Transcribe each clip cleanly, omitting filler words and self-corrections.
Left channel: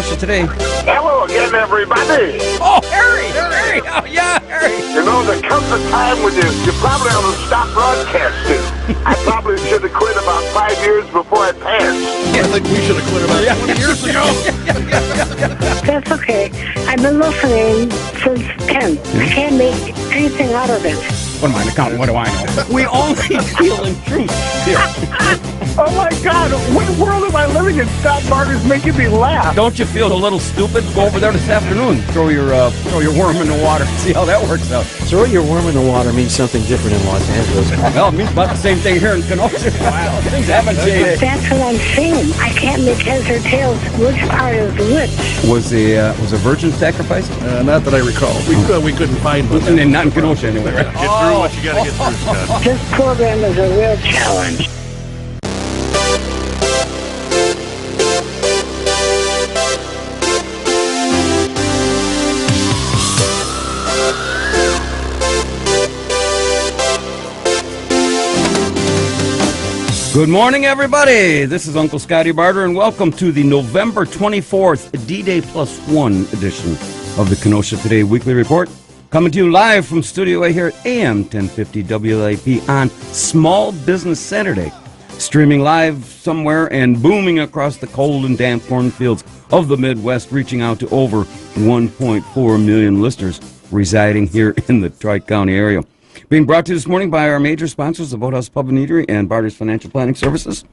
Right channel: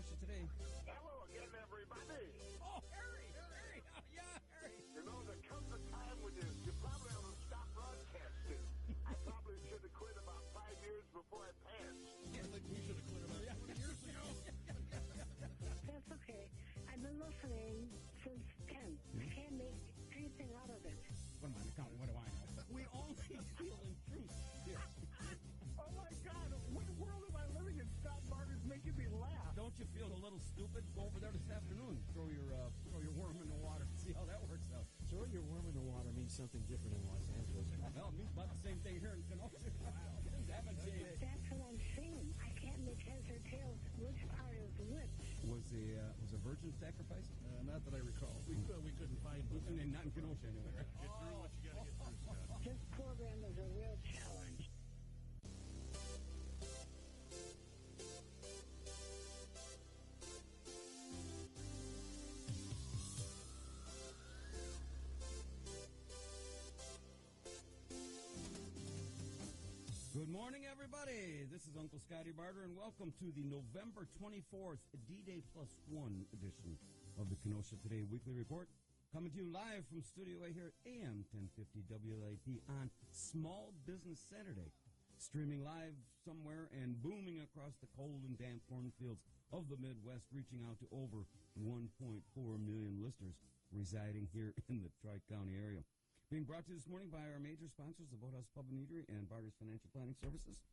Kenosha today. Hello again, everybody. Oh, Harry! Oh, yeah, Harry! You know, there comes a time when you probably ought to stop broadcasting. I probably should have quit about 5 years before I passed. I think we should have quit about 20 years ago. That's okay. I've been listening since 10. I can't make anything out of it. What am I accountant? What do I know? We only deal in truth here. Oh, my God. What world am I living in? Stop Barter's making me laugh. Don't you feel a little stupid? Go over there this afternoon. Throw your worm in the water. See how that works out. Throw your worm in the water means something different in Los Angeles. Well, it means about the same thing here in Kenosha. Wow, things haven't changed. That's what I'm saying. I can't make heads or tails which part is which. Was a virgin sacrifice? Not that I recall. We couldn't find one. And not in Kenosha anyway, right? Get through what you got to get through, Scott. This program is a real challenge. Good morning, everybody. This is Uncle Scotty Barter, and welcome to the November 24th D-Day Plus One edition of the Kenosha Today Weekly Report. Coming to you live from Studio A here at AM 1050 WLAP on Small Business Saturday. Streaming live somewhere and booming across the cold and damp cornfields of the Midwest, reaching out to over 1.4 million listeners residing here in the Tri-County area. Being brought to you this morning by our major sponsors, the Boathouse Pub and Eatery and Barter's Financial Planning Services,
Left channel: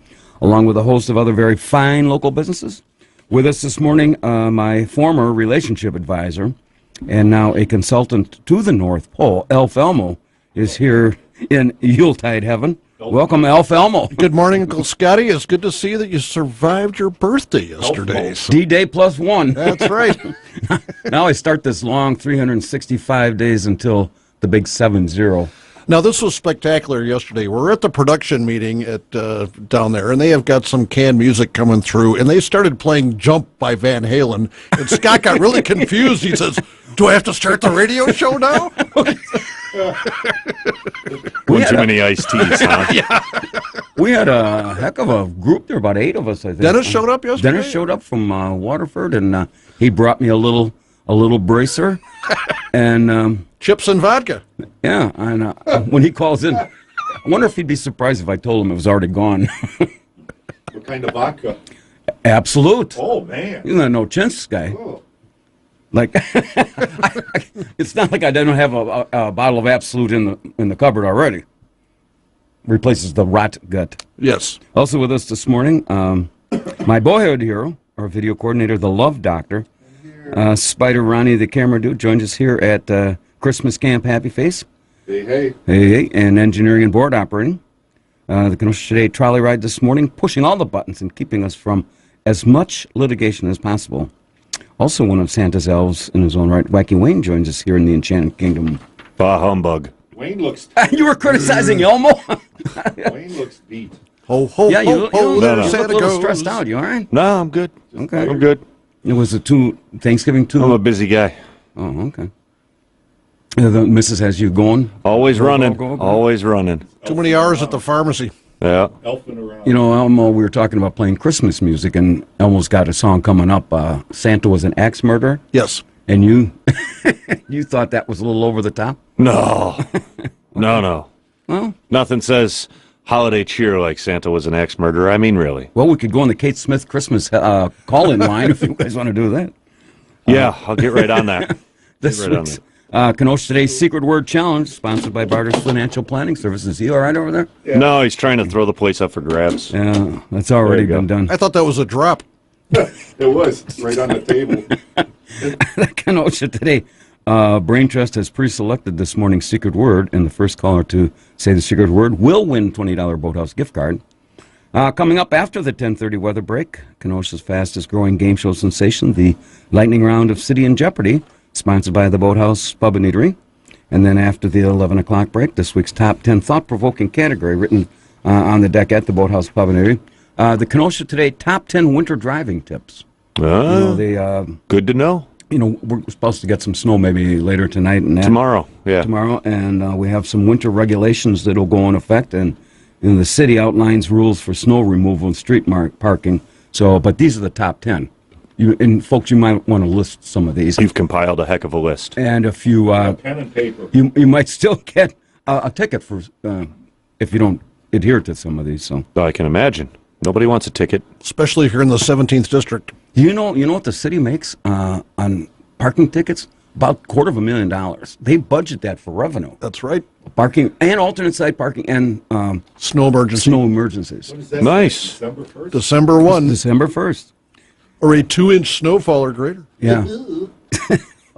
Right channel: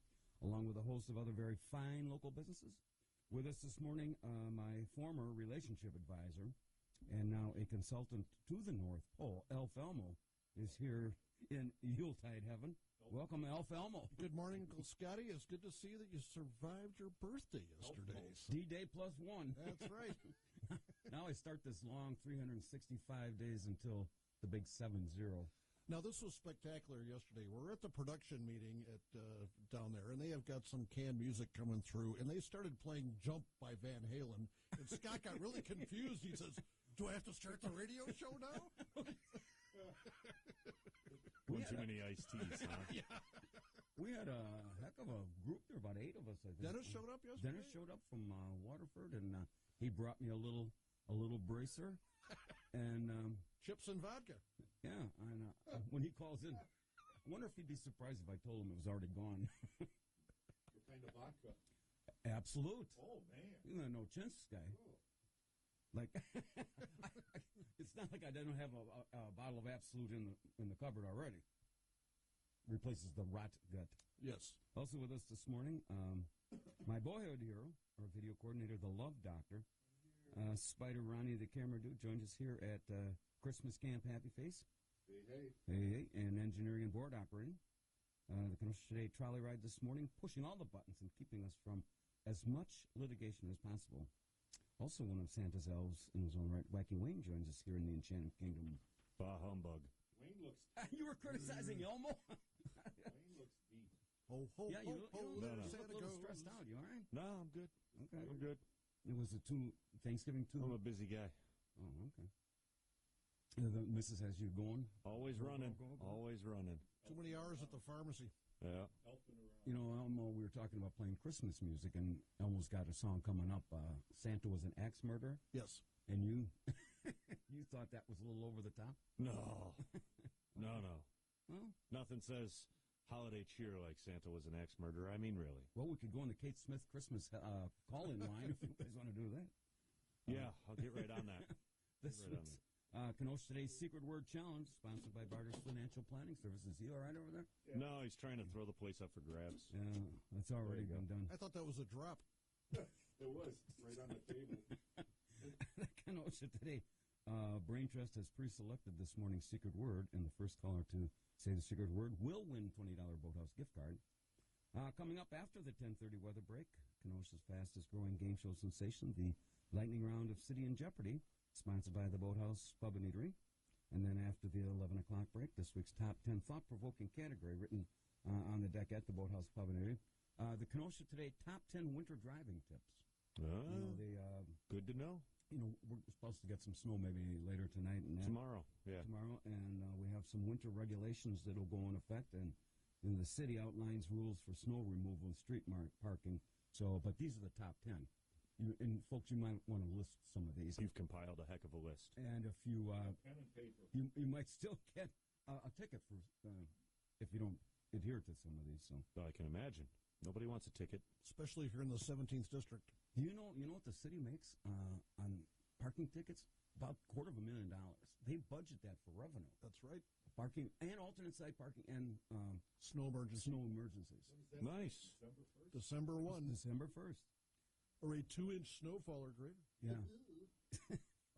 along with a host of other very fine local businesses. With us this morning, my former relationship advisor and now a consultant to the North Pole, Elf Elmo, is here in Yuletide heaven. Welcome, Elf Elmo. Good morning, Uncle Scotty. It's good to see that you survived your birthday yesterday. D-Day Plus One. That's right. Now I start this long 365 days until the big 7-0. Now, this was spectacular yesterday. We're at the production meeting at down there, and they have got some canned music coming through, and they started playing Jump by Van Halen, and Scott got really confused. He says, do I have to start the radio show now? One too many iced teas, huh? Yeah. We had a heck of a group there, about 8 of us, I think. Dennis showed up yesterday? Dennis showed up from Waterford, and he brought me a little bracer, and Chips and vodka. yeah, and when he calls in, I wonder if he'd be surprised if I told him it was already gone. What kind of vodka? Absolute. Oh, man. You're not no chintz guy. Oh. Like, it's not like I don't have a bottle of Absolute in the cupboard already. Replaces the rot gut. Yes. Also with us this morning, my boyhood hero, our video coordinator, the Love Doctor, Spider Ronnie, the camera dude, joins us here at Christmas Camp Happy Face. Hey, hey. Hey, and engineering and board operating. The Kenosha Today trolley ride this morning, pushing all the buttons and keeping us from as much litigation as possible. Also one of Santa's elves in his own right, Wacky Wayne, joins us here in the Enchanted Kingdom. Bah humbug. Wayne looks... You were criticizing Elmo? Wayne looks beat. Ho, ho, Yeah, you ho, ho, there look a Santa little goes. stressed out. You all right? No, I'm good. Okay. I'm good. It was Thanksgiving too. I'm a busy guy. Oh, okay. The missus has you going? Always running. go. Always running. Too many hours at the pharmacy. Yeah. You know, Elmo, we were talking about playing Christmas music, and Elmo's got a song coming up, Santa Was an Axe Murderer, Yes. and you you thought that was a little over the top? No. No. Well, Nothing says holiday cheer like Santa was an axe murderer. I mean, really. we could go on the Kate Smith Christmas call-in line if you guys want to do that. Yeah, I'll get right on that. This Right on week's Kenosha Today's Secret Word Challenge, sponsored by Barter's Financial Planning Services. Is he all right over there? No, he's trying to throw the place up for grabs. Yeah, that's already There you been done. I thought that was a drop. It was right on the table. Kenosha Today. Brain Trust has pre-selected this morning's secret word, and the first caller to say the secret word will win $20 Boathouse gift card. Coming up after the 10:30 weather break, Kenosha's fastest-growing game show sensation, the lightning round of City and Jeopardy, sponsored by the Boathouse Pub and Eatery. And then after the 11 o'clock break, this week's top 10 thought-provoking category written on the deck at the Boathouse Pub and Eatery. The Kenosha Today top 10 winter driving tips. Good to know. You know, we're supposed to get some snow maybe later tonight and Tomorrow, yeah. Tomorrow, and we have some winter regulations that will go in effect, and the city outlines rules for snow removal and street parking. So, but these are the top 10. and folks, you might want to list some of these. You've compiled a heck of a list. And if you, Pen and paper. you might still get a ticket for if you don't adhere to some of these. So I can imagine. Nobody wants a ticket. Especially if you're in the 17th district. you know what the city makes on parking tickets? About $250,000. They budget that for revenue. That's right. Parking and alternate side parking and Snow emergency. snow emergencies. What is that? Nice. December 1st? December 1. December 1st. Or a 2-inch snowfall or greater. Yeah.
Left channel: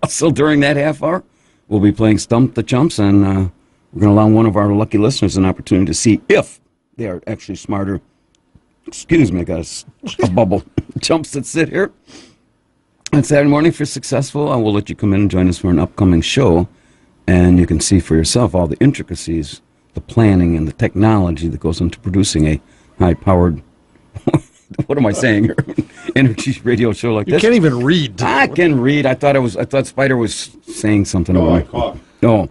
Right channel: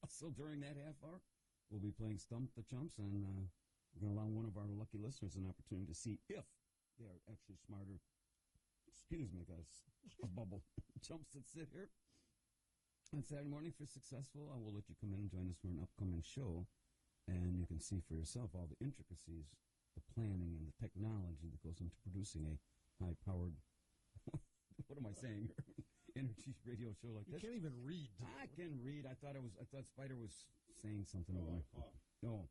So during that half hour, we'll be playing Stump the Chumps, and we're going to allow one of our lucky listeners an opportunity to see if they are actually smarter. Excuse me, I got a bubble. Chumps that sit here. On Saturday morning, if you're successful, I will let you come in and join us for an upcoming show, and you can see for yourself all the intricacies, the planning, and the technology that goes into producing a high-powered, what am I saying here, energy radio show like You this. can't even read. I can read. I thought Spider was saying something. Oh, I about coughed. No.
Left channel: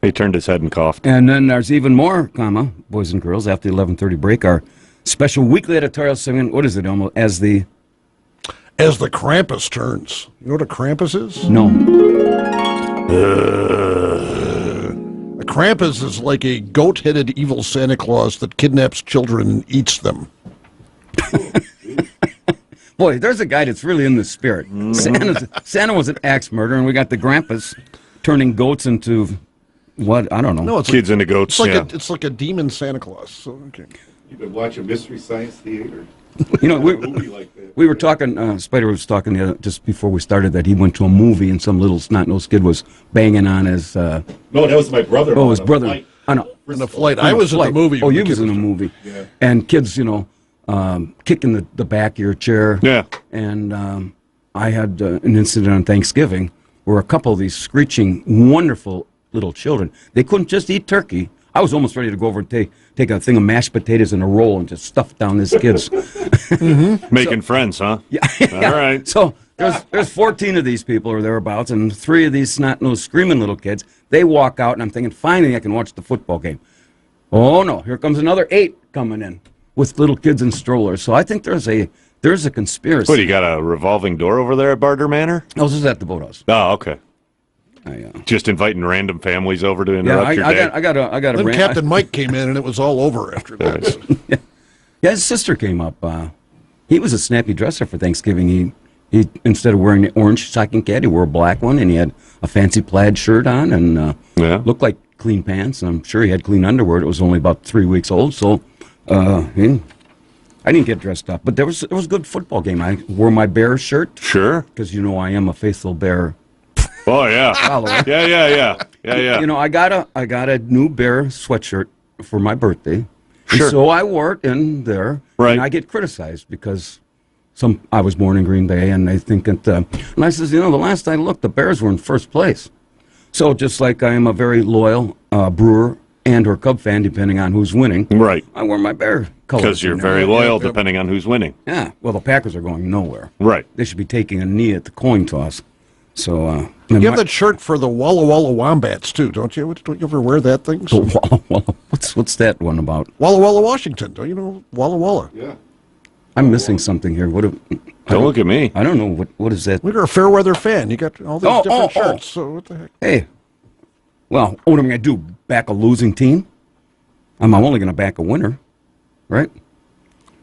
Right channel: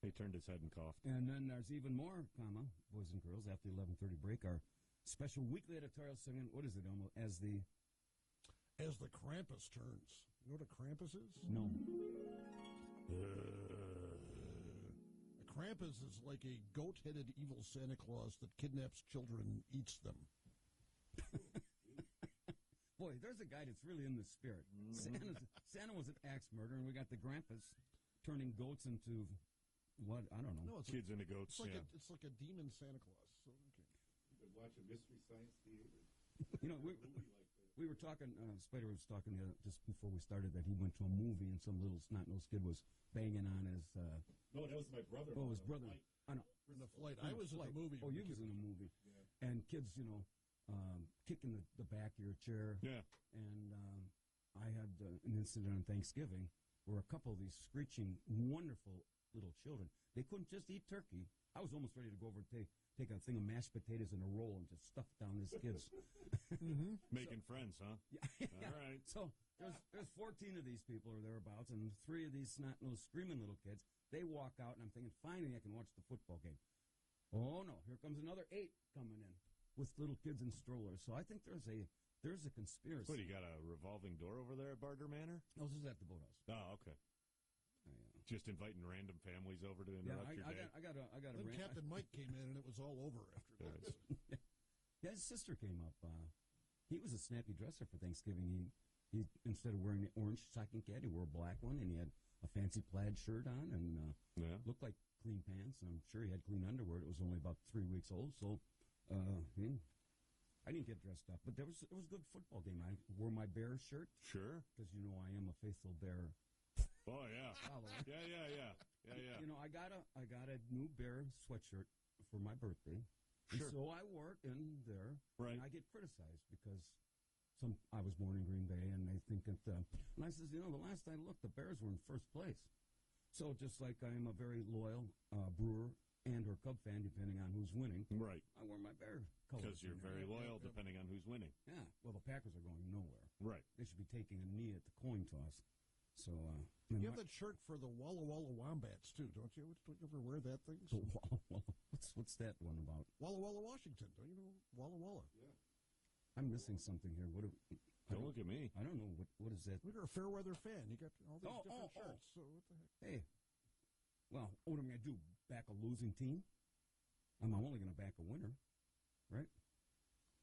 He turned his head and coughed. And then there's even more, boys and girls, after the 11:30 break, our special weekly editorial segment. What is it, Elmo? As the Krampus turns. You know what a Krampus is? no. A Krampus is like a goat-headed evil Santa Claus that kidnaps children and eats them. Boy, there's a guy that's really in the spirit. Santa was an axe murderer, and we got the Grampus turning goats into what? I don't know. No, it's Kids into goats. it's like a demon Santa Claus. So, okay. You've been watching Mystery Science Theater? You know, A movie like that. we were talking, Spider was talking just before we started that he went to a movie and some little snot-nosed kid was banging on his, No, that was my brother. his on a brother. flight. On a, In the flight. I was in the movie. Oh, when you the was kid in a movie. Yeah. And kids, kicking the back of your chair. Yeah. And I had an incident on Thanksgiving where a couple of these screeching, wonderful little children, they couldn't just eat turkey. I was almost ready to go over and take a thing of mashed potatoes and a roll and just stuff it down this kid's. Making friends, huh? Yeah. All right. So there's 14 of these people or thereabouts, and 3 of these snot-nosed screaming little kids. They walk out, and I'm thinking, finally I can watch the football game. Oh, no, here comes another 8 coming in with little kids in strollers. So I think there's a conspiracy. What, you got a revolving door over there at Barter Manor? I was just at the boathouse. Oh, okay. I, Just inviting random families over to yeah, interrupt your day. I got a Then rant. Captain Mike came in, and it was all over after that. Yeah, his sister came up. He was a snappy dresser for Thanksgiving. He instead of wearing the orange stocking cap, he wore a black one, and he had a fancy plaid shirt on, and looked like clean pants. And I'm sure he had clean underwear. It was only about 3 weeks old, so I didn't get dressed up. But it was a good football game. I wore my Bear shirt Sure. because I am a faithful Bear Oh, yeah. follower. Yeah. I got a new Bear sweatshirt for my birthday. Sure. And so I wore it in there. Right. And I get criticized because I was born in Green Bay, and they think that. And I says, the last I looked, the Bears were in first place. So just like I am a very loyal Brewer and or Cub fan, depending on who's winning. Right. I wear my Bear colors. Because you're in there. very loyal depending on who's winning. Yeah. Well, the Packers are going nowhere. Right. They should be taking a knee at the coin toss. So. You have that shirt for the Walla Walla Wombats, too, don't you? Don't you ever wear that thing? What's that one about? Walla Walla, Washington. Don't you know Walla Walla? Yeah. I'm missing something here. Don't look at me. I don't know what is that. You're a fair weather fan. You got all these different oh. shirts. So what the heck? Hey, well, what am I going to do? Back a losing team? I'm only going to back a winner, right?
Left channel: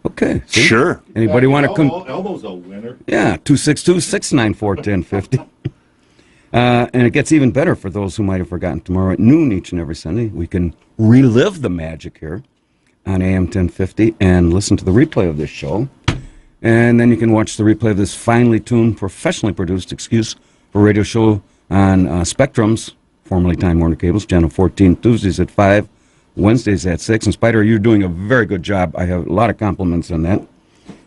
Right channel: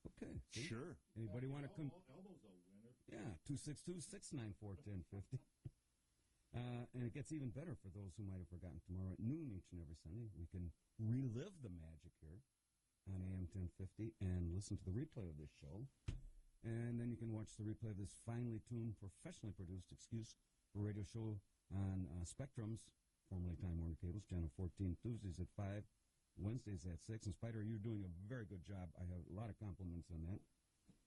Okay. See? Sure. Anybody want to come? Elmo's a winner. Yeah, 262-694-1050. And it gets even better for those who might have forgotten. Tomorrow at noon each and every Sunday, we can relive the magic here on AM 1050 and listen to the replay of this show. And then you can watch the replay of this finely tuned, professionally produced excuse for radio show on Spectrums, formerly Time Warner Cables, Channel 14, Tuesdays at 5, Wednesdays at 6. And Spider, you're doing a very good job. I have a lot of compliments on that.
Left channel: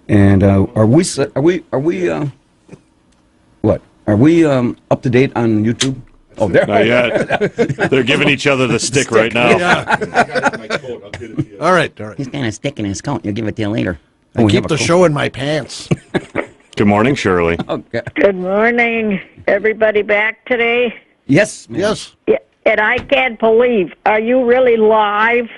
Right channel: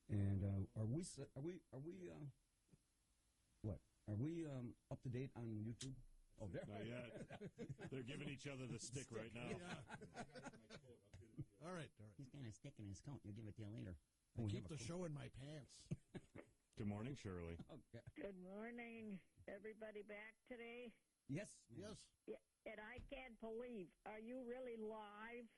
And are we up to date on YouTube? Oh, there. Not yet. They're giving each other the stick right now. I got it in my coat. I'll get it to you. All right. He's got a stick in his coat. You'll give it to you later. I keep the show in my pants. Good morning, Shirley. Okay. Good morning. Everybody back today? Yes, ma'am. Yes. Yeah, and I can't believe, are you really live?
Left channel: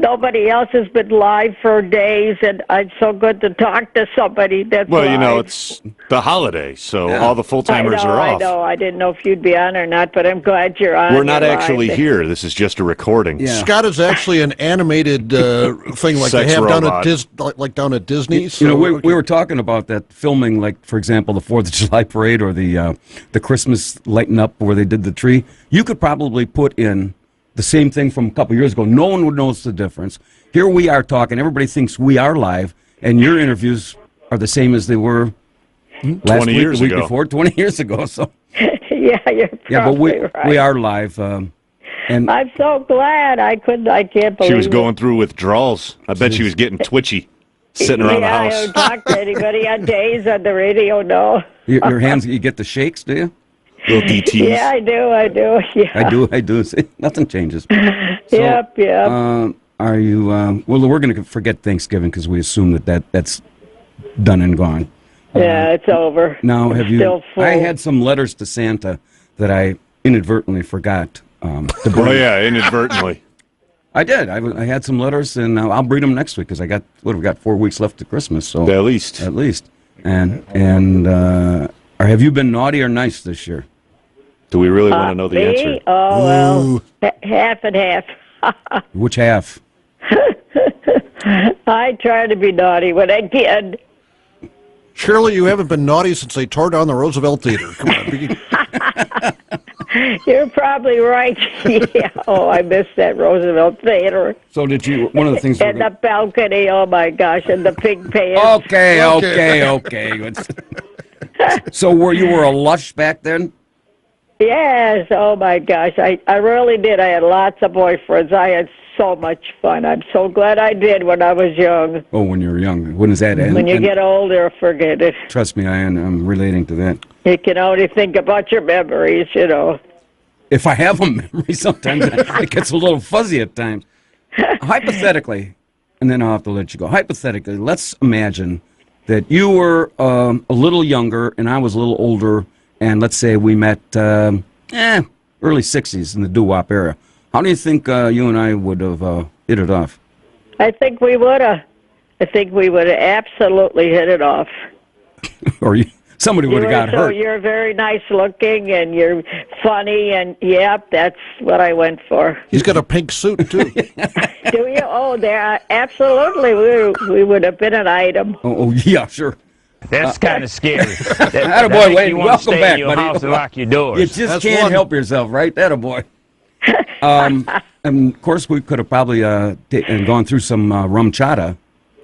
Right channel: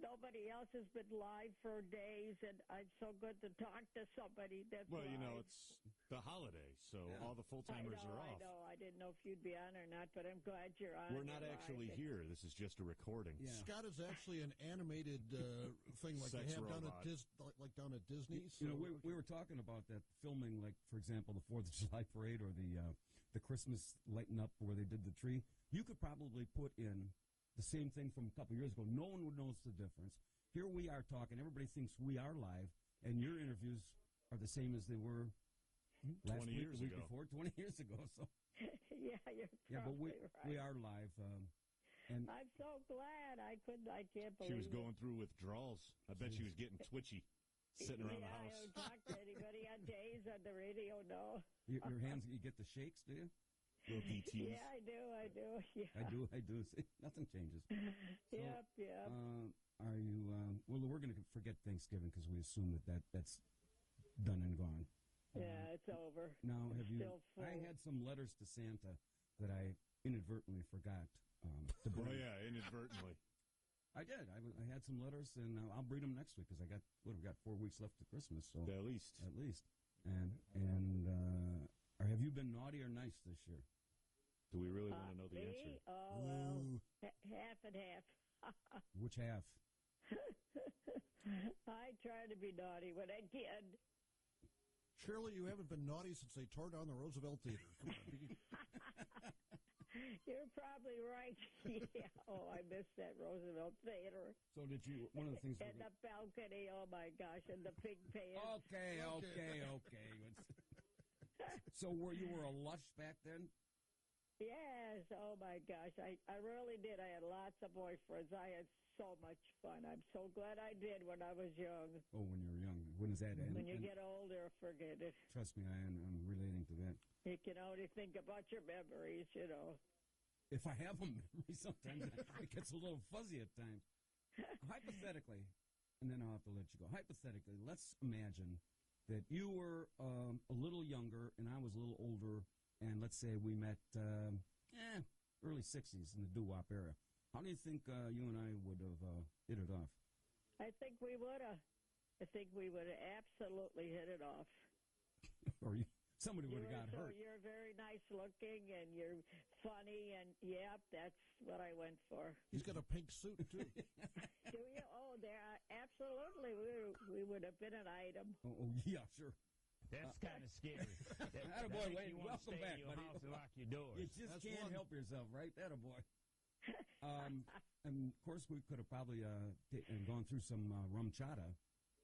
nobody else has been live for days, and it's so good to talk to somebody that's Well, you know, live. it's the holiday, so Yeah. all the full-timers are I off. know. I didn't know if you'd be on or not, but I'm glad you're on. We're not You're actually live. here. This is just a recording. Yeah. Scott is actually an animated thing like Sex they have robot. down at Disney. You know, so, we were talking about that filming, like, for example, the 4th of July parade or the Christmas lighting up where they did the tree. You could probably put in the same thing from a couple years ago. No one would notice the difference. Here we are talking. Everybody thinks we are live, and your interviews are the same as they were last 20 week, years the week ago. before, 20 years ago. So Yeah, you're probably yeah, but right. we are live. And I'm so glad. I can't believe She was it. going through withdrawals. I bet she was getting twitchy, sitting around the I house. don't talk to anybody on days on the radio, no. your hands, you get the shakes, do you? Little DTs. Yeah, I do. Yeah. I do. See, nothing changes. Yep. Are you? Well, we're going to forget Thanksgiving because we assume that's done and gone. Yeah, it's over. Now, It's have you? Still full. I had some letters to Santa that I inadvertently forgot to bring. Oh, yeah, inadvertently. I did. I had some letters, and I'll read them next week because we got 4 weeks left to Christmas. So At least. at least. And or have you been naughty or nice this year? Do we really want to know the Me? answer? Oh, well, half and half. Which half? I try to be naughty when I can. Shirley, you haven't been naughty since they tore down the Roosevelt Theater. Come on. You're probably right. Yeah. Oh, I missed that Roosevelt Theater. So did you? One of the things. And the balcony, oh my gosh, and the pig pants. Okay. So you were a lush back then? Yes, oh my gosh, I really did. I had lots of boyfriends. I had so much fun. I'm so glad I did when I was young. Oh, when you were young. When is that? When you get older, forget it. Trust me, I'm relating to that. You can only think about your memories, you know. If I have a memory, sometimes it gets a little fuzzy at times. Hypothetically, and then I'll have to let you go. Hypothetically, let's imagine that you were a little younger and I was a little older, and let's say we met early 60s in the doo-wop era. How do you think you and I would have hit it off? I think we would have. I think we would have absolutely hit it off. Or somebody would have got hurt. You're very nice looking and you're funny, and yep, that's what I went for. He's got a pink suit, too. Do you? Oh, there, absolutely. We would have been an item. Oh yeah, sure. That's kind of scary. Attaboy, Wayne. Welcome back, in your buddy. house and lock your doors. You just That's can't one. help yourself, right? Attaboy. And of course, we could have probably gone through some rum chata.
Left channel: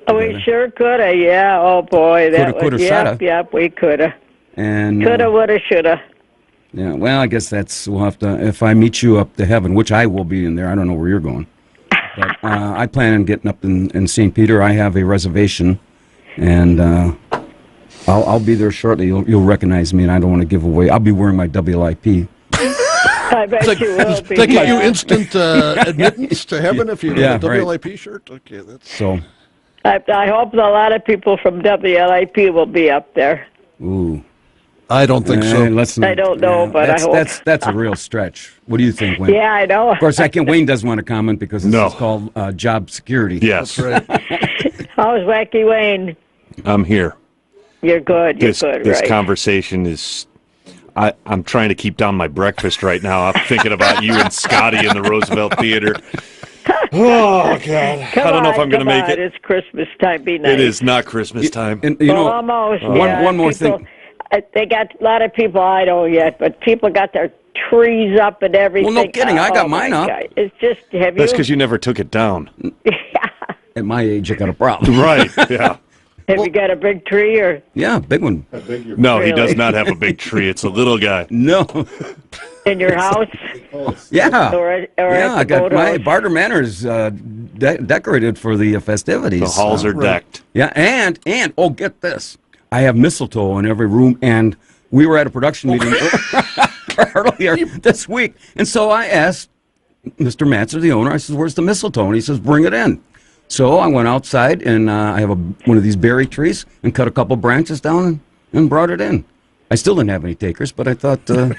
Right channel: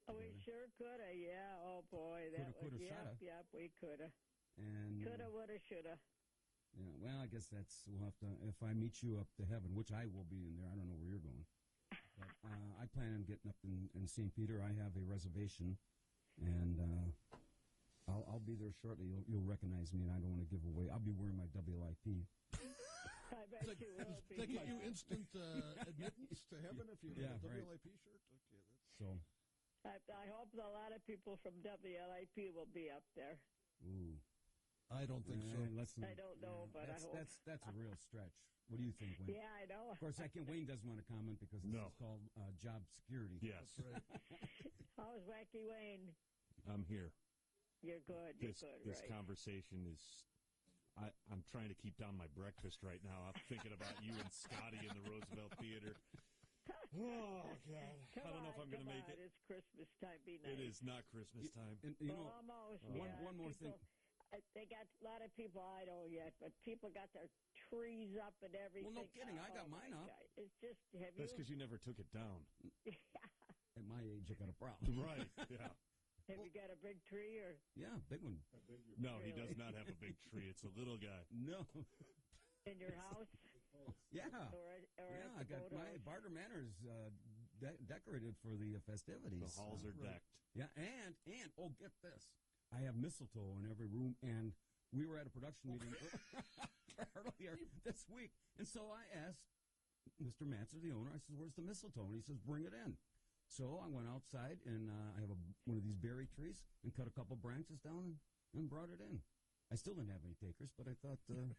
Oh, we sure could have, yeah. Oh, boy. Coulda, coulda, shoulda. Yep, we could have. And Coulda, woulda, shoulda. yeah, well, I guess we'll have to, if I meet you up to heaven, which I will be in there. I don't know where you're going. But I plan on getting up in St. Peter. I have a reservation, and I'll be there shortly. You'll recognize me, and I don't want to give away. I'll be wearing my WLIP. I bet you will be. They give you instant admittance to heaven if you have a right. WLIP shirt? Okay, that's... So, I hope a lot of people from WLIP will be up there. ooh. I don't think so. Let's not, I don't know, but I hope. That's a real stretch. What do you think, Wayne? Yeah, I know. Of course, Wayne doesn't want to comment because this No. is called job security. Yes, Right. How's Wacky Wayne? I'm here. You're good. You're This good, this right? conversation is. I'm trying to keep down my breakfast right now. I'm thinking about you and Scotty in the Roosevelt Theater. Oh God! I don't know if I'm going to make it. It's Christmas time. Be nice. It is not Christmas time. And you know, almost. one more people, thing. They got a lot of people. I don't yet, but people got their trees up and everything. Well, no kidding. I got Oh, my mine up. God. It's just have That's you because you never took it down. At my age, I got a problem. Right? Yeah. have you got a big tree or Yeah, big one. No, he does Really? not have a big tree. It's a little guy. No. in your house Yeah. or at Yeah, the I got my boathouse? Barter Manor's decorated for the festivities. The halls are decked. Yeah, and oh, get this. I have mistletoe in every room, and we were at a production meeting earlier this week, and so I asked Mr. Matzer, the owner, I said, where's the mistletoe? And he says, bring it in. So I went outside, and I have one of these berry trees, and cut a couple branches down and brought it in. I still didn't have any takers, but I thought, what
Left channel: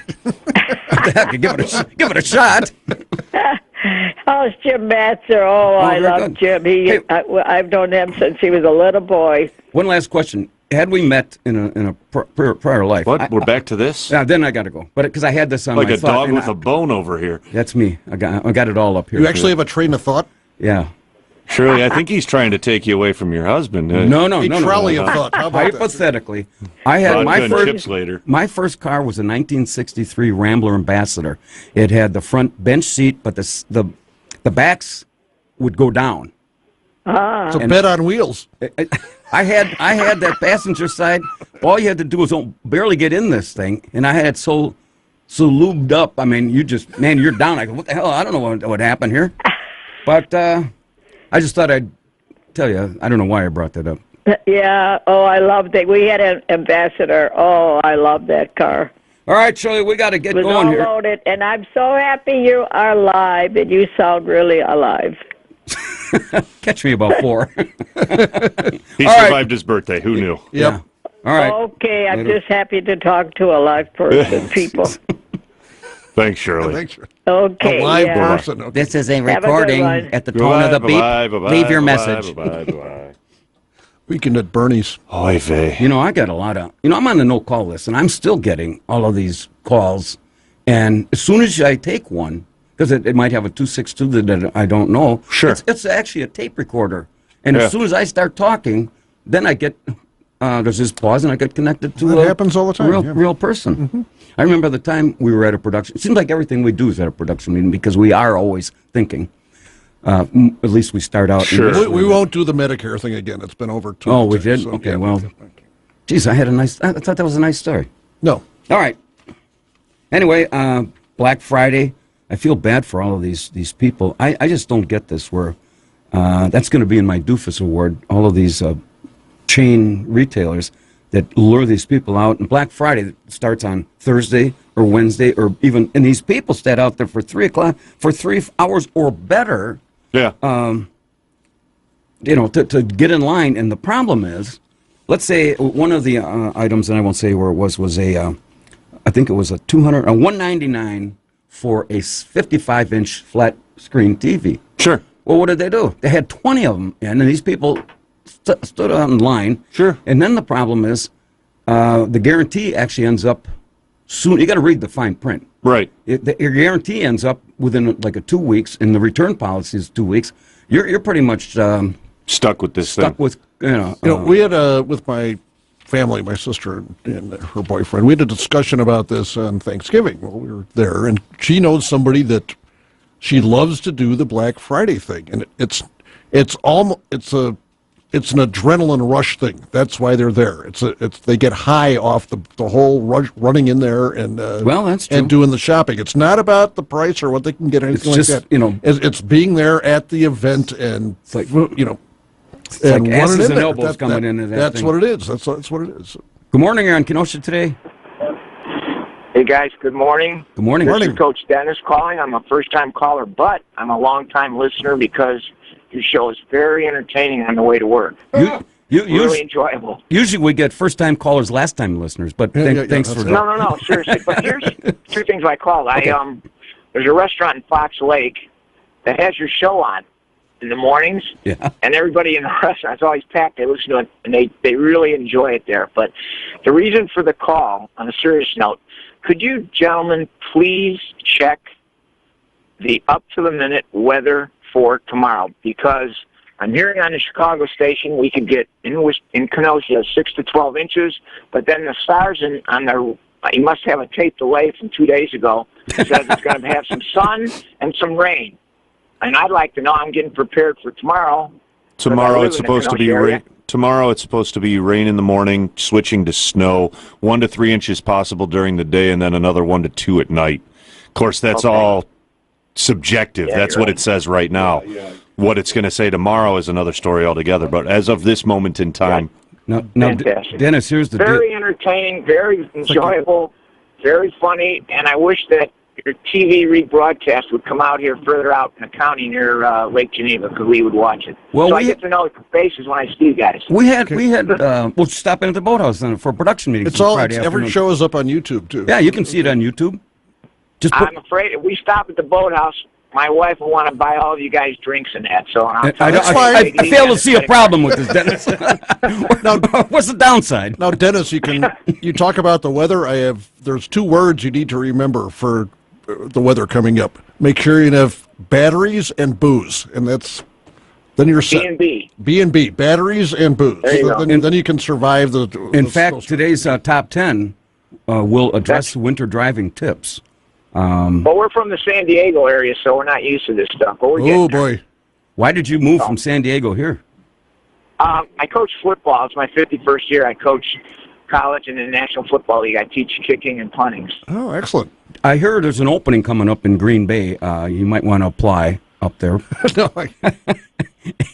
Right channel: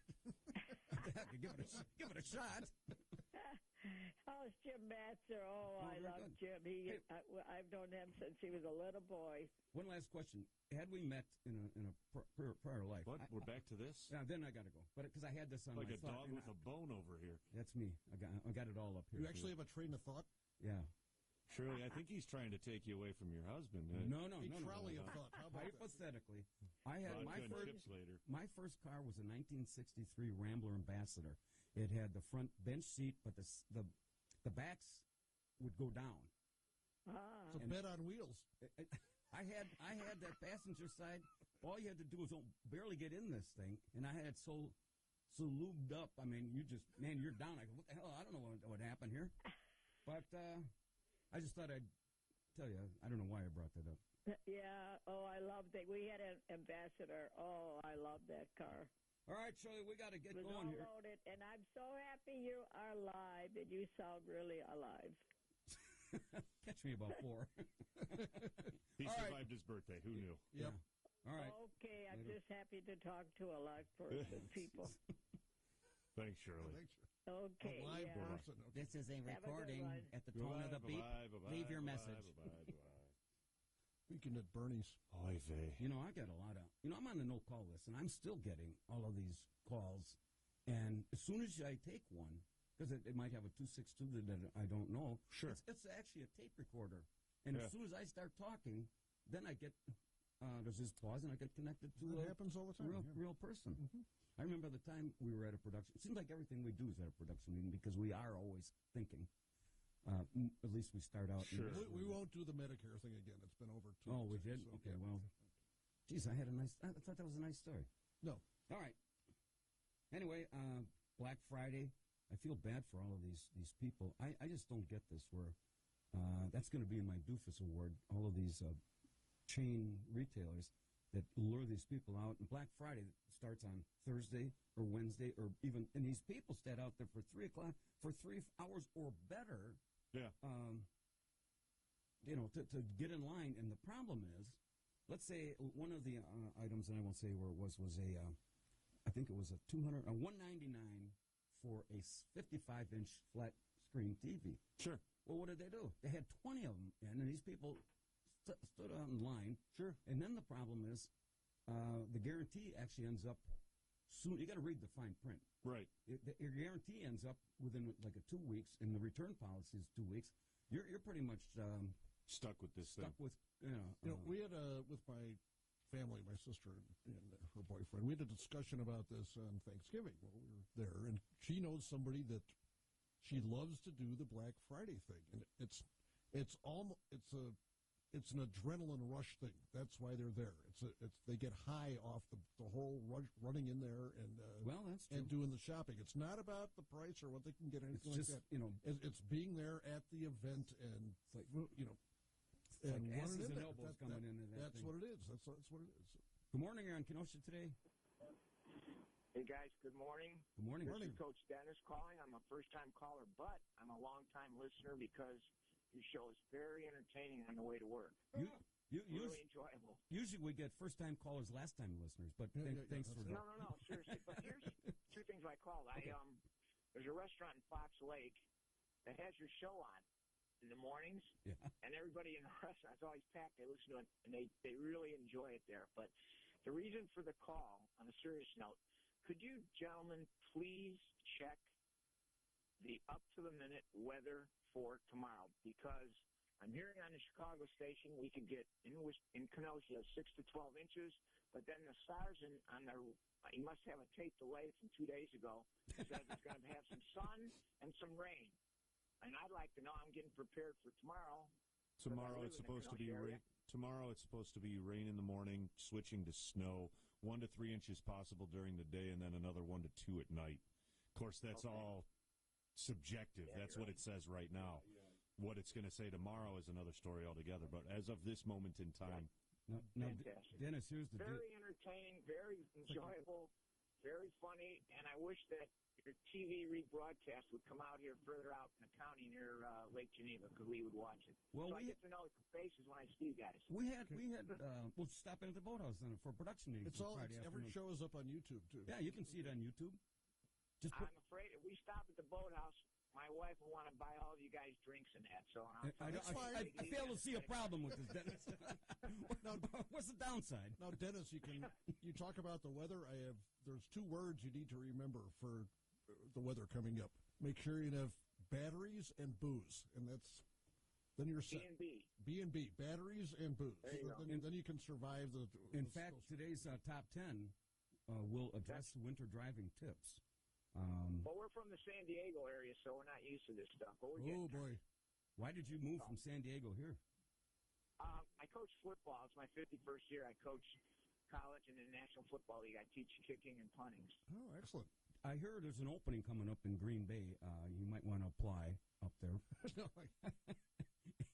the heck, give it a shot. Oh, it's Jim Matzer. Oh, I very love good. Jim. Hey. I've known him since he was a little boy. One last question. Had we met in a prior life? What? We're back to this? Yeah, then I got to go. But because I had this on Like my a thought, dog and with a bone over here. That's me. I got it all up here. You actually have a train of thought? Yeah. Shirley, I think he's trying to take you away from your husband. No. A trolley of thought. How about that? Hypothetically, I had Vodka and chips later. my first car was a 1963 Rambler Ambassador. It had the front bench seat, but the backs would go down. It's a bed on wheels. I had that passenger side. All you had to do was barely get in this thing, and I had it so lubed up. I mean, you're down. I go, what the hell? I don't know what happened here. But I just thought I'd tell you. I don't know why I brought that up. Yeah. Oh, I loved it. We had an Ambassador. Oh, I love that car. All right, Shirley, we got to get It was going all here. loaded, and I'm so happy you are alive, and you sound really alive. Catch me about 4. He All right. survived his birthday. Who knew? Yep. Yeah. All right. Okay, I'm Later. just happy to talk to a live person, people. Thanks, Shirley. Thanks. Okay, A live yeah. person. Okay. This is a a good recording one. at the tone of the beep. Leave your message. Weekend at Bernie's. Oy vey. You know, I got a lot of, I'm on the no-call list, and I'm still getting all of these calls. And as soon as I take one, because it might have a 262 that I don't know. Sure. It's actually a tape recorder. And Yeah. as soon as I start talking, then I get, there's this pause, and I get connected to That happens all the time, real, yeah. real person. I remember the time we were at a production. It seems like everything we do is at a production meeting because we are always thinking. At least we start out. Sure. We won't do the Medicare thing again. It's been over 2 Oh, we times, did? so, Okay, yeah. well. Geez, I thought that was a nice story. No. All right. Anyway, Black Friday. I feel bad for all of these people. I just don't get this. Where that's going to be in my doofus award. All of these chain retailers that lure these people out. And Black Friday starts on Thursday or Wednesday, or even. And these people stand out there for 3 o'clock for 3 hours or better. Yeah. To get in line. And the problem is, let's say one of the items, and I won't say where it was a, I think it was a $199 for a 55-inch flat screen TV. Sure. Well, what did they do? They had 20 of them, and these people stood on line. Sure. And then the problem is, the guarantee actually ends up soon. You got to read the fine print. Right. Your guarantee ends up within like 2 weeks, and the return policy is 2 weeks. You're pretty much Stuck with this thing. stuck with We had with my family, my sister and her boyfriend, we had a discussion about this on Thanksgiving while we were there, and she knows somebody that she loves to do the Black Friday thing, and it's an adrenaline rush thing. That's why they're there. They get high off the whole rush, running in there and Well, that's true. and doing the shopping. It's not about the price or what they can get, anything It's like just, that. It's being there at the event and It's like- It's like running asses in and there. elbows coming into that That's thing. what it is. That's what it is. Good morning, you're on Kenosha today. Hey guys, good morning. Good morning. This is Coach Dennis calling. I'm a first-time caller, but I'm a long-time listener because your show is very entertaining on the way to work. Really enjoyable. Usually we get first-time callers, last-time listeners, but thanks for that. No, seriously. But here's 2 things I called. Okay. There's a restaurant in Fox Lake that has your show on in the mornings, and everybody in the restaurant's always packed. They listen to it, and they really enjoy it there. But the reason for the call, on a serious note, could you gentlemen please check the up-to-the-minute weather for tomorrow? Because I'm hearing on the Chicago station we could get in Kenosha 6 to 12 inches, but then the stars you must have a tape delay from 2 days ago, says it's going to have some sun and some rain. And I'd like to know, I'm getting prepared for tomorrow. Tomorrow it's supposed to be rain. Tomorrow it's supposed to be rain in the morning, switching to snow, 1 to 3 inches possible during the day, and then another 1 to 2 at night. Of course, that's all subjective. That's what it says right now. What it's going to say tomorrow is another story altogether. But as of this moment in time, now, fantastic. Dennis, here's the very entertaining, very enjoyable, very funny, and I wish that your TV rebroadcast would come out here further out in the county near Lake Geneva because we would watch it. Well, so I get to know the faces when I see you guys. We had we'll stop in at the boathouse then for a production meeting. Every show is up on YouTube too. Yeah, you can see it on YouTube. I'm afraid if we stop at the boathouse, my wife will want to buy all of you guys drinks and that. So I fail to see a problem with this, Dennis. Now, what's the downside? Now, Dennis, you talk about the weather. There's 2 words you need to remember for the weather coming up. Make sure you have batteries and booze, and then you're set. B&B, batteries and booze. There you go. Then you can survive the. In fact, today's top 10 will address winter driving tips. Well, we're from the San Diego area, so we're not used to this stuff. But we're getting there. Boy. Why did you move from San Diego here? I coach football. It's my 51st year. I coach college and the National Football League. I teach kicking and punting. Oh, excellent. I hear there's an opening coming up in Green Bay. You might want to apply up there. No,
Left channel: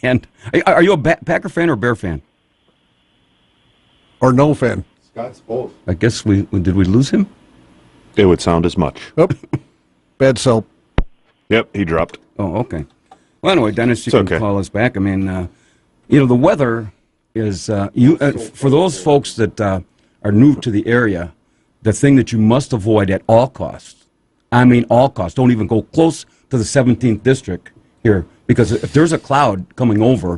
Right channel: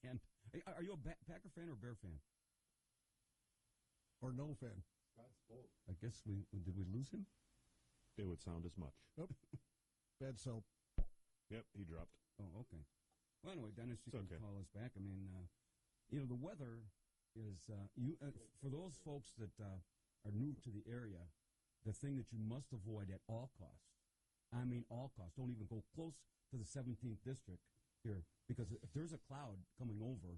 And are you a Packer fan or Bear fan? Or no fan? Scott's both. I guess did we lose him? It would sound as much. Oh, bad sell. Yep, he dropped. Oh, okay. Well, anyway, Dennis, you can call us back. I mean, the weather is for those folks that are new to the area, the thing that you must avoid at all costs. I mean, all costs. Don't even go close to the 17th district here, because if there's a cloud coming over,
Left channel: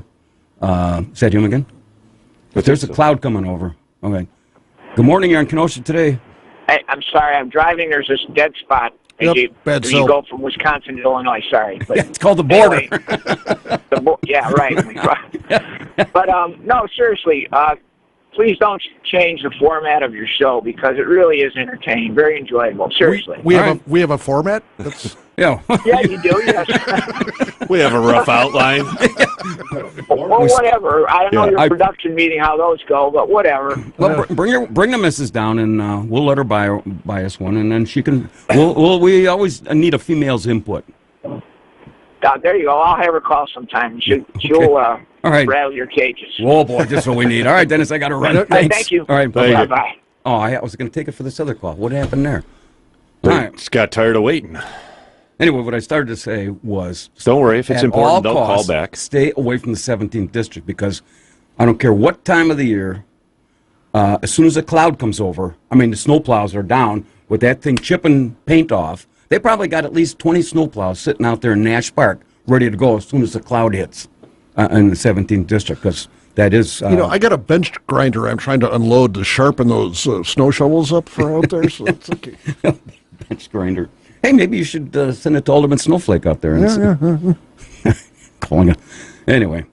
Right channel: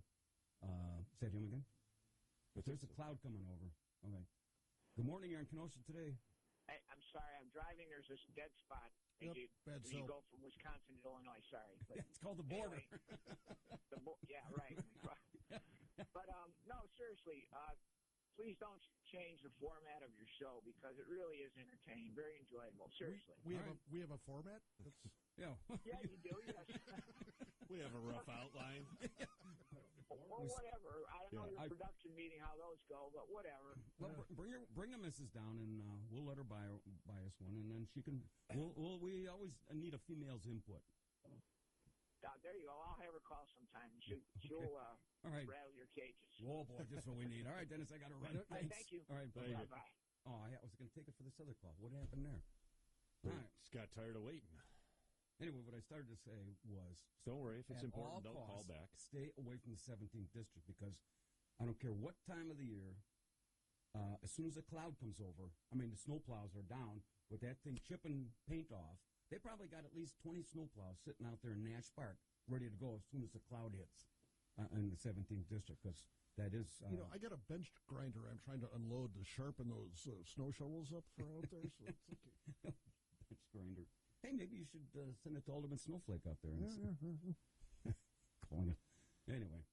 is that him again? If there's a cloud coming over, okay. Good morning, you're in Kenosha today. Hey, I'm sorry. I'm driving. There's this dead spot. Yep, bad you sell. go from Wisconsin to Illinois. Sorry, but Yeah, it's called the border. Anyway, yeah, right. But no, seriously. Please don't change the format of your show, because it really is entertaining, very enjoyable. Seriously. We have a format. Yeah. Yeah, you do. Yes. We have a rough outline. Well, whatever. I don't know your production meeting, how those go, but whatever. Well, bring the missus down, and we'll let her buy us one, and then she can. We always need a female's input. There you go. I'll have her call sometime. She'll all right. rattle your cages. Whoa, boy, just what we need. All right, Dennis, I got to run. Thanks. Thank you. All right, bye-bye. Oh, I was going to take it for this other call. What happened there? All right. Just got tired of waiting. Anyway, what I started to say was... Don't worry. If it's important, don't call back. Stay away from the 17th district, because I don't care what time of the year, as soon as a cloud comes over, I mean, the snowplows are down with that thing chipping paint off. They probably got at least 20 snowplows sitting out there in Nash Park ready to go as soon as the cloud hits in the 17th district, because that is... I got a bench grinder I'm trying to unload to sharpen those snow shovels up for out there, so it's okay. Bench grinder. Hey, maybe you should send it to Alderman Snowflake out there. Calling it. Anyway,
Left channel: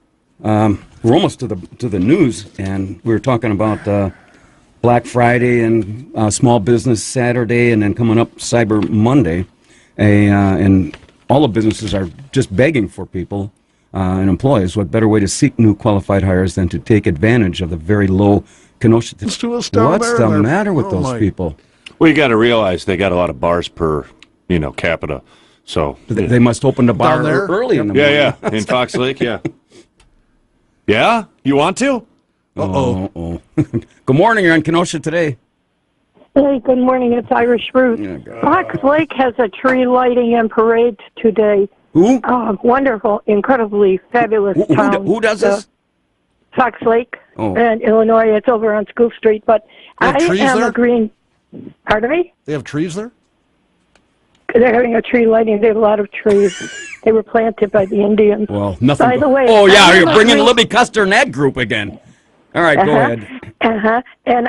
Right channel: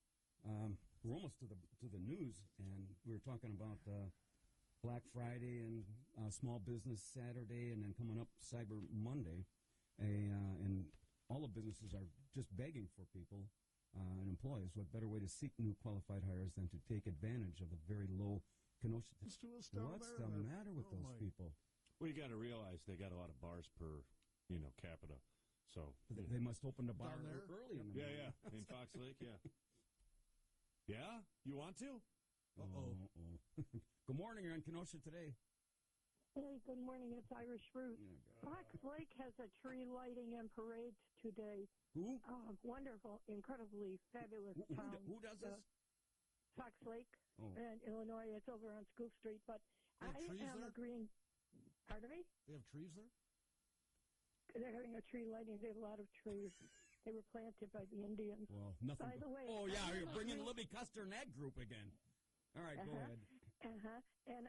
we're almost to the news, and we were talking about Black Friday and Small Business Saturday, and then coming up Cyber Monday, and all the businesses are just begging for people and employees. What better way to seek new qualified hires than to take advantage of the very low Kenosha? What's the matter with those people? Well, you got to realize they got a lot of bars per, capita. So they must open the bar Down there? early in the morning. Yeah, in Fox Lake, yeah. Yeah, you want to? Uh-oh. Good morning. You're on Kenosha today. Hey, good morning. It's Irish Root. Fox Lake has a tree lighting and parade today. Who? Wonderful, incredibly fabulous town. Who does this? Fox Lake in Illinois. It's over on School Street. But They have trees there? a green... Pardon me? They have trees there? They're having a tree lighting. They have a lot of trees. They were planted by the Indians. Well, nothing. By the way... Oh, yeah, you're bringing Libby Custer and that group again. All right, go ahead. And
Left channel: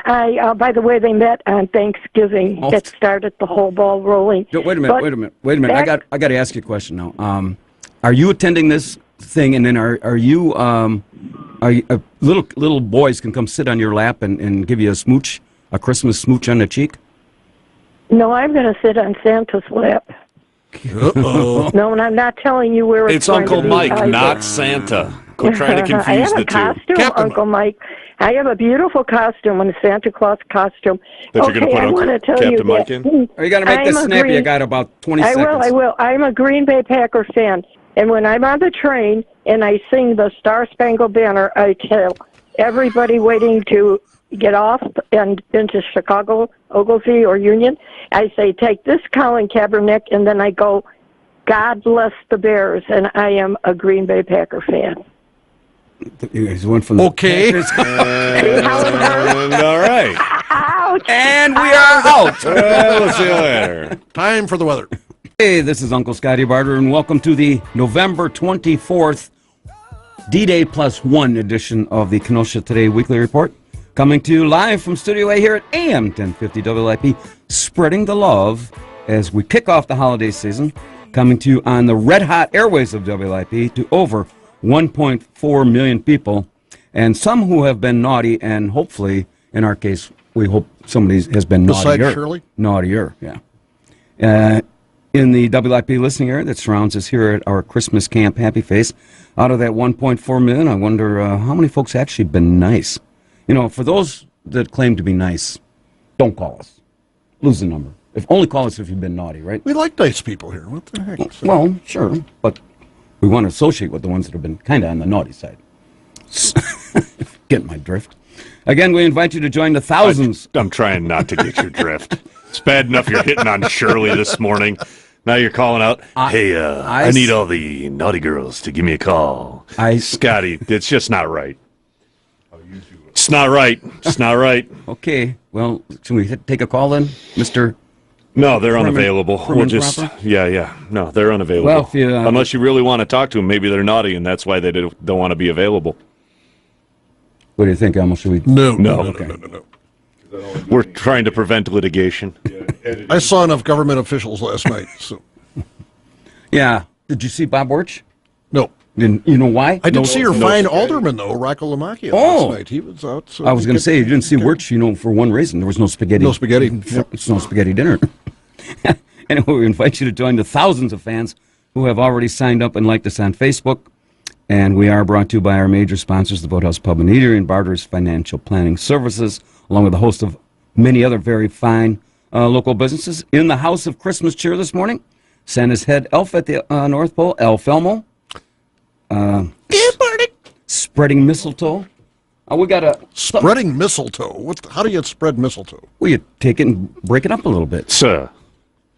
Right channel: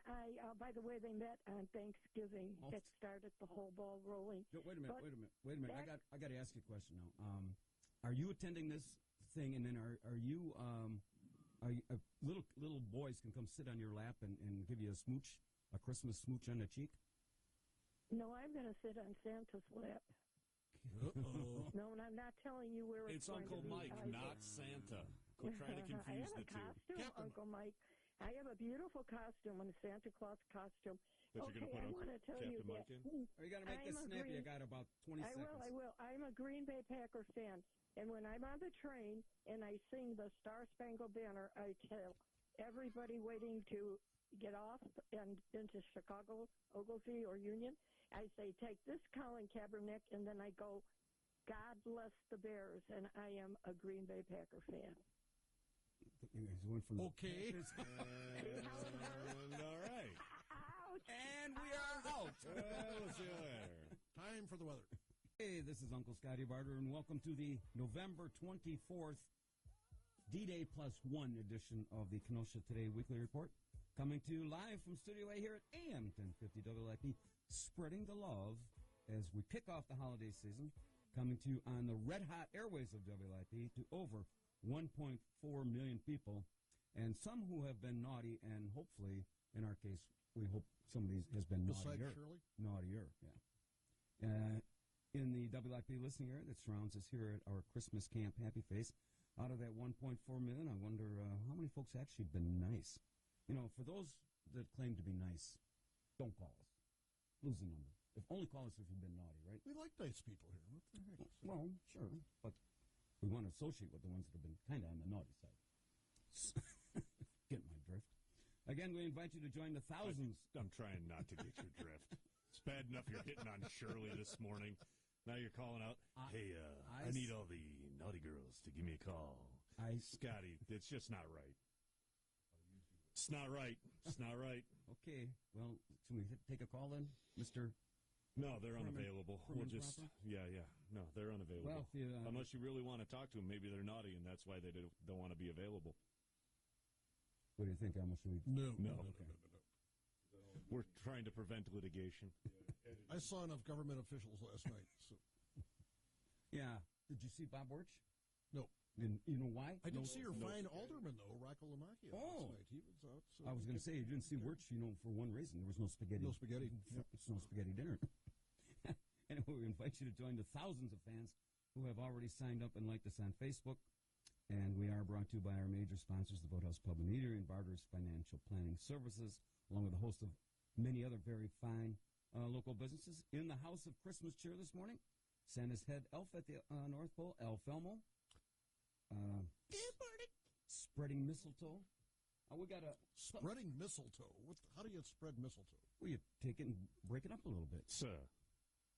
by the way, they met on Thanksgiving. It started the whole ball rolling. Wait a minute. I got to ask you a question now. Are you attending this thing, and then are you little boys can come sit on your lap and give you a smooch, a Christmas smooch on the cheek? No, I'm going to sit on Santa's lap. Uh-oh. No, and I'm not telling you where it's going Uncle to be Mike, either. not Santa. Quit trying to confuse I have the a costume, two. Uncle Mike. I have a beautiful costume, a Santa Claus costume. That you're going to put I want to tell Captain you Mike that, in? Are you going to make this snappy? I got about 20 seconds. I will. I'm a Green Bay Packer fan. And when I'm on the train and I sing the Star Spangled Banner, I tell everybody waiting to get off and into Chicago, Ogilvie, or Union, I say, take this Colin Kaepernick, and then I go, God bless the Bears, and I am a Green Bay Packer fan. He's one from the Okay. All right. Ouch. And we are out. Well, we'll see you later. Time for the weather. Hey, this is Uncle Scotty Barter, and welcome to the November 24th D-Day Plus One edition of the Kenosha Today Weekly Report. Coming to you live from Studio A here at AM 1050 WIP, spreading the love as we kick off the holiday season. Coming to you on the red-hot airways of WIP to over 1.4 million people, and some who have been naughty, and hopefully, in our case, we hope somebody has been naughtier. Besides Shirley? Naughtier, yeah. In the WIP listening area that surrounds us here at our Christmas camp, Happy Face, out of that 1.4 million, I wonder how many folks actually been nice. You know, for those that claim to be nice, don't call us. Lose the number. Only call us if you've been naughty, right? We like nice people here. What the heck? Well, sure, but we want to associate with the ones that have been kind of on the naughty side. Get my drift. Again, we invite you to join the thousands. I'm trying not to get your drift. It's bad enough you're hitting on Shirley this morning. Now you're calling out, hey, I need all the naughty girls to give me a call. Scotty, it's just not right. It's not right. It's not right. Okay. Well, should we take a call then, Mr. No, they're unavailable. We'll just, proper? yeah. No, they're unavailable. Well, if you, unless you really want to talk to them, maybe they're naughty, and that's why they don't want to be available. What do you think, Elmo? Should we? No. We're trying to prevent litigation. I saw enough government officials last night. So. Yeah. Did you see Bob Wirch? No. You know why? I did see your fine alderman, though, Rocco Lamacchia, last night. He was out. So I was going to say, you didn't see Wirch, for one reason. There was no spaghetti. No spaghetti. It's no spaghetti dinner. Anyway, we invite you to join the thousands of fans who have already signed up and liked us on Facebook. And we are brought to you by our major sponsors, the Boathouse Pub and Eatery and Barter's Financial Planning Services, along with a host of many other very fine local businesses. In the House of Christmas Cheer this morning, Santa's head elf at the North Pole, El Felmo. Spreading mistletoe. We got a spreading mistletoe. How do you spread mistletoe? Well, you take it and break it up a little bit, sir.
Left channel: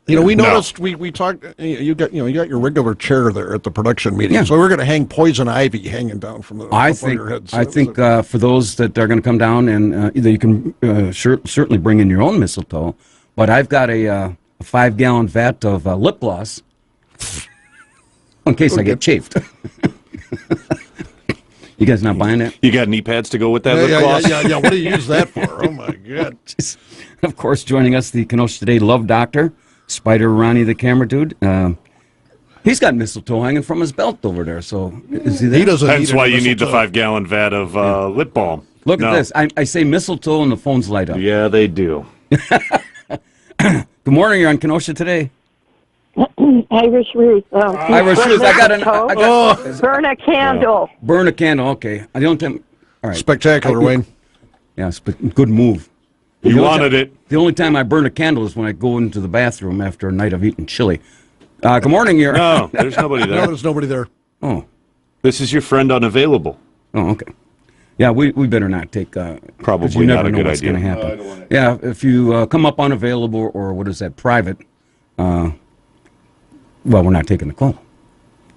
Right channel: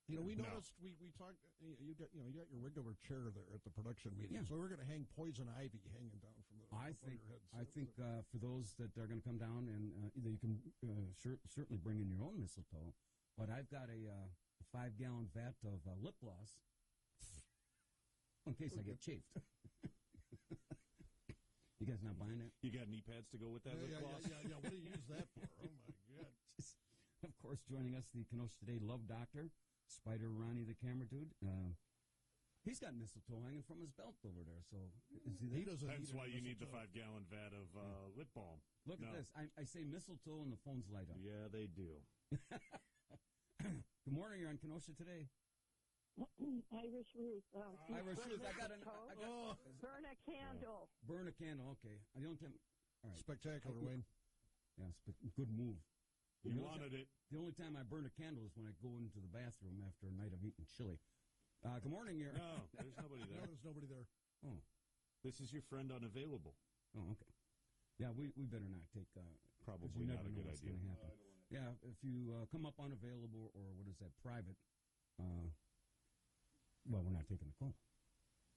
We noticed we talked. You got your regular chair there at the production meeting, Yeah. so we're going to hang poison ivy hanging down from the up on your head. I think for those that are going to come down, and either you can certainly bring in your own mistletoe, but I've got a 5-gallon vat of lip gloss in case I get chafed. You guys not buying that? You got knee pads to go with that lip gloss? Yeah. What do you use that for? Oh, my God. Of course, joining us, the Kenosha Today Love Doctor, Spider Ronnie the camera dude. He's got mistletoe hanging from his belt over there, so is he there? He doesn't. That's why you need the 5-gallon vat of lip balm. Look at this. I say mistletoe and the phones light up. Yeah, they do. Good morning. You're on Kenosha Today. Irish Ruth. Irish Ruth. I got burn a candle. Burn a candle. Okay. I don't. All right. Spectacular, Wayne. Yes, but good move. You wanted it. The only time I burn a candle is when I go into the bathroom after a night of eating chili. Good morning, you're. No, there's nobody there. No, there's nobody there. Oh. This is your friend unavailable. Oh, okay. Yeah, we better not take. Probably you not never a know good what's idea. going to happen. Yeah, if you come up unavailable or what is that, private, well, we're not taking the call.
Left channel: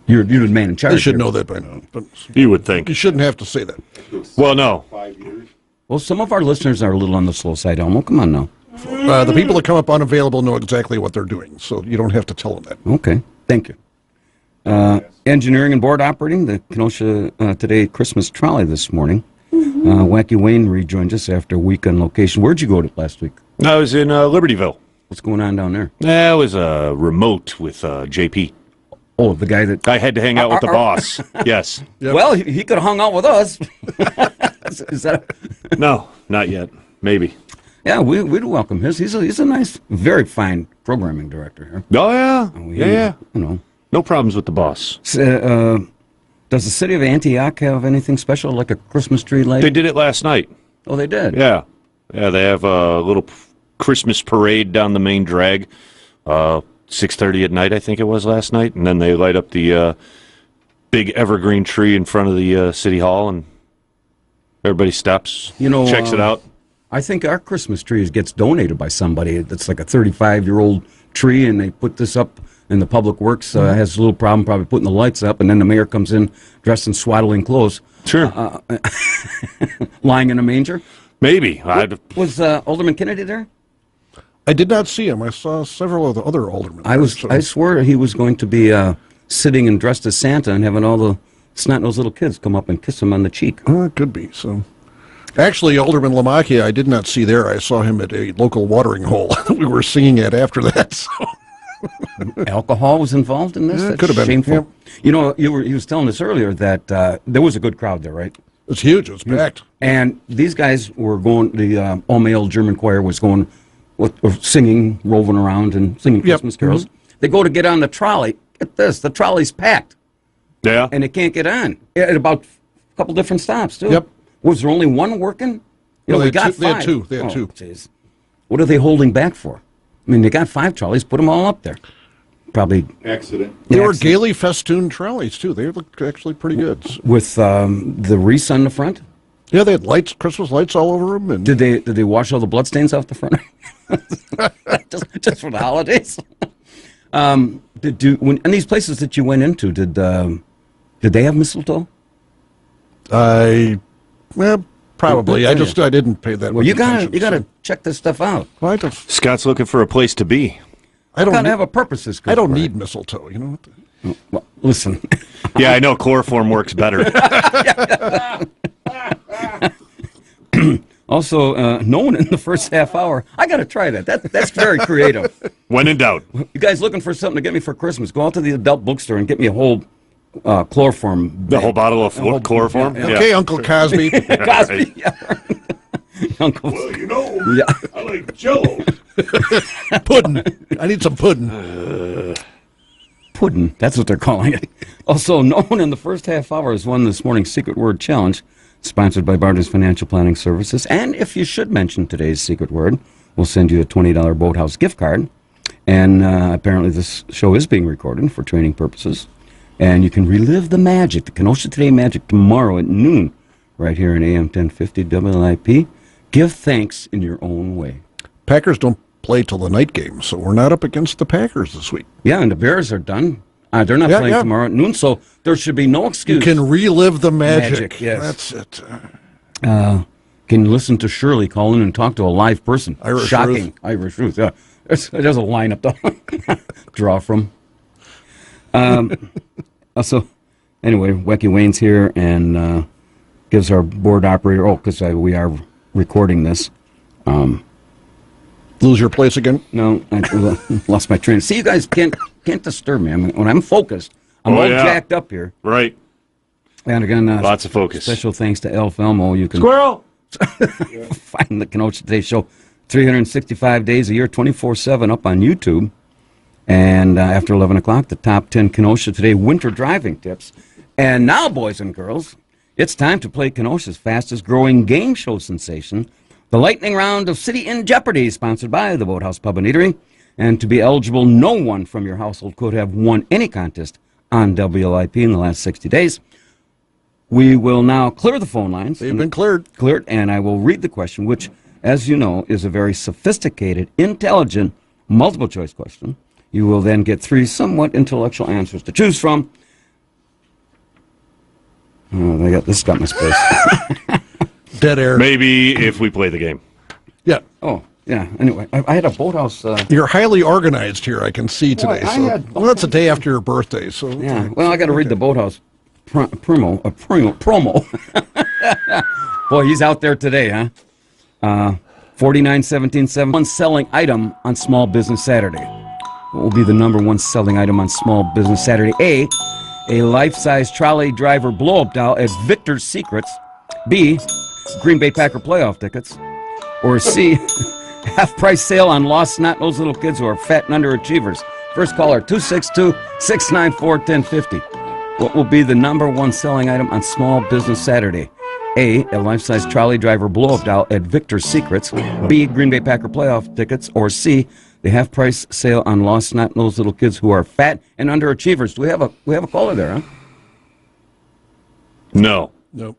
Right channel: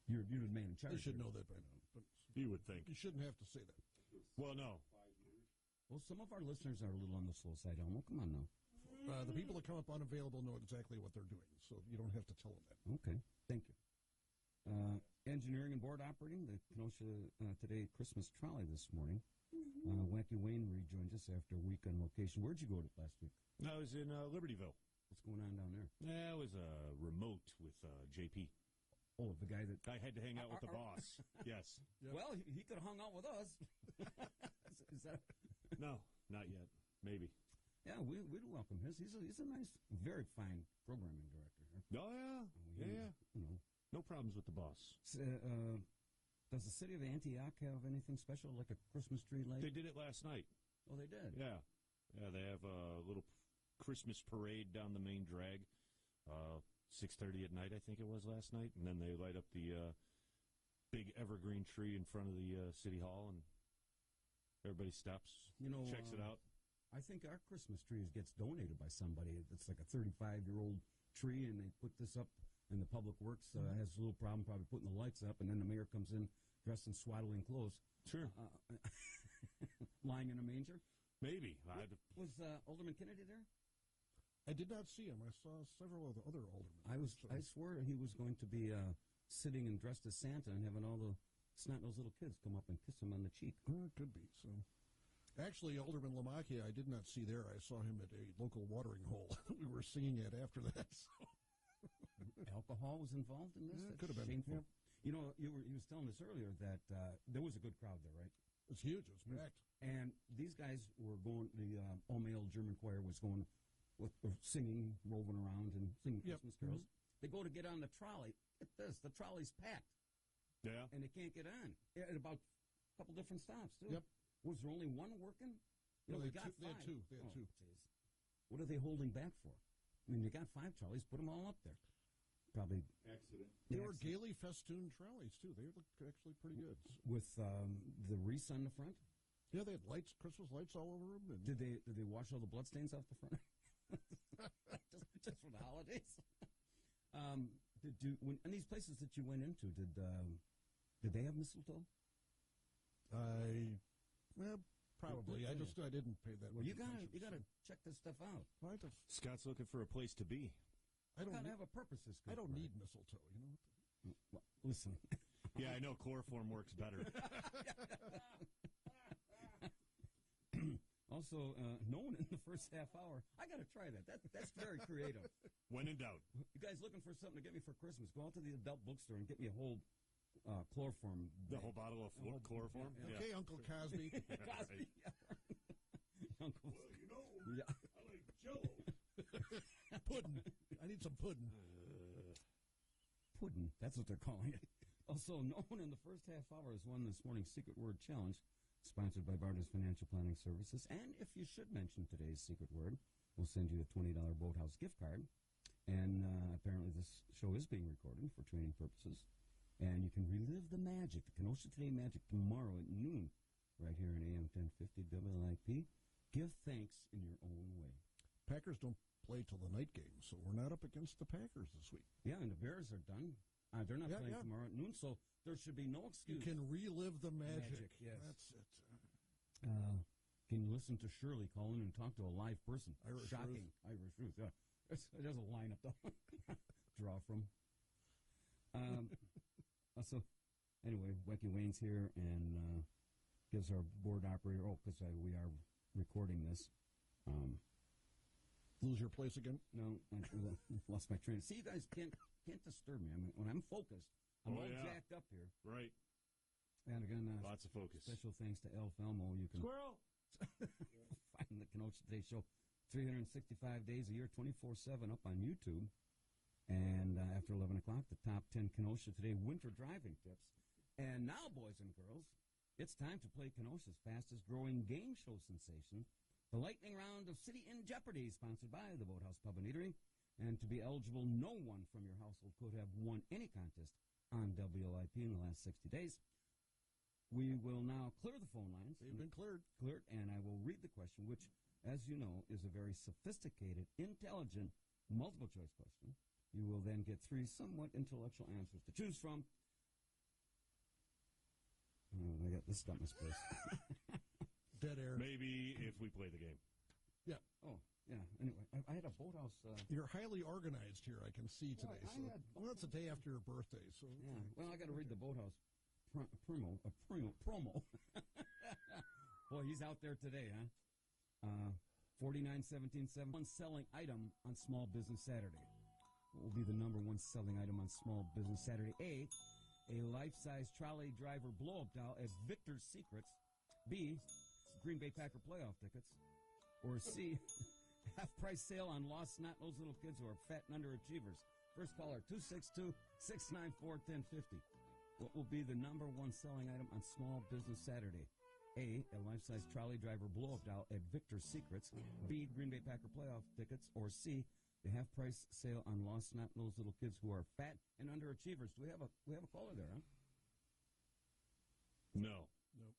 You're the man in charge. You should here. know that by now. But you would think. You shouldn't have to say that. Well, no. 5 years. Well, some of our listeners are a little on the slow side, Elmo. Come on now. The people that come up unavailable know exactly what they're doing, so you don't have to tell them that. Okay, thank you. Engineering and board operating, the Kenosha Today Christmas trolley this morning. Wacky Wayne rejoined us after a week on location. Where'd you go to last week? I was in Libertyville. What's going on down there? That was remote with JP. Oh, the guy that... I had to hang out with the boss. Yes. Yep. Well, he could have hung out with us. Is that... No, not yet. Maybe. Yeah, we'd welcome his. He's a nice, very fine programming director here. Oh, yeah. Yeah. You know. No problems with the boss. Does the city of Antioch have anything special, like a Christmas tree light? They did it last night. Oh, they did? Yeah. Yeah, they have a little Christmas parade down the main drag. 6:30 at night, I think it was last night. And then they light up the big evergreen tree in front of the city hall, and everybody stops, checks it out. I think our Christmas tree gets donated by somebody that's like a 35-year-old tree, and they put this up, and the Public Works has a little problem probably putting the lights up, and then the mayor comes in dressed in swaddling clothes. Sure. Lying in a manger. Maybe. Was Alderman Kennedy there? I did not see him. I saw several of the other aldermen. I swore he was going to be sitting and dressed as Santa and having all the snot-nosed little kids come up and kiss him on the cheek. Oh, it could be. So, actually, Alderman Lamacchia, I did not see there. I saw him at a local watering hole we were singing at after that. So. Alcohol was involved in this? Yeah, That's could have been. Shameful. Yep. You know, he was telling us earlier that there was a good crowd there, right? It's huge. It's packed. And these guys were going, the all-male German choir was going, singing, roving around and singing Christmas carols. Mm-hmm. They go to get on the trolley. Get this, the trolley's packed. Yeah. And they can't get on. At about a couple different stops, too. Yep. Was there only one working? You know, we got 5. They had two. They had two. Geez. What are they holding back for? I mean, they got 5 trolleys. Put them all up there. Probably. Accident. They were gaily festooned trolleys, too. They looked actually pretty good. With the wreaths on the front? Yeah, they had lights, Christmas lights all over them. And did they wash all the bloodstains off the front? just for the holidays? In these places that you went into, did they have mistletoe? Probably. I didn't pay that much attention. You gotta check this stuff out. Scott's looking for a place to be. I don't have a purpose. I don't need mistletoe. You know what? Well, listen. Yeah, I know chloroform works better. Also, known in the first half hour. I got to try that. That's very creative. When in doubt. You guys looking for something to get me for Christmas? Go out to the adult bookstore and get me a whole chloroform. The whole bottle of chloroform? Yeah. Okay, Uncle Cosby. Cosby, yeah. Uncle. Well, you know, I like Jell-O. Pudding. I need some pudding. Pudding. That's what they're calling it. Also known in the first half hour as won this morning's Secret Word Challenge, sponsored by Barter's Financial Planning Services. And if you should mention today's secret word, we'll send you a $20 Boathouse gift card. And apparently this show is being recorded for training purposes. And you can relive the magic, the Kenosha Today magic, tomorrow at noon, right here in AM 1050 WLIP. Give thanks in your own way. Packers don't play till the night game, so we're not up against the Packers this week. Yeah, and the Bears are done. They're not playing tomorrow at noon, so there should be no excuse. You can relive the magic. Yes. That's it. Can listen to Shirley call in and talk to a live person. Irish Ruth. Irish Ruth. Yeah. There's a lineup to draw from. So, anyway, Wecky Wayne's here and gives our board operator, because we are recording this. Lose your place again? No, I lost my train. See, you guys can't disturb me. When I'm focused, I'm all jacked up here. Right. And again, lots of focus. Special thanks to Elf Elmo. You can Squirrel! find the Kenosha Today Show 365 days a year, 24/7 up on YouTube. And after 11 o'clock, the top 10 Kenosha Today winter driving tips. And now, boys and girls, it's time to play Kenosha's fastest growing game show sensation, the lightning round of City in Jeopardy, sponsored by the Boathouse Pub and Eatery. And to be eligible, no one from your household could have won any contest on WLIP in the last 60 days. We will now clear the phone lines. They've been cleared. Cleared, and I will read the question, which, as you know, is a very sophisticated, intelligent, multiple-choice question. You will then get 3 somewhat intellectual answers to choose from. Oh, this got my space. Dead air. Maybe if we play the game. Yeah. Oh, yeah. Anyway, I had a Boathouse. You're highly organized here, I can see today. Well, that's the day after your birthday. So yeah. Well, I got to read the Boathouse promo. Boy, he's out there today, huh? 491771 one selling item on Small Business Saturday. What will be the number 1 selling item on Small Business Saturday? A life-size trolley driver blow-up doll at Victor's Secrets. B, Green Bay Packer playoff tickets. Or C, half-price sale on lost snot-nosed little kids who are fat and underachievers. First caller, 262-694-1050. What will be the number 1 selling item on Small Business Saturday? A life-size trolley driver blow-up doll at Victor's Secrets. B, Green Bay Packer playoff tickets. Or C, the half-price sale on lost snot-nosed little kids who are fat and underachievers. Do we have a caller there, huh? No. Nope.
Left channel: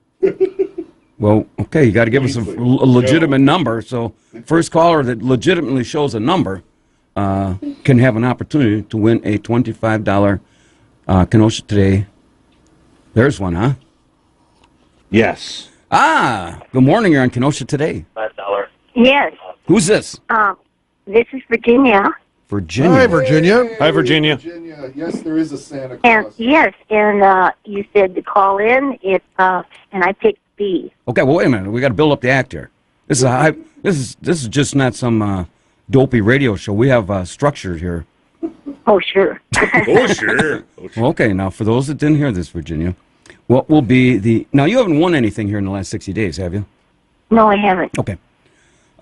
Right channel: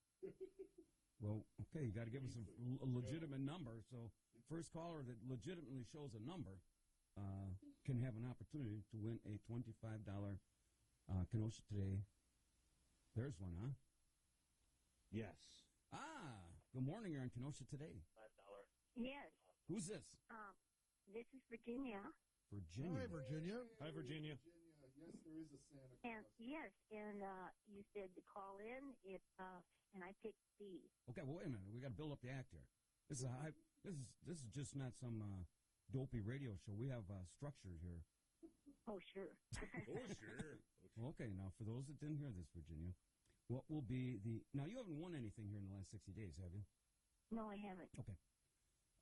Well, okay, you got to give us a legitimate number. So first caller that legitimately shows a number can have an opportunity to win a $25 Kenosha Today. There's one, huh? Yes. Good morning. You're on Kenosha Today. $5. Yes. Who's this? This is Virginia. Virginia. Hi, Virginia. Hi, Virginia. Yes, there is a Santa And Claus. yes, and you said to call in. And I picked B. Okay, well, wait a minute. We got to build up the act here. This is a high, this is just not some dopey radio show. We have structure here. Oh, sure. Oh, sure. Okay, now for those that didn't hear this, Virginia, what will be the... Now, you haven't won anything here in the last 60 days, have you? No, I haven't. Okay.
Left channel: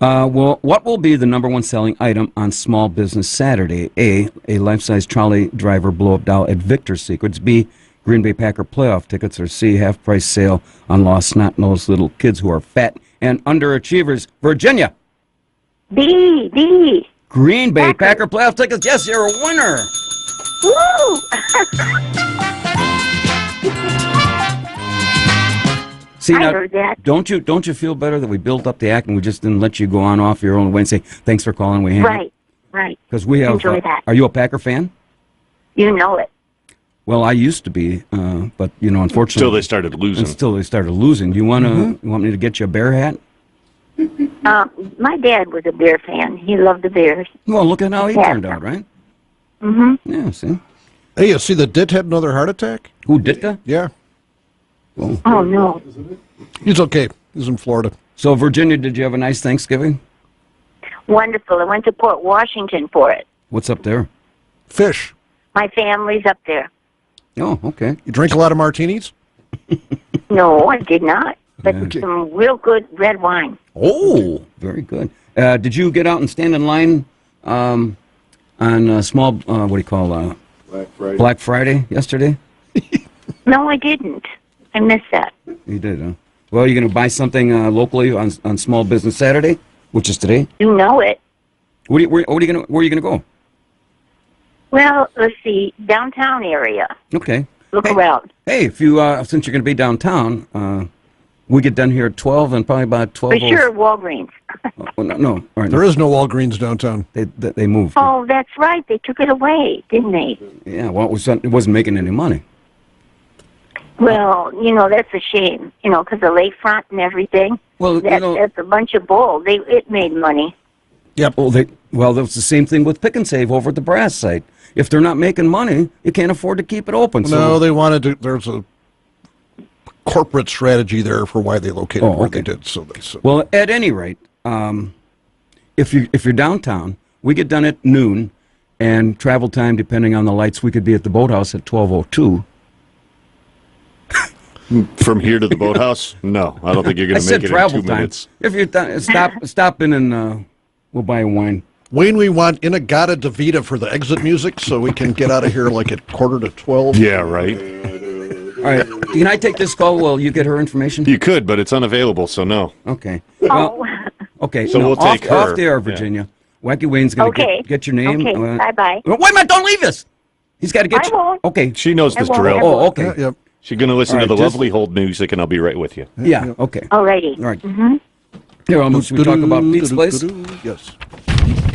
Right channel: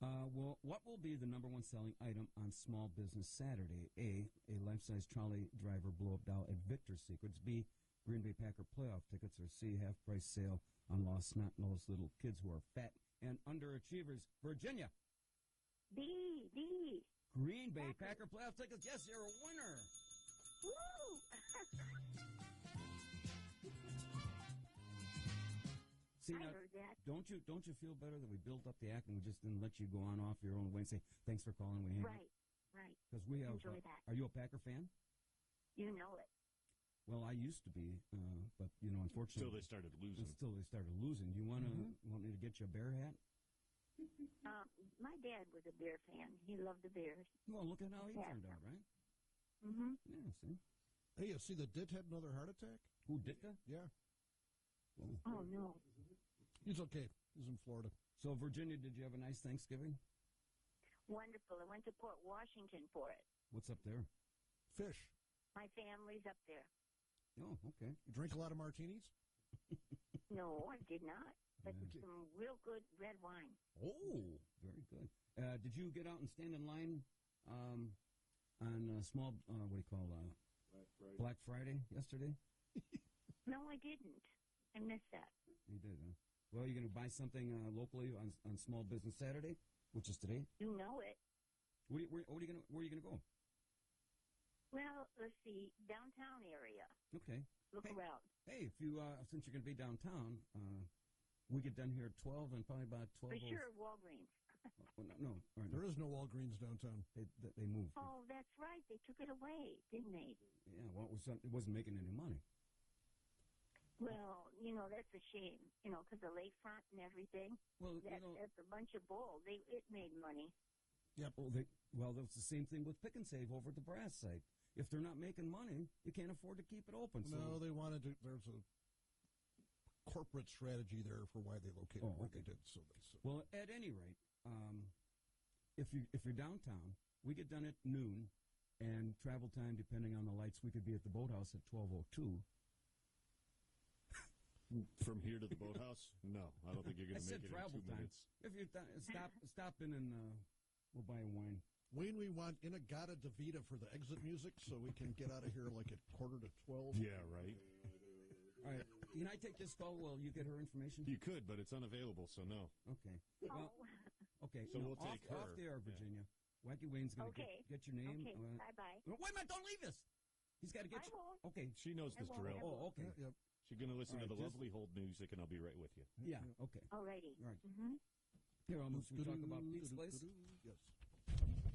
Well, what will be the number one selling item on Small Business Saturday? A life-size trolley driver blow-up doll at Victor's Secrets. B, Green Bay Packer playoff tickets. Or C, half-price sale on lost snot-nosed little kids who are fat and underachievers. Virginia. B. Green Bay Packer playoff tickets. Yes, you're a winner. Woo! See, I now, heard that. don't you feel better that we built up the act and we just didn't let you go on off your own way and say thanks for calling? We Right. Because we have. Enjoy that. Are you a Packer fan? You know it. Well, I used to be, but unfortunately, Until they started losing. Do you want to? You want me to get you a Bear hat? My dad was a Bear fan. He loved the Bears. Well, look at how he turned out, right? Mm-hmm. Yeah. See. Hey, you see the Dit had another heart attack? Who Ditka? Yeah. Oh, no. He's okay. He's in Florida. So, Virginia, did you have a nice Thanksgiving? Wonderful. I went to Port Washington for it. What's up there? Fish. My family's up there. Oh, okay. You drink a lot of martinis? No, I did not. But some real good red wine. Oh, very good. Did you get out and stand in line on small, what do you call, Black Friday yesterday? No, I didn't. I missed that. You did, huh? Well, you're going to buy something locally on Small Business Saturday, which is today? You know it. Where are you going to go? Well, let's see. Downtown area. Okay. Look around. Hey, if you since you're going to be downtown, we get done here at 12 and probably about 12. For sure, Walgreens. Well, no. All right, There is no Walgreens downtown. They moved. Oh, that's right. They took it away, didn't they? Yeah, well, it wasn't making any money. Well, that's a shame, because the lakefront and everything. Well, that's a bunch of bull. It made money. Yep. Well, that was the same thing with Pick and Save over at the brass site. If they're not making money, you can't afford to keep it open. No, they wanted to. There's a corporate strategy there for why they located where they did. So. Well, at any rate, if you're downtown, we get done at noon, and travel time, depending on the lights, we could be at the boathouse at 12:02. From here to the boathouse? No, I don't think you're going to make it in 2 minutes. If you're stop in and we'll buy a wine. Wayne, we want Inagata Davida for the exit music so we can get out of here like at 11:45. Yeah, right. All right. Can I take this call? Will you get her information? You could, but it's unavailable, so no. Okay. Well, okay. So we'll take her. Off the air, Virginia. Yeah. Wacky Wayne's going to get your name. Okay. Bye-bye. Wait a minute. Don't leave us. He's got to get I you. won't. Okay. She knows this drill. Oh, okay. Yep. She's going to listen to the lovely hold music, and I'll be right with you. Yeah, okay. Alrighty. All right. Mm-hmm. Here, should we talk about Pete's Place? Yes.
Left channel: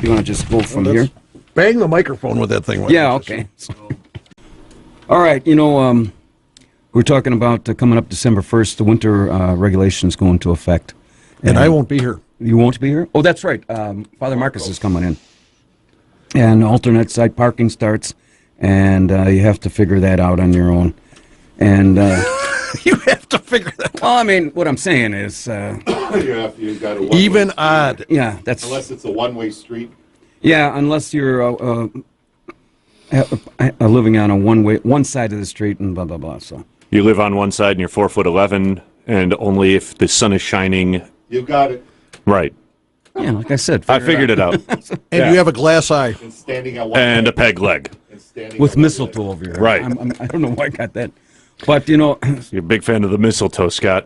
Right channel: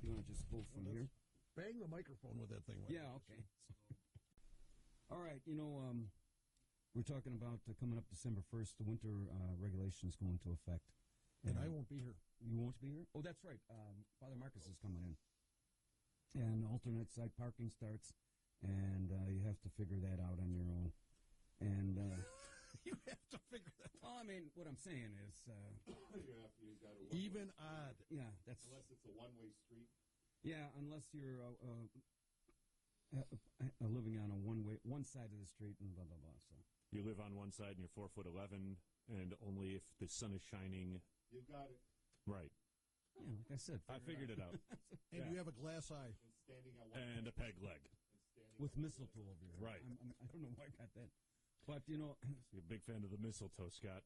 You want to just go from here? Bang the microphone with that thing. Yeah, okay. All right, we're talking about coming up December 1st, the winter regulations go into effect. And I won't be here. You won't be here? Oh, that's right. Father Marcus is coming in. And alternate site parking starts, and you have to figure that out on your own. And you have to figure that out. Well, I mean, what I'm saying is... you got a even odd. Yeah, that's... Unless it's a one-way street. Yeah, unless you're living on one side of the street and blah, blah, blah, so... You live on one side and you're 4'11", and only if the sun is shining... You got it. Right. Yeah, like I said. I figured it out. And you have a glass eye. And standing at one and a peg leg. With mistletoe over here. Right. I don't know why I got that. But, You're a big fan of the mistletoe, Scott.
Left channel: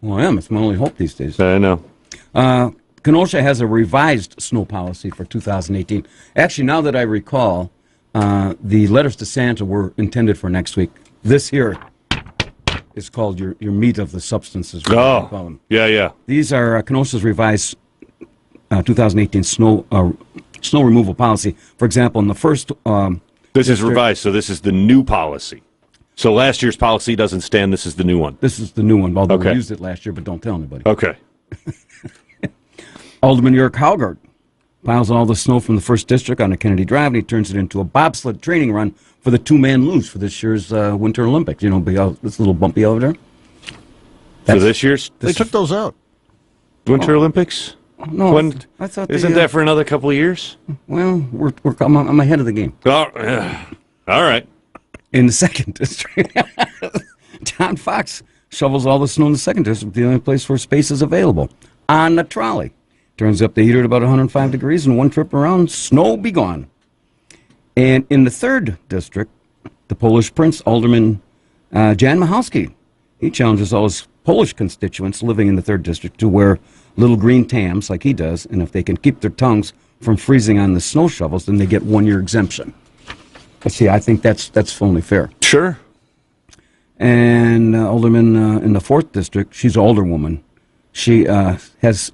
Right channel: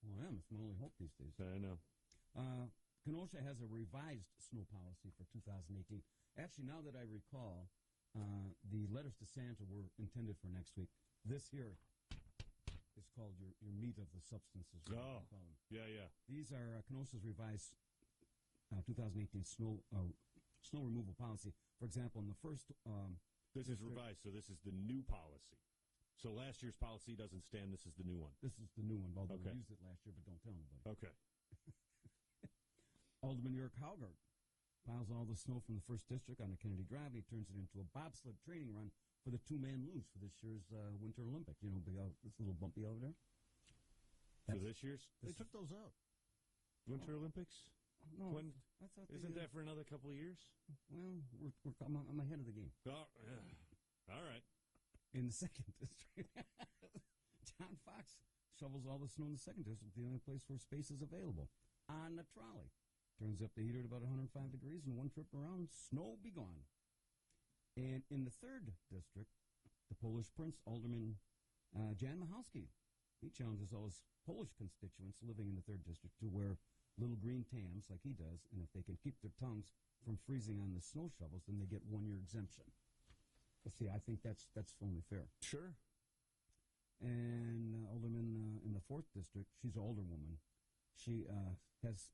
Well, I am. It's my only hope these days. I know. Kenosha has a revised snow policy for 2018. Actually, now that I recall, the letters to Santa were intended for next week. This here is called your meat of the substances. Oh, yeah. These are Kenosha's revised 2018 snow removal policy. For example, in the first... this is revised, so this is the new policy. So last year's policy doesn't stand. This is the new one. This is the new one, although we used it last year, but don't tell anybody. Okay. Alderman York Haugard piles all the snow from the 1st District onto Kennedy Drive, and he turns it into a bobsled training run for the two-man luge for this year's Winter Olympics. You know, this little bumpy over there. For this year's? They took those out. Winter Olympics? No, I thought isn't that for another couple of years? Well, I'm ahead of the game. Oh, all right. In the 2nd District, John Fox shovels all the snow in the 2nd District, the only place where space is available, on the trolley. Turns up the heater at about 105 degrees, and one trip around, snow be gone. And in the 3rd District, the Polish Prince, Alderman Jan Michalski, he challenges all his Polish constituents living in the 3rd District to wear little green tams like he does, and if they can keep their tongues from freezing on the snow shovels, then they get 1-year exemption. But see, I think that's only fair. Sure. And Alderman in the 4th District, she's an older woman. She's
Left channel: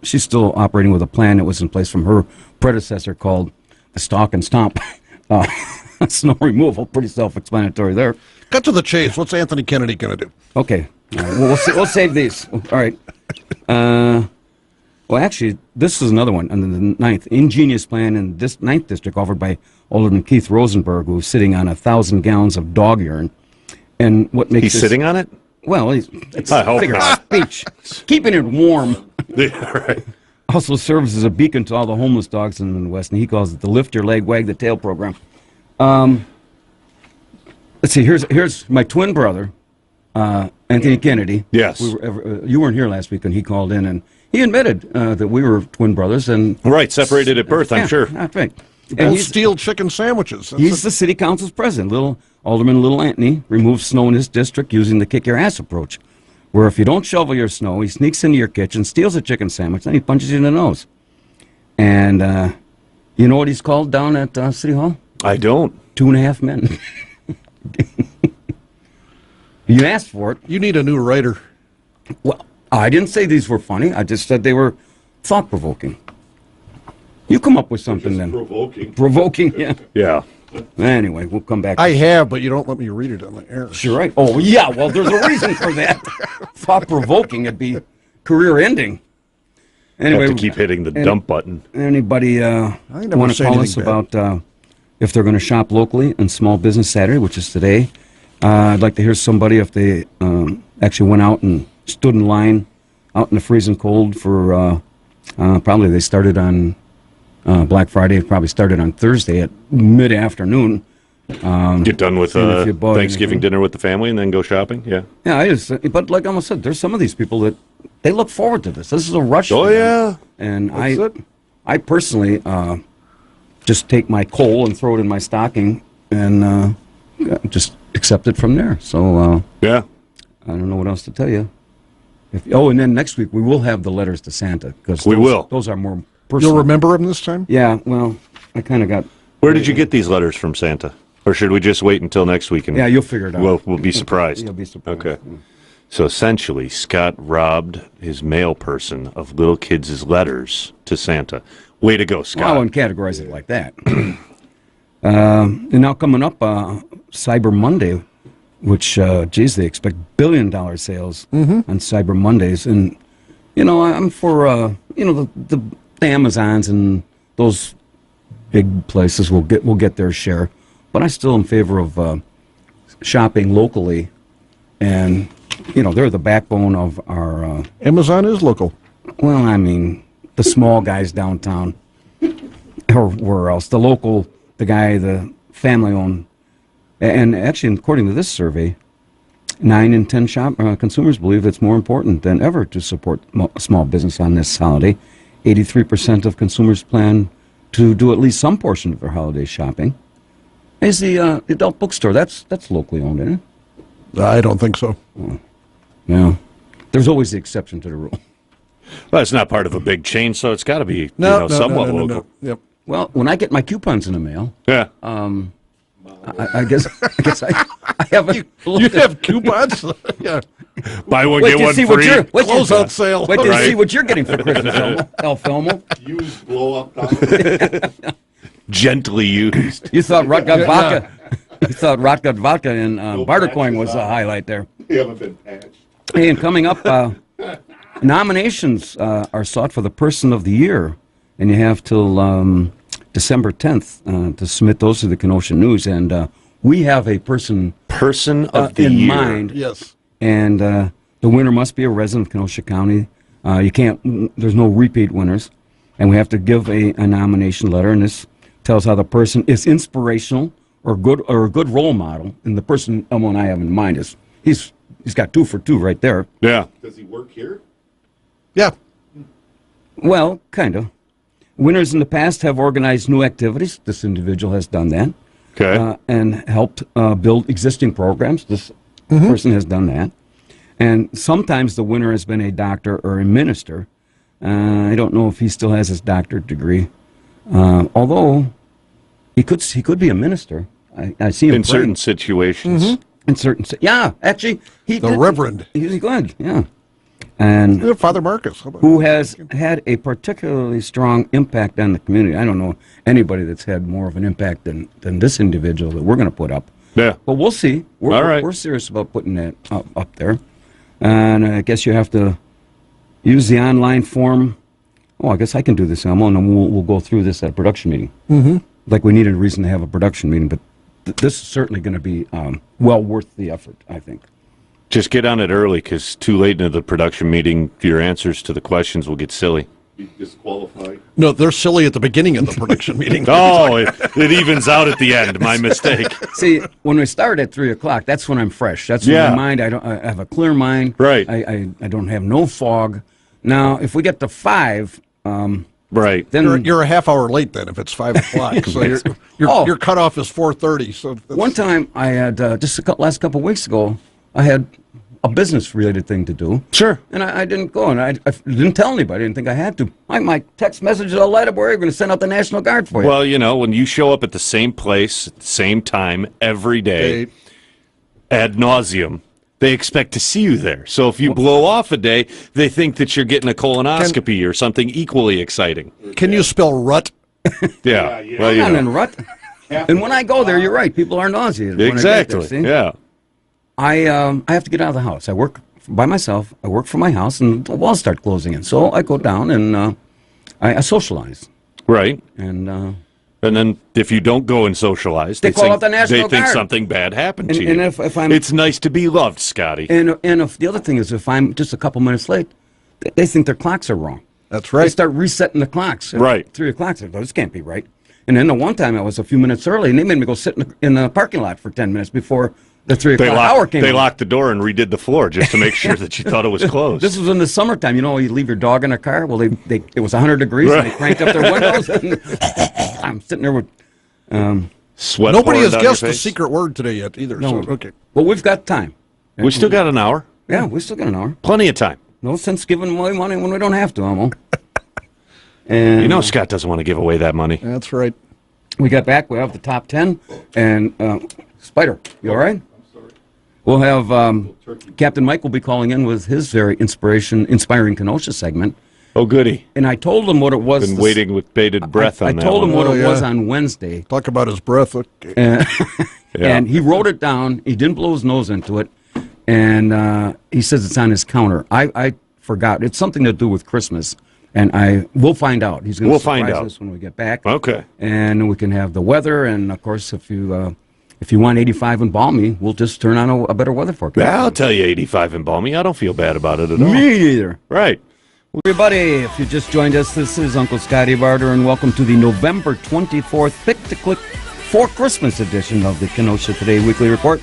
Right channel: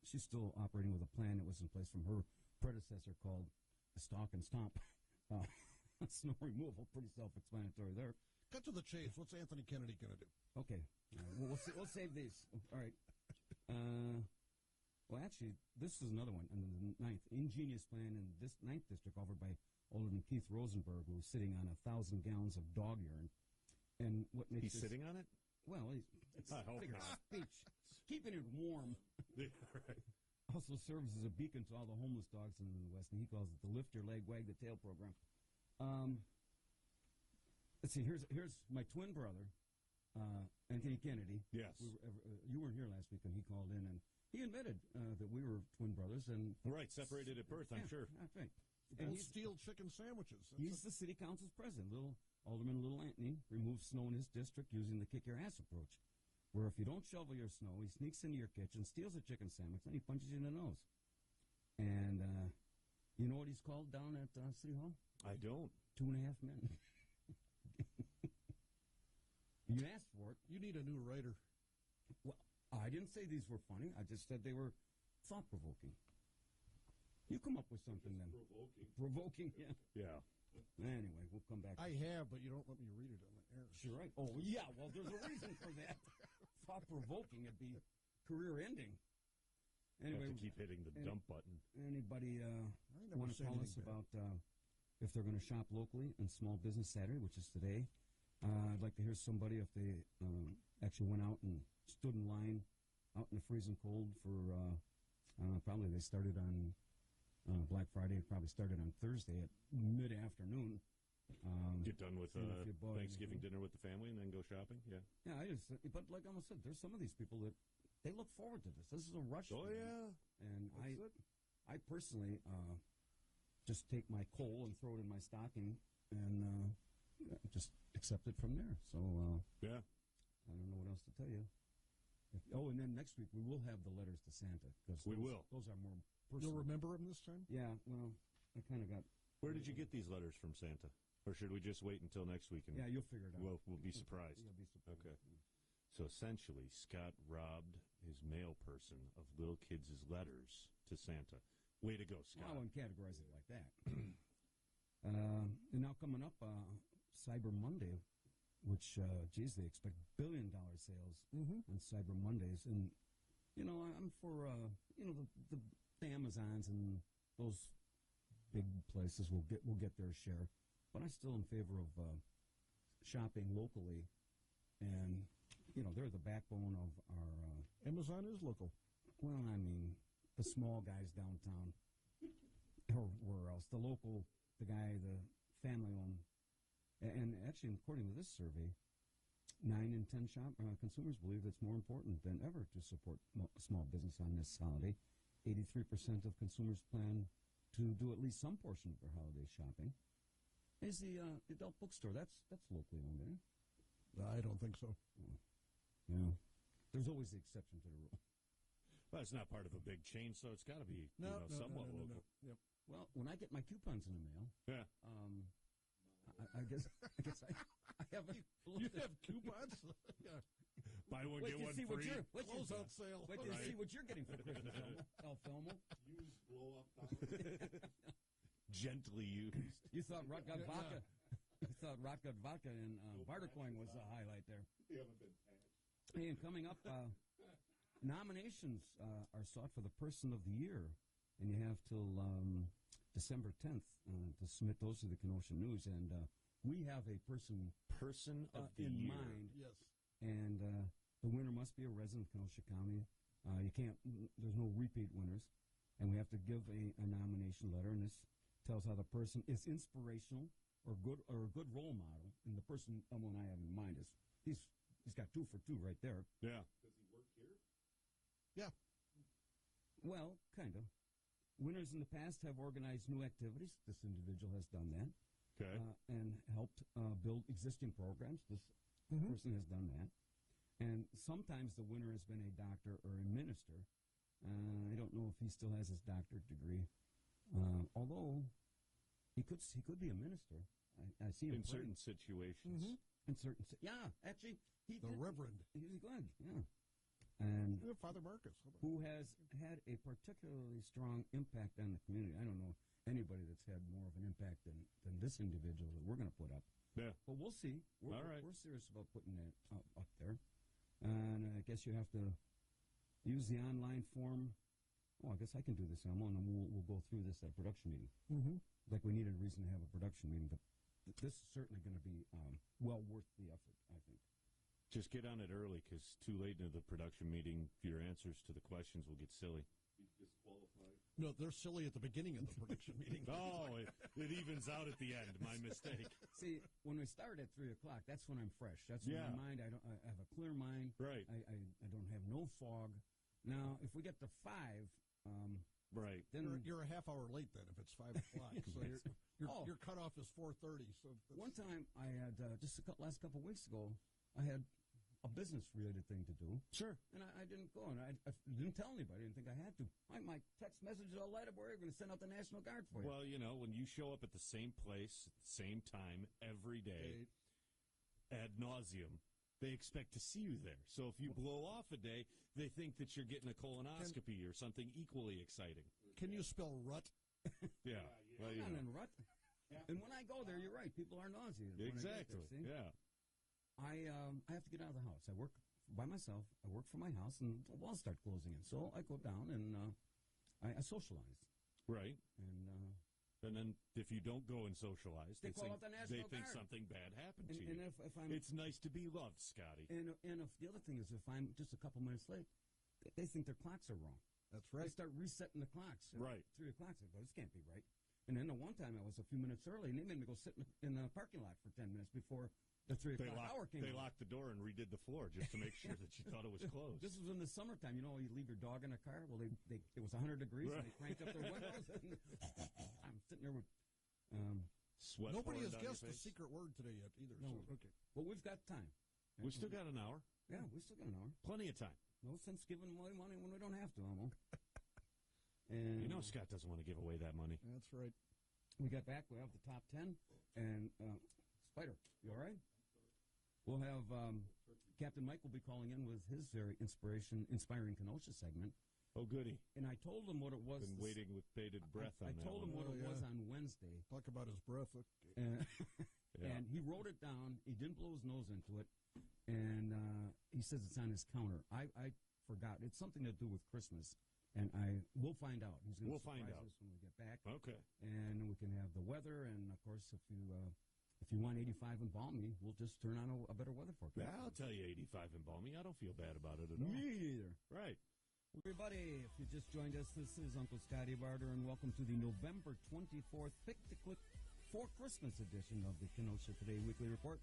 still operating with a plan that was in place from her predecessor called the Stalk and Stomp snow removal. Pretty self-explanatory there. Cut to the chase. What's Anthony Kennedy going to do? Okay. We'll save these. All right. Well, actually, this is another one under the 9th. Ingenious plan in this 9th District offered by Alderman Keith Rosenberg, who's sitting on 1,000 gallons of dog urine. And what makes He's sitting on it? Well, it's I hope figure of not. speech. Keeping it warm. Yeah, right. Also serves as a beacon to all the homeless dogs in the West, and he calls it the Lift Your Leg, Wag the Tail program. Let's see, here's my twin brother, Anthony Kennedy. Yes. You weren't here last week, and he called in, and he admitted that we were twin brothers. And right, separated at birth, I'm sure. That's right. And he's steal chicken sandwiches. He's the city council's president. Alderman Little Anthony removes snow in his district using the kick your ass approach, where if you don't shovel your snow, he sneaks into your kitchen, steals a chicken sandwich, then he punches you in the nose. And you know what he's called down at City Hall? I don't. 2.5 Men. You asked for it. You need a new writer. Well, I didn't say these were funny. I just said they were thought-provoking. You come up with something then. Provoking. Provoking, yeah. Yeah. Anyway, we'll come back. I have, but you don't let me read it on the air. Sure, right. Oh, yeah, well, there's a reason for that. Thought-provoking, it'd be career-ending. Anyway, have to keep hitting the dump button. Anybody want to call us about if they're going to shop locally on Small Business Saturday, which is today? I'd like to hear somebody if they actually went out and stood in line out in the freezing cold for probably they started on Black Friday. It probably started on Thursday at mid-afternoon. Get done with Thanksgiving anything. dinner with the family and then go shopping? Yeah. Yeah, but like I almost said, there's some of these people that they look forward to this. This is a rush. Oh, for them. yeah. And I personally just take my coal and throw it in my stocking and just accept it from there. So yeah, I don't know what else to tell you. And then next week we will have the letters to Santa because those are more personal. You'll remember them this time? Yeah. Well, I kind of got. Where did you get these letters from Santa? Or should we just wait until next week? And you'll figure it out. We'll be surprised. You'll be surprised. Okay. So essentially, Scott robbed his mail person of little kids' letters to Santa. Way to go, Scott. Well, I wouldn't categorize it like that. And now coming up, Cyber Monday, which, they expect $1 billion sales on Cyber Mondays. And, I'm for, the Amazons and those big places will get their share. But I still am in favor of shopping locally. And, they're the backbone of our... Amazon is local. Well, I mean, the small guys downtown or where else. The family-owned. And actually, according to this survey, 9 in 10 consumers believe it's more important than ever to support small business on this holiday. 83% of consumers plan to do at least some portion of their holiday shopping. Is the adult bookstore, that's locally owned, isn't it? I don't think so. Oh. Yeah. There's always the exception to the rule. Well, it's not part of a big chain, so it's got to be somewhat local. No. Yep. Well, when I get my coupons in the mail, yeah. I guess I haven't. You have coupons? Yeah. Buy one, get one free. Closeout sale. Wait till you see what you're getting for Christmas, Elmo. Used blow up. Gently used. You thought Rotgut vodka. You thought Rotgut vodka and Bartercoin was a highlight there. You haven't been patched. Hey, and coming up, nominations are sought for the Person of the Year and you have till December 10th to submit those to the Kenosha News. And we have a person of the in year. mind. Yes. And the winner must be a resident of Kenosha County. You can't. There's no repeat winners, and we have to give a nomination letter. And this tells how the person is inspirational or a good role model. And the person someone I have in mind is he's got 2 for 2 right there. Yeah. Does he work here? Yeah. Well, kind of. Winners in the past have organized new activities. This individual has done that. Okay. And helped build existing programs. This person has done that. And sometimes the winner has been a doctor or a minister. I don't know if he still has his doctorate degree. Although he could be a minister. I see him in certain situations. In certain, yeah, actually, the Reverend. He's good, yeah. And Father Marcus, who has had a particularly strong impact on the community. I don't know anybody that's had more of an impact than this individual that we're going to put up. Yeah. But we'll see. We're serious about putting that up there. And I guess you have to use the online form. Oh, I guess I can do this, Elmo, and we'll go through this at a production meeting. Like we needed a reason to have a production meeting, but this is certainly going to be well worth the effort, I think. Just get on it early, because too late into the production meeting, your answers to the questions will get silly. Be disqualified. No, they're silly at the beginning of the production meeting. Oh, it evens out at the end. My mistake. See, when we start at 3 o'clock, that's when I'm fresh. That's when my mind. I have a clear mind. Right. I don't have no fog. Now, if we get to 5, right, then you're a half hour late. Then if it's 5 o'clock, so your cutoff is 4:30. So one time I had just last couple of weeks ago, I had a business-related thing to do. Sure. And I didn't go, and I didn't tell anybody. I didn't think I had to. My text message all light up, we're going to send out the National Guard for you. Well, you know, when you show up at the same place, at the same time, every day, ad nauseum, they expect to see you there. So if you blow off a day, they think that you're getting a colonoscopy or something equally exciting. Can you spell rut? Yeah. Well, you I'm know. in rut. And when I go there, you're right. People are nauseated. Exactly. When I get there, see? Yeah. I have to get out of the house. I work by myself. I work from my house, and the walls start closing in. So I go down and I socialize. Right. And then if you don't go and socialize, they call out the National They think Guard. something bad happened to you. And if I'm, it's nice to be loved, Scotty. And if the other thing is, if I'm just a couple minutes late, they think their clocks are wrong. That's right. They start resetting the clocks. Right. 3 o'clock. I go, this can't be right. And then the one time I was a few minutes early, and they made me go sit in the parking lot for 10 minutes before the 3 o'clock hour came. They locked the door and redid the floor just to make sure that you thought it was closed. This was in the summertime. You know, you leave your dog in a car. Well, it was 100 degrees, and they cranked up their windows. And I'm sitting there with sweat. Nobody has pouring down guessed your the face. secret word today yet either. No. So, okay. Well, we've got time. We still got an hour. Yeah, we still got an hour. Plenty of time. No sense giving away money when we don't have to, Elmo. And You know Scott doesn't want to give away that money. That's right. we got back. We have the top 10. And Spider, you all right? We'll have Captain Mike will be calling in with his very inspiring Kenosha segment. Oh, goody. And I told him what it was. Been waiting with bated breath I on that told him one. what it was on Wednesday. Talk about his breath. Okay. And he wrote it down. He didn't blow his nose into it. And he says it's on his counter. I forgot. It's something to do with Christmas. And we'll find out. He's going to surprise us when we get back. Okay. And we can have the weather. And, of course, if you want 85 and balmy, we'll just turn on a better weather forecast. I'll tell you 85 and balmy. I don't feel bad about it at all. Me neither. Right. Everybody, if you just joined us, this is Uncle Scotty Barter, and welcome to the November 24th Pick-to-Click for Christmas edition of the Kenosha Today Weekly Report.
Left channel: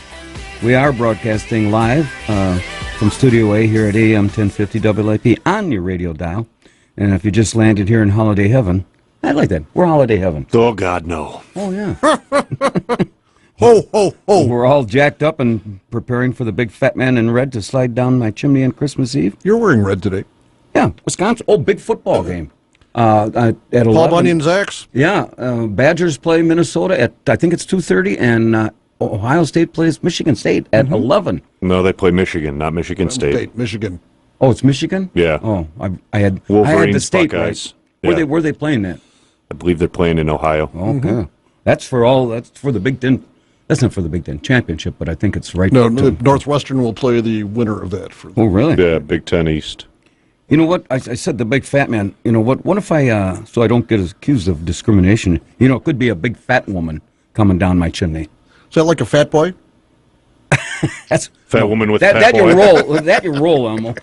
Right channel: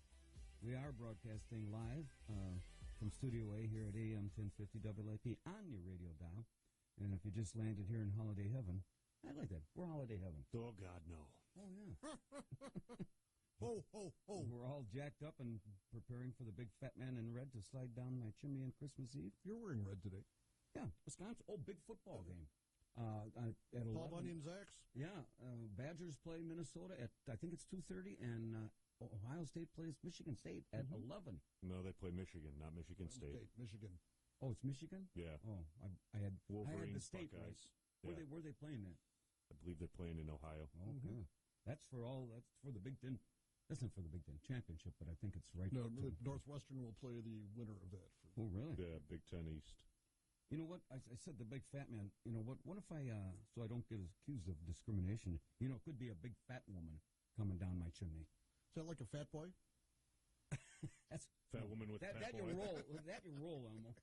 We are broadcasting live from Studio A here at AM 1050 WIP on your radio dial. And if you just landed here in holiday heaven, I like that. We're holiday heaven. Oh, God, no. Oh, yeah. Ho, ho, ho. We're all jacked up and preparing for the big fat man in red to slide down my chimney on Christmas Eve. You're wearing red today. Yeah, Wisconsin. Oh, big football game. At 11. Paul Bunyan's Axe? Yeah, Badgers play Minnesota at, I think it's 2:30, and Ohio State plays Michigan State at 11. No, they play Michigan, not Michigan State. Michigan. Oh, it's Michigan? Yeah. Oh, I had the Wolverines, state Buckeyes. right. Yeah. Where are they playing that? I believe they're playing in Ohio. Okay. That's for the Big Ten. That's not for the Big Ten championship, but I think it's right. No, Northwestern will play the winner of that. Oh, really? Yeah, Big Ten East. You know what? I said the big fat man. You know what? What if I, so I don't get accused of discrimination, it could be a big fat woman coming down my chimney. Is that like a fat boy? That's Fat woman with that, fat that boy. Your role. That your role, Elmo.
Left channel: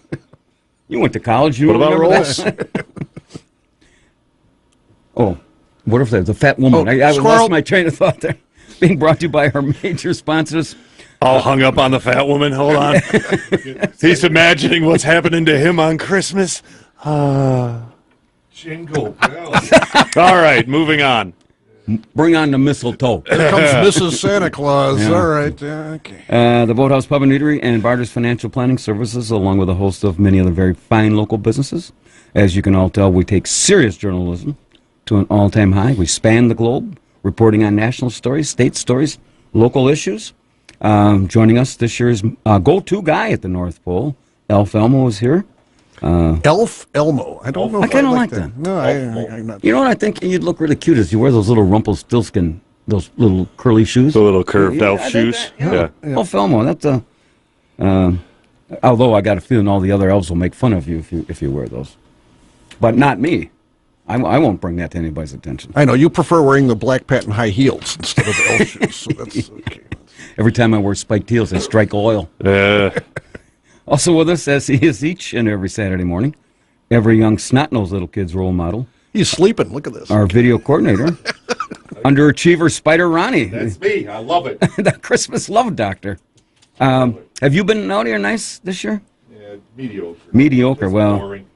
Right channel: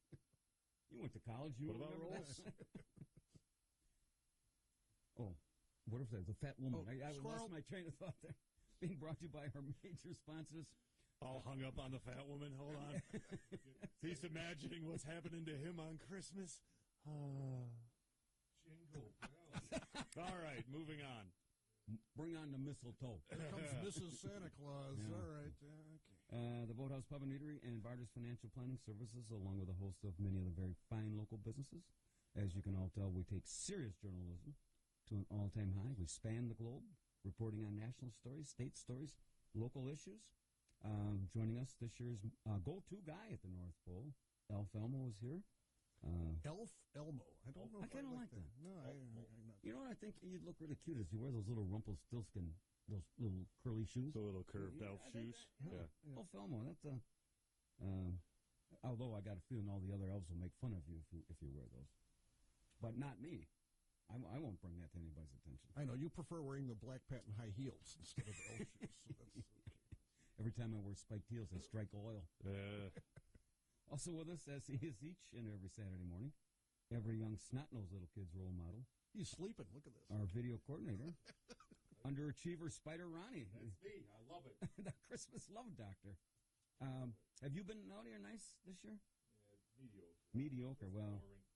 You went to college. You What about remember roles? that? Oh, what if there's a fat woman? Oh, I squirrel. lost my train of thought there. Being brought to you by our major sponsors. All hung up on the fat woman. Hold on. He's imagining what's happening to him on Christmas. Jingle bells. All right, moving on. Bring on the mistletoe. Here comes Mrs. Santa Claus. Yeah. All right. Okay. The Boathouse Pub and Eatery and Barter's Financial Planning Services, along with a host of many other very fine local businesses. As you can all tell, we take serious journalism to an all-time high. We span the globe, reporting on national stories, state stories, local issues. Joining us this year's go-to guy at the North Pole, Elf Elmo, is here. Elf Elmo. I don't know. I if kind of like like that. No, I'm not. You know what I think you'd look really cute is you wear those little Rumpelstiltskin, those little curly shoes. The little curved elf I think shoes. that, Elf Elmo, that's although I got a feeling all the other elves will make fun of you if you wear those. But not me. I won't bring that to anybody's attention. I know you prefer wearing the black patent high heels instead of the elf shoes, so that's okay. Every time I wear spiked heels, I strike oil. Also with us, as he is each and every Saturday morning, every young snot-nosed little kid's role model. He's sleeping. Look at this. Our video coordinator, underachiever Spider Ronnie. That's me. I love it. The Christmas love doctor. Have you been naughty or nice this year? Yeah, mediocre. Mediocre. That's Well, boring.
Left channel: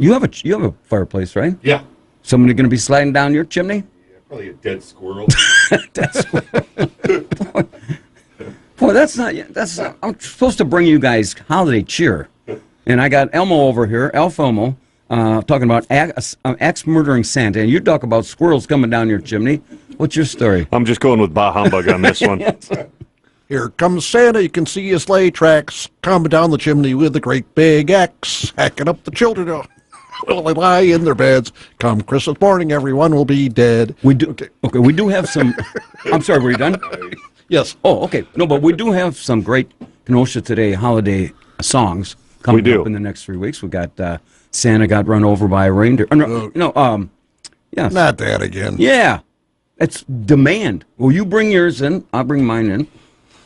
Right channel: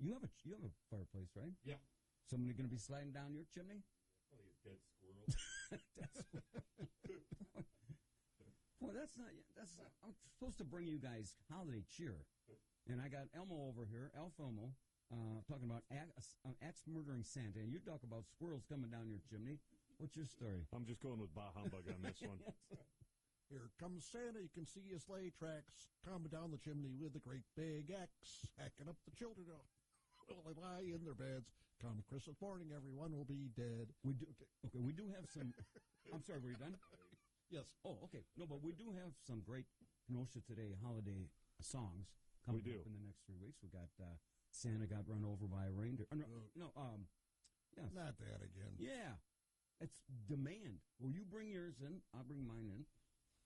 you have a fireplace, right? Yeah. Somebody going to be sliding down your chimney? Yeah, probably a dead squirrel. Boy, that's not. I'm supposed to bring you guys holiday cheer, and I got Elmo over here, Elf Elmo, talking about axe murdering Santa, and you talk about squirrels coming down your chimney. What's your story? I'm just going with bah humbug on this one. Here comes Santa. You can see his sleigh tracks coming down the chimney with a great big axe, hacking up the children. Will they lie in their beds? Come Christmas morning, everyone will be dead. We do. Okay, we do have some. I'm sorry, were you done? Yes. Oh, okay. No, but we do have some great Kenosha Today holiday songs coming up in the next 3 weeks. We got Santa Got Run Over by a Reindeer. Yes. Not that again. Yeah. It's demand. Well, you bring yours in. I'll bring mine in.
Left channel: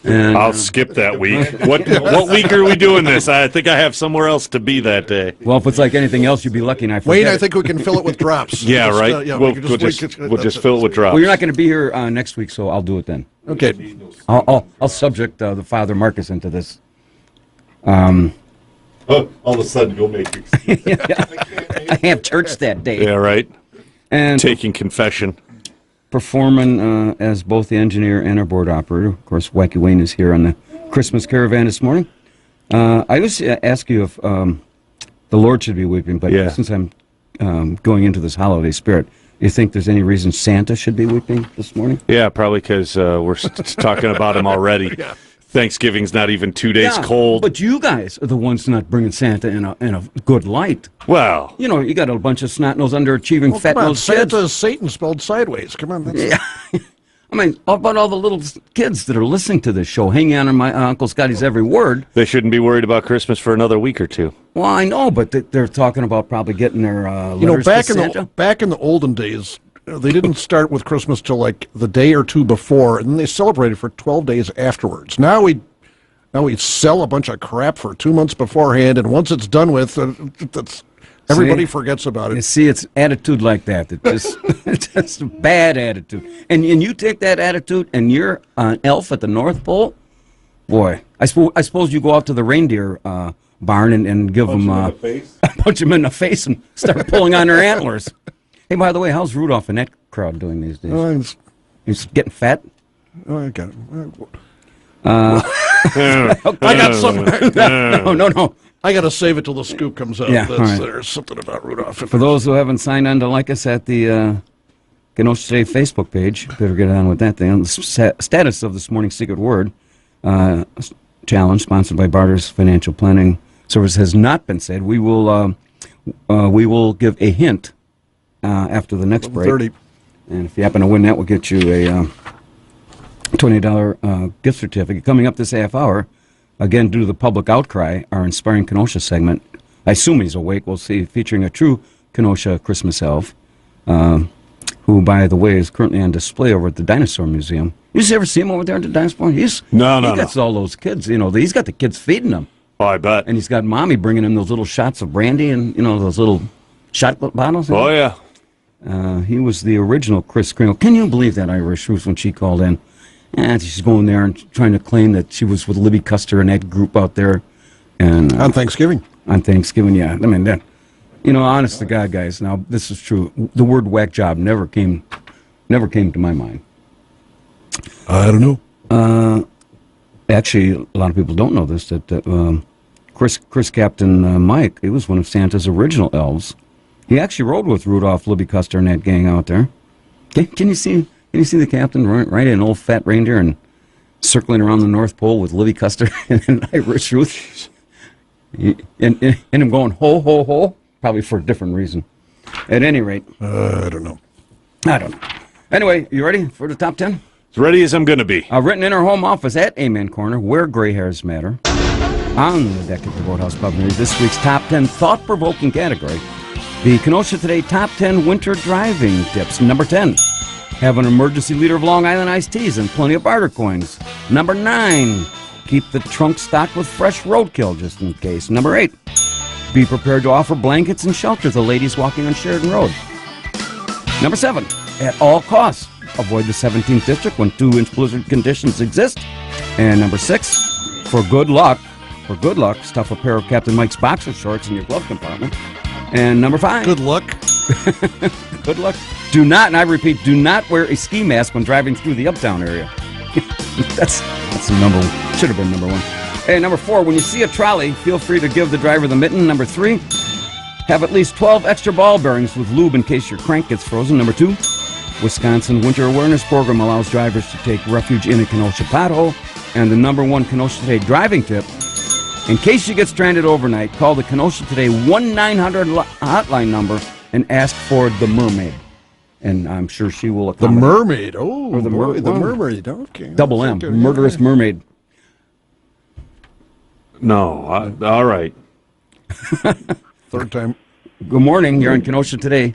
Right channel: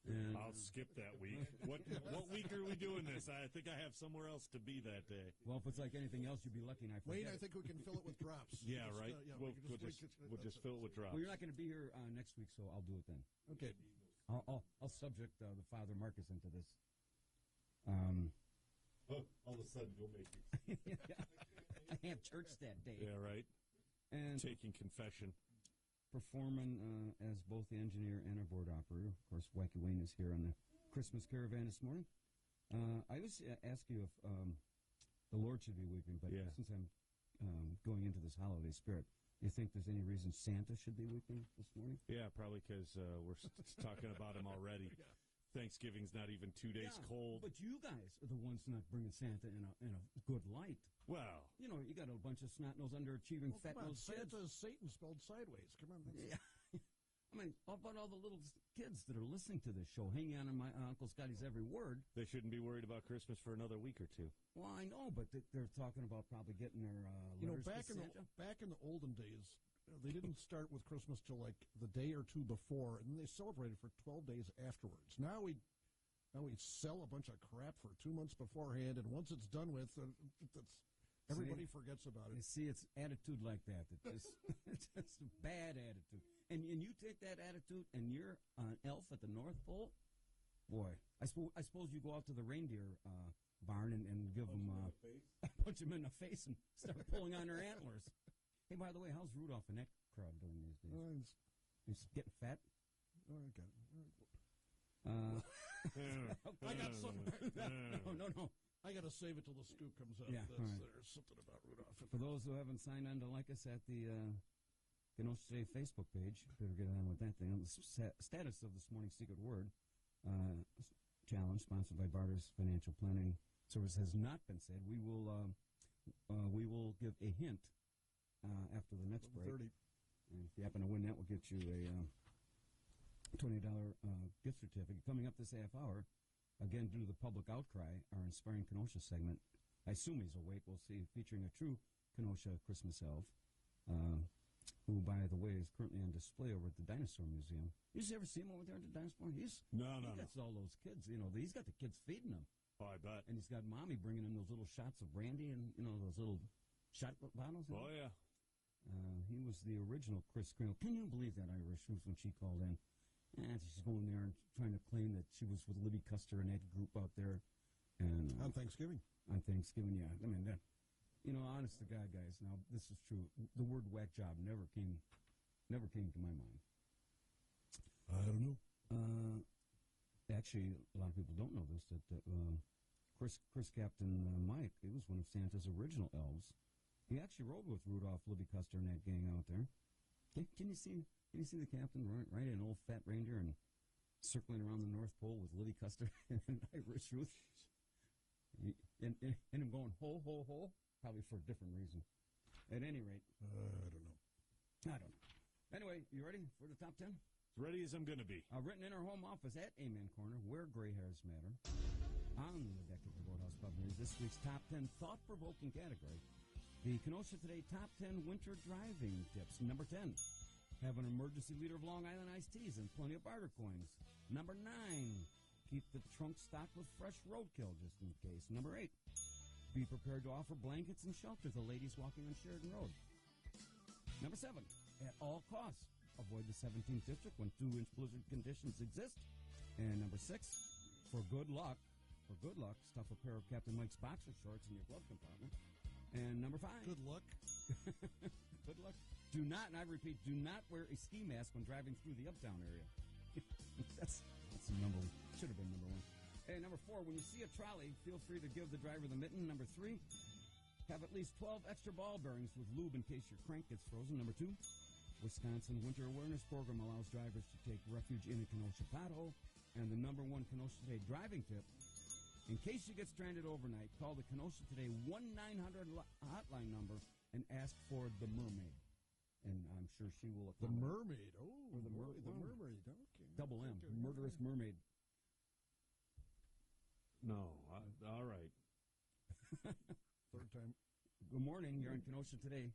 And, I'll skip that week. What week are we doing this? I think I have somewhere else to be that day. Well, if it's like anything else, you'd be lucky. And I forget Wayne, I it. think we can fill it with drops. Yeah, Just, right. yeah, We'll we just fill it with drops. Well, you're not going to be here next week, so I'll do it then. Okay. I'll subject the Father Marcus into this. Oh, all of a sudden, you'll make excuses. I have church that day. Yeah, right. And taking confession. Performing as both the engineer and our board operator. Of course, Wacky Wayne is here on the Christmas Caravan this morning. I was ask you if the Lord should be weeping, but since I'm going into this holiday spirit, you think there's any reason Santa should be weeping this morning? Yeah, probably because we're talking about him already. Yeah. Thanksgiving's not even 2 days cold. But you guys are the ones not bringing Santa in a good light. Well, you know, you got a bunch of snot-nosed, underachieving, fat-nosed kids. Santa's Satan spelled sideways. Come on. Yeah. I mean, how about all the little kids that are listening to this show, hanging on my Uncle Scotty's every word? They shouldn't be worried about Christmas for another week or two. Well, I know, but they're talking about probably getting their letters to Santa. back in the olden days, they didn't start with Christmas till like the day or two before, and then they celebrated for 12 days afterwards. Now we sell a bunch of crap for 2 months beforehand, and once it's done with, everybody forgets about it. You see, it's attitude like that. It's just a bad attitude. And you take that attitude, and you're an elf at the North Pole. Boy, I suppose you go out to the reindeer barn and give them punch them in the face and start pulling on their antlers. Hey, by the way, how's Rudolph and that crowd doing these days? He's getting fat. Oh, I got it. I got some. No. I got to save it till the scoop comes out. Yeah, right. There's something about Rudolph. For those who haven't signed on to like us at the Kenosha Today Facebook page, better get on with that thing. The status of this morning's Secret Word challenge, sponsored by Barter's Financial Planning Service, has not been said. We will give a hint after the next break. 30. And if you happen to win that, we'll get you a $20 gift certificate. Coming up this half hour, again, due to the public outcry, our Inspiring Kenosha segment I assume he's awake. We'll see. Featuring a true Kenosha Christmas elf, who, by the way, is currently on display over at the Dinosaur Museum. You ever see him over there at the Dinosaur? He gets all those kids. He's got the kids feeding them. Oh, I bet. And he's got Mommy bringing him those little shots of brandy and, those little shot bottles. Oh, yeah. He was the original Kris Kringle. Can you believe that Irish Ruth when she called in? And she's going there and trying to claim that she was with Libby Custer and that group out there. And on Thanksgiving. On Thanksgiving, yeah. I mean, honest to God, guys, now, this is true. The word whack job never came to my mind. I don't know. Actually, a lot of people don't know this, that Chris Captain Mike, he was one of Santa's original elves. He actually rode with Rudolph, Libby Custer, and that gang out there. Can you see the captain riding an old fat reindeer and circling around the North Pole with Libby Custer and Irish Ruth? And him going, ho, ho, ho, probably for a different reason. At any rate. I don't know. Anyway, you ready for the top 10? As ready as I'm going to be. Written in our home office at Amen Corner, where gray hairs matter. On the deck of the Boathouse Pub News, this week's top 10 thought-provoking category. The Kenosha Today Top 10 Winter Driving Tips. Number 10, have an emergency liter of Long Island iced teas and plenty of barter coins. Number 9, keep the trunk stocked with fresh roadkill just in case. Number 8, be prepared to offer blankets and shelter to ladies walking on Sheridan Road. Number 7, at all costs, avoid the 17th District when 2-inch blizzard conditions exist. And number 6, for good luck, stuff a pair of Captain Mike's boxer shorts in your glove compartment. And number 5. Good luck. Good luck. Do not, and I repeat, do not wear a ski mask when driving through the Uptown area. That's the number one. Should have been number 1. And number 4, when you see a trolley, feel free to give the driver the mitten. Number 3, have at least 12 extra ball bearings with lube in case your crank gets frozen. Number 2, Wisconsin Winter Awareness Program allows drivers to take refuge in a Kenosha pothole. And the number 1 Kenosha Today driving tip, in case you get stranded overnight, call the Kenosha Today 1-900 hotline number and ask for the mermaid. And I'm sure she will accommodate. The mermaid. Oh, or the mermaid. Okay. Double M. Murderous mermaid. No. All right. Third time. Good morning. You're on Kenosha Today.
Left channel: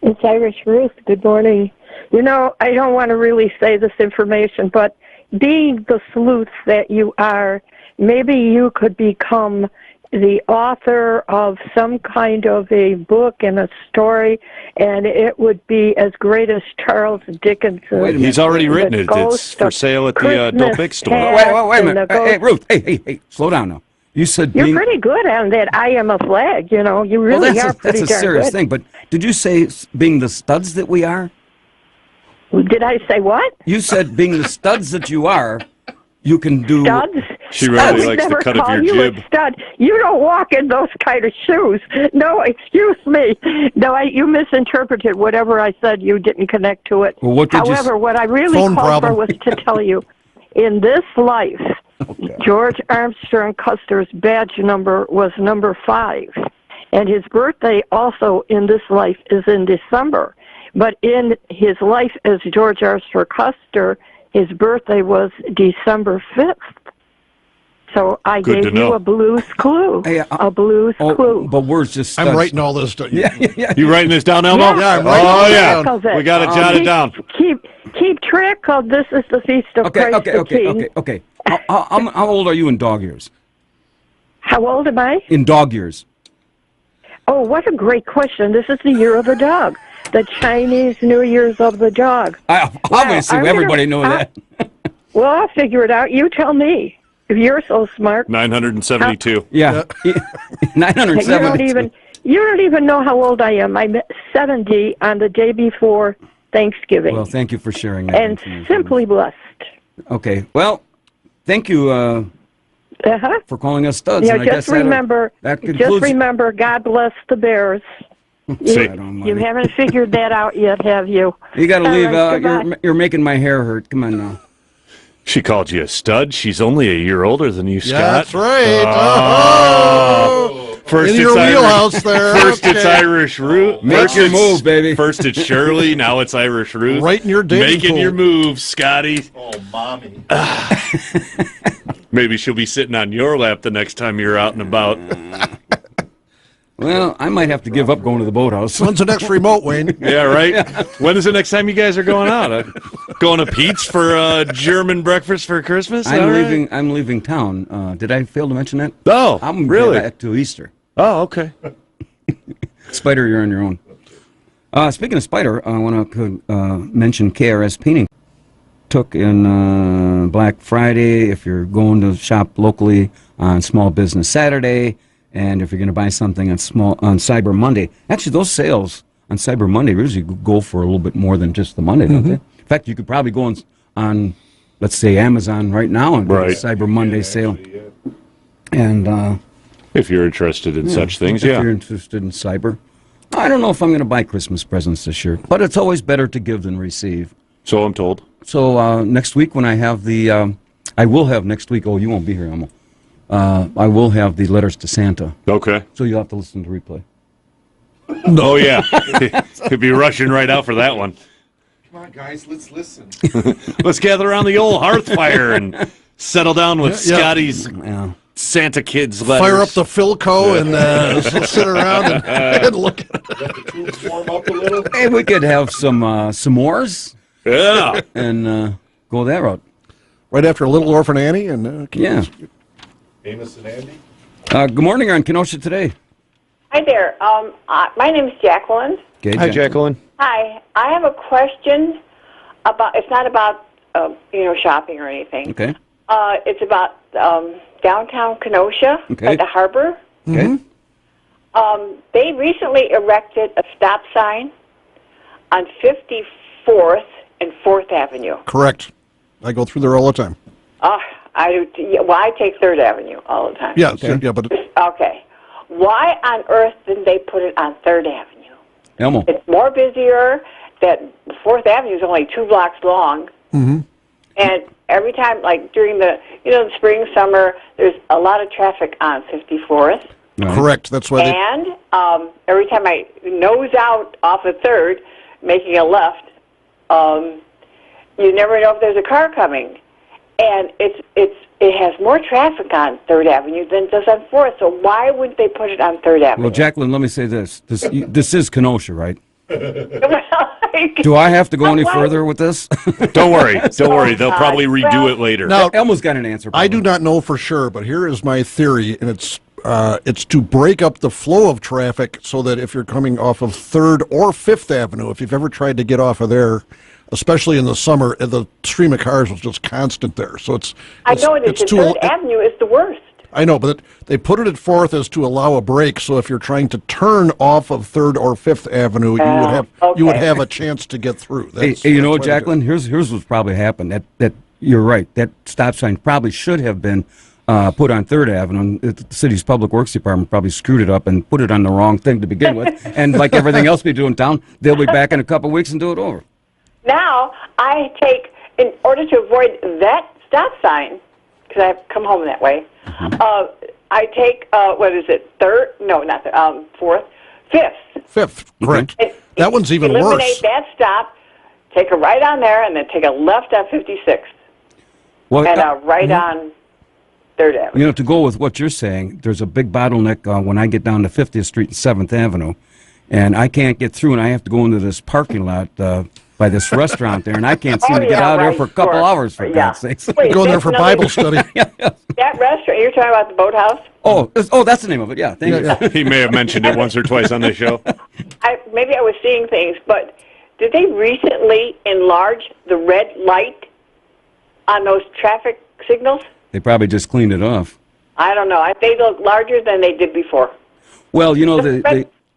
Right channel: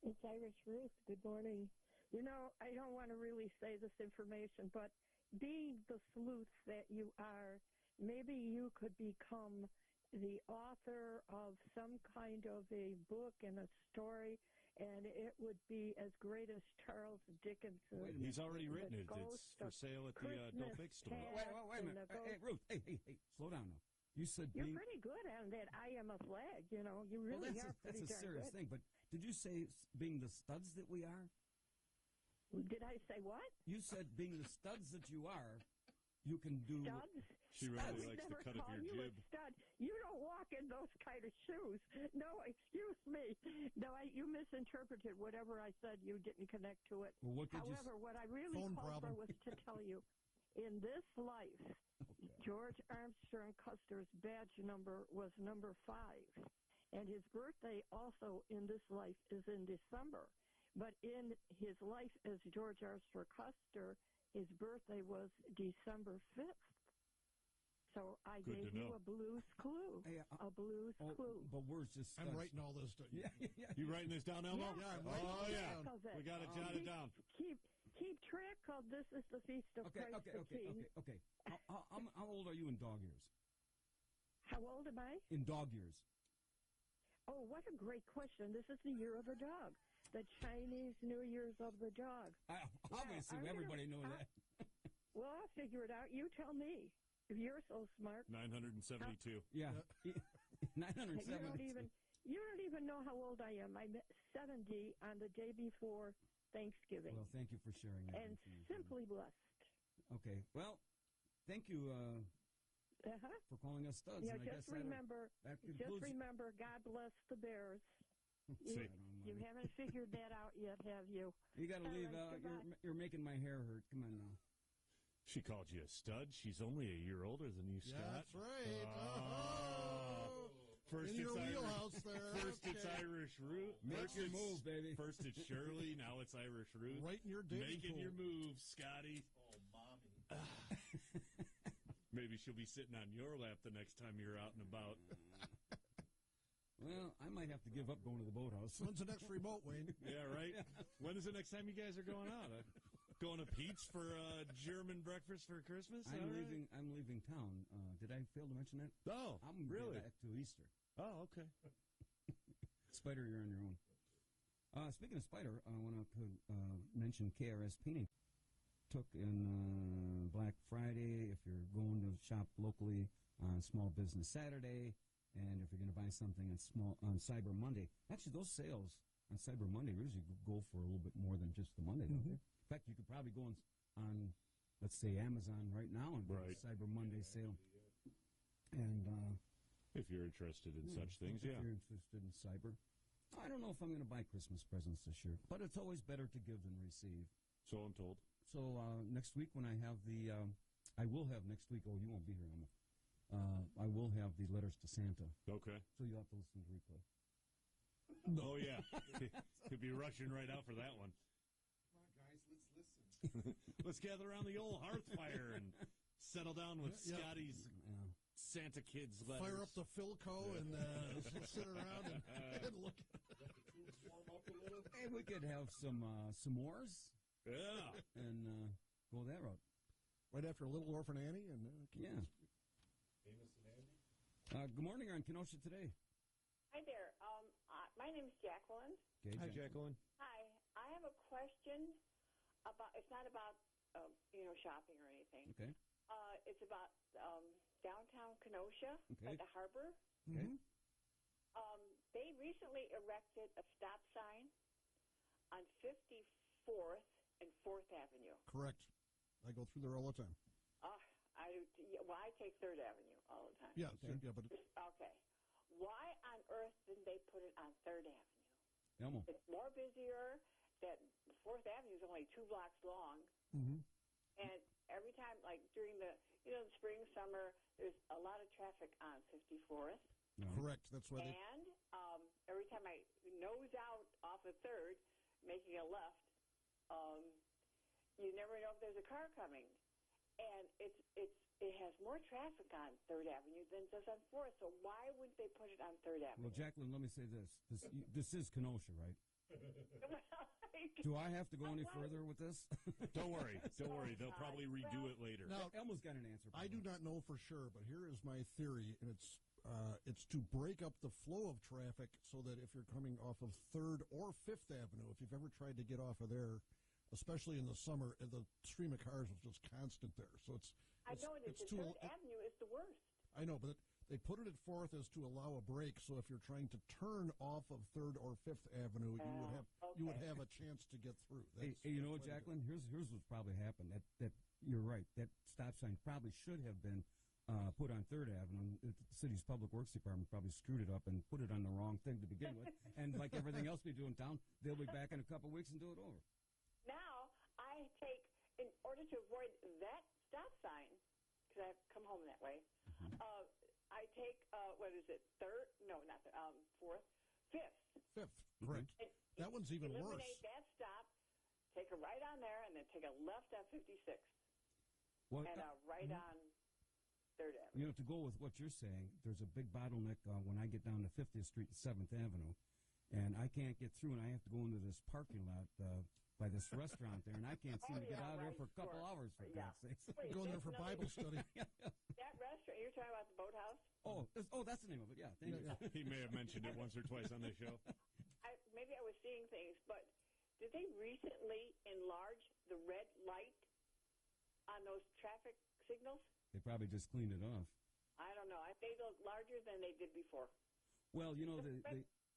It's Irish Ruth. Good morning. I don't want to really say this information, but being the sleuth that you are, maybe you could become the author of some kind of a book and a story, and it would be as great as Charles Dickens. He's already written it. It's for sale at the adult big store. Wait a minute. Hey, Ruth. Hey, slow down now. You said you're pretty good on that. I am a flag. You really are pretty darn good. That's a serious thing. But did you say being the studs that we are? Did I say what? You said being the studs that you are, you can do. Studs? She really likes the cut of your jib. Stud. You don't walk in those kind of shoes. No, excuse me. No, you misinterpreted whatever I said. You didn't connect to it. Well, However, what I really called for was to tell you, in this life, George Armstrong Custer's badge number was number 5. And his birthday also in this life is in December. But in his life as George Armstrong Custer, his birthday was December 5th. So I gave you a blues clue. A blues clue. But words just studs. I'm writing all this down. Yeah. You writing this down, Elmo? Yeah, I'm writing it down. We got to jot it down. Keep track of this is the Feast of Christ the King. Okay. How old are you in dog years? How old am I? In dog years. Oh, what a great question. This is the year of the dog. The Chinese New Year's of the dog. Obviously, everybody knows that. Well, I'll figure it out. You tell me. If you're so smart. 972. Yeah. 972. You don't even know how old I am. I'm 70 on the day before Thanksgiving. Well, thank you for sharing that. And simply blessed. Okay. Well, thank you for calling us studs. Yeah, and just remember, God bless the Bears. You haven't figured that out yet, have you? You got to leave. You're making my hair hurt. Come on now. She called you a stud. She's only a year older than you, Scott. Yeah, that's right. First in your wheelhouse there. First it's Irish Root. Make your move, baby. First it's Shirley. Now it's Irish Root. Right in your dating Making pool. your moves, Scotty. Oh, mommy. Maybe she'll be sitting on your lap the next time you're out and about. Well, I might have to give up going to the boathouse. When's the next remote, Wayne? Yeah, right? When is the next time you guys are going out? Going to Pete's for German breakfast for Christmas? I'm leaving town. Did I fail to mention that? Oh, I'm really? back to Easter. Oh, okay. Spider, you're on your own. Speaking of Spider, I want to mention KRS Painting. Took in Black Friday, if you're going to shop locally on Small Business Saturday, and if you're going to buy something on Cyber Monday. Actually, those sales on Cyber Monday usually go for a little bit more than just the Monday, don't they? In fact, you could probably go on let's say, Amazon right now and get a Cyber Monday sale. And if you're interested in such things, if you're interested in cyber. I don't know if I'm going to buy Christmas presents this year, but it's always better to give than receive. So I'm told. So next week when I have the, I will have next week, oh, you won't be here, Emil. I will have the letters to Santa. Okay. So you'll have to listen to the replay. Oh, yeah. Could be rushing right out for that one. Come on, guys, let's listen. Let's gather around the old hearth fire and settle down with Scotty's Santa Kids letters. Fire up the Philco and sit around and look at it. Let the troops warm up a little. Hey, we could have some s'mores. Yeah. And go that route. Right after Little Orphan Annie and yeah. Amos and Andy. Good morning on Kenosha Today. Hi there. My name is Jacqueline. Okay, Hi, Jacqueline. Hi. I have a question about. It's not about shopping or anything. Okay. It's about downtown Kenosha at the harbor. Okay. They recently erected a stop sign on 54th and 4th Avenue. Correct. I go through there all the time. I take 3rd Avenue all the time. Yeah, yeah, but okay. Why on earth didn't they put it on 3rd Avenue? Elmo. It's more busier. That 4th Avenue is only 2 blocks long. Mm-hmm. And every time, like during the spring, summer, there's a lot of traffic on 54th. Right. Correct. That's why. And every time I nose out off of 3rd, making a left, you never know if there's a car coming. And it has more traffic on 3rd Avenue than it does on 4th. So why wouldn't they put it on 3rd Avenue? Well, Jacqueline, let me say this. This is Kenosha, right? Well, do I have to go any further with this? Don't worry. Don't worry. They'll probably redo it later. Now, Elmo's got an answer. Probably. I do not know for sure, but here is my theory, and it's to break up the flow of traffic so that if you're coming off of 3rd or 5th Avenue, if you've ever tried to get off of there, especially in the summer, the stream of cars was just constant there. So I know it is. 3rd Avenue is the worst. I know, but they put it at 4th as to allow a break. So if you're trying to turn off of 3rd or 5th Avenue, you would have a chance to get through. Hey, you know what, Jacqueline? Here's what's probably happened. That you're right. That stop sign probably should have been put on 3rd Avenue. The city's public works department probably screwed it up and put it on the wrong thing to begin with. And like everything else we do in town, they'll be back in a couple of weeks and do it over. Now I take, in order to avoid that stop sign, because I come home that way. I take, what is it, 3rd? No, not 4th. 5th. 5th, correct. That one's even worse. Eliminate that stop, take a right on there, and then take a left on 56th. Well, and a right on 3rd Avenue. You know, to go with what you're saying, there's a big bottleneck when I get down to 50th Street and 7th Avenue, and I can't get through, and I have to go into this parking lot by this restaurant there, and I can't seem to get out of there for a couple hours, for God's sakes. Wait, going there for Bible study. That restaurant, you're talking about the Boathouse? Oh, that's the name of it, yeah. Thank you. He may have mentioned it once or twice on this show. Maybe I was seeing things, but did they recently enlarge the red light on those traffic signals? They probably just cleaned it off. I don't know. They look larger than they did before. Well, you know,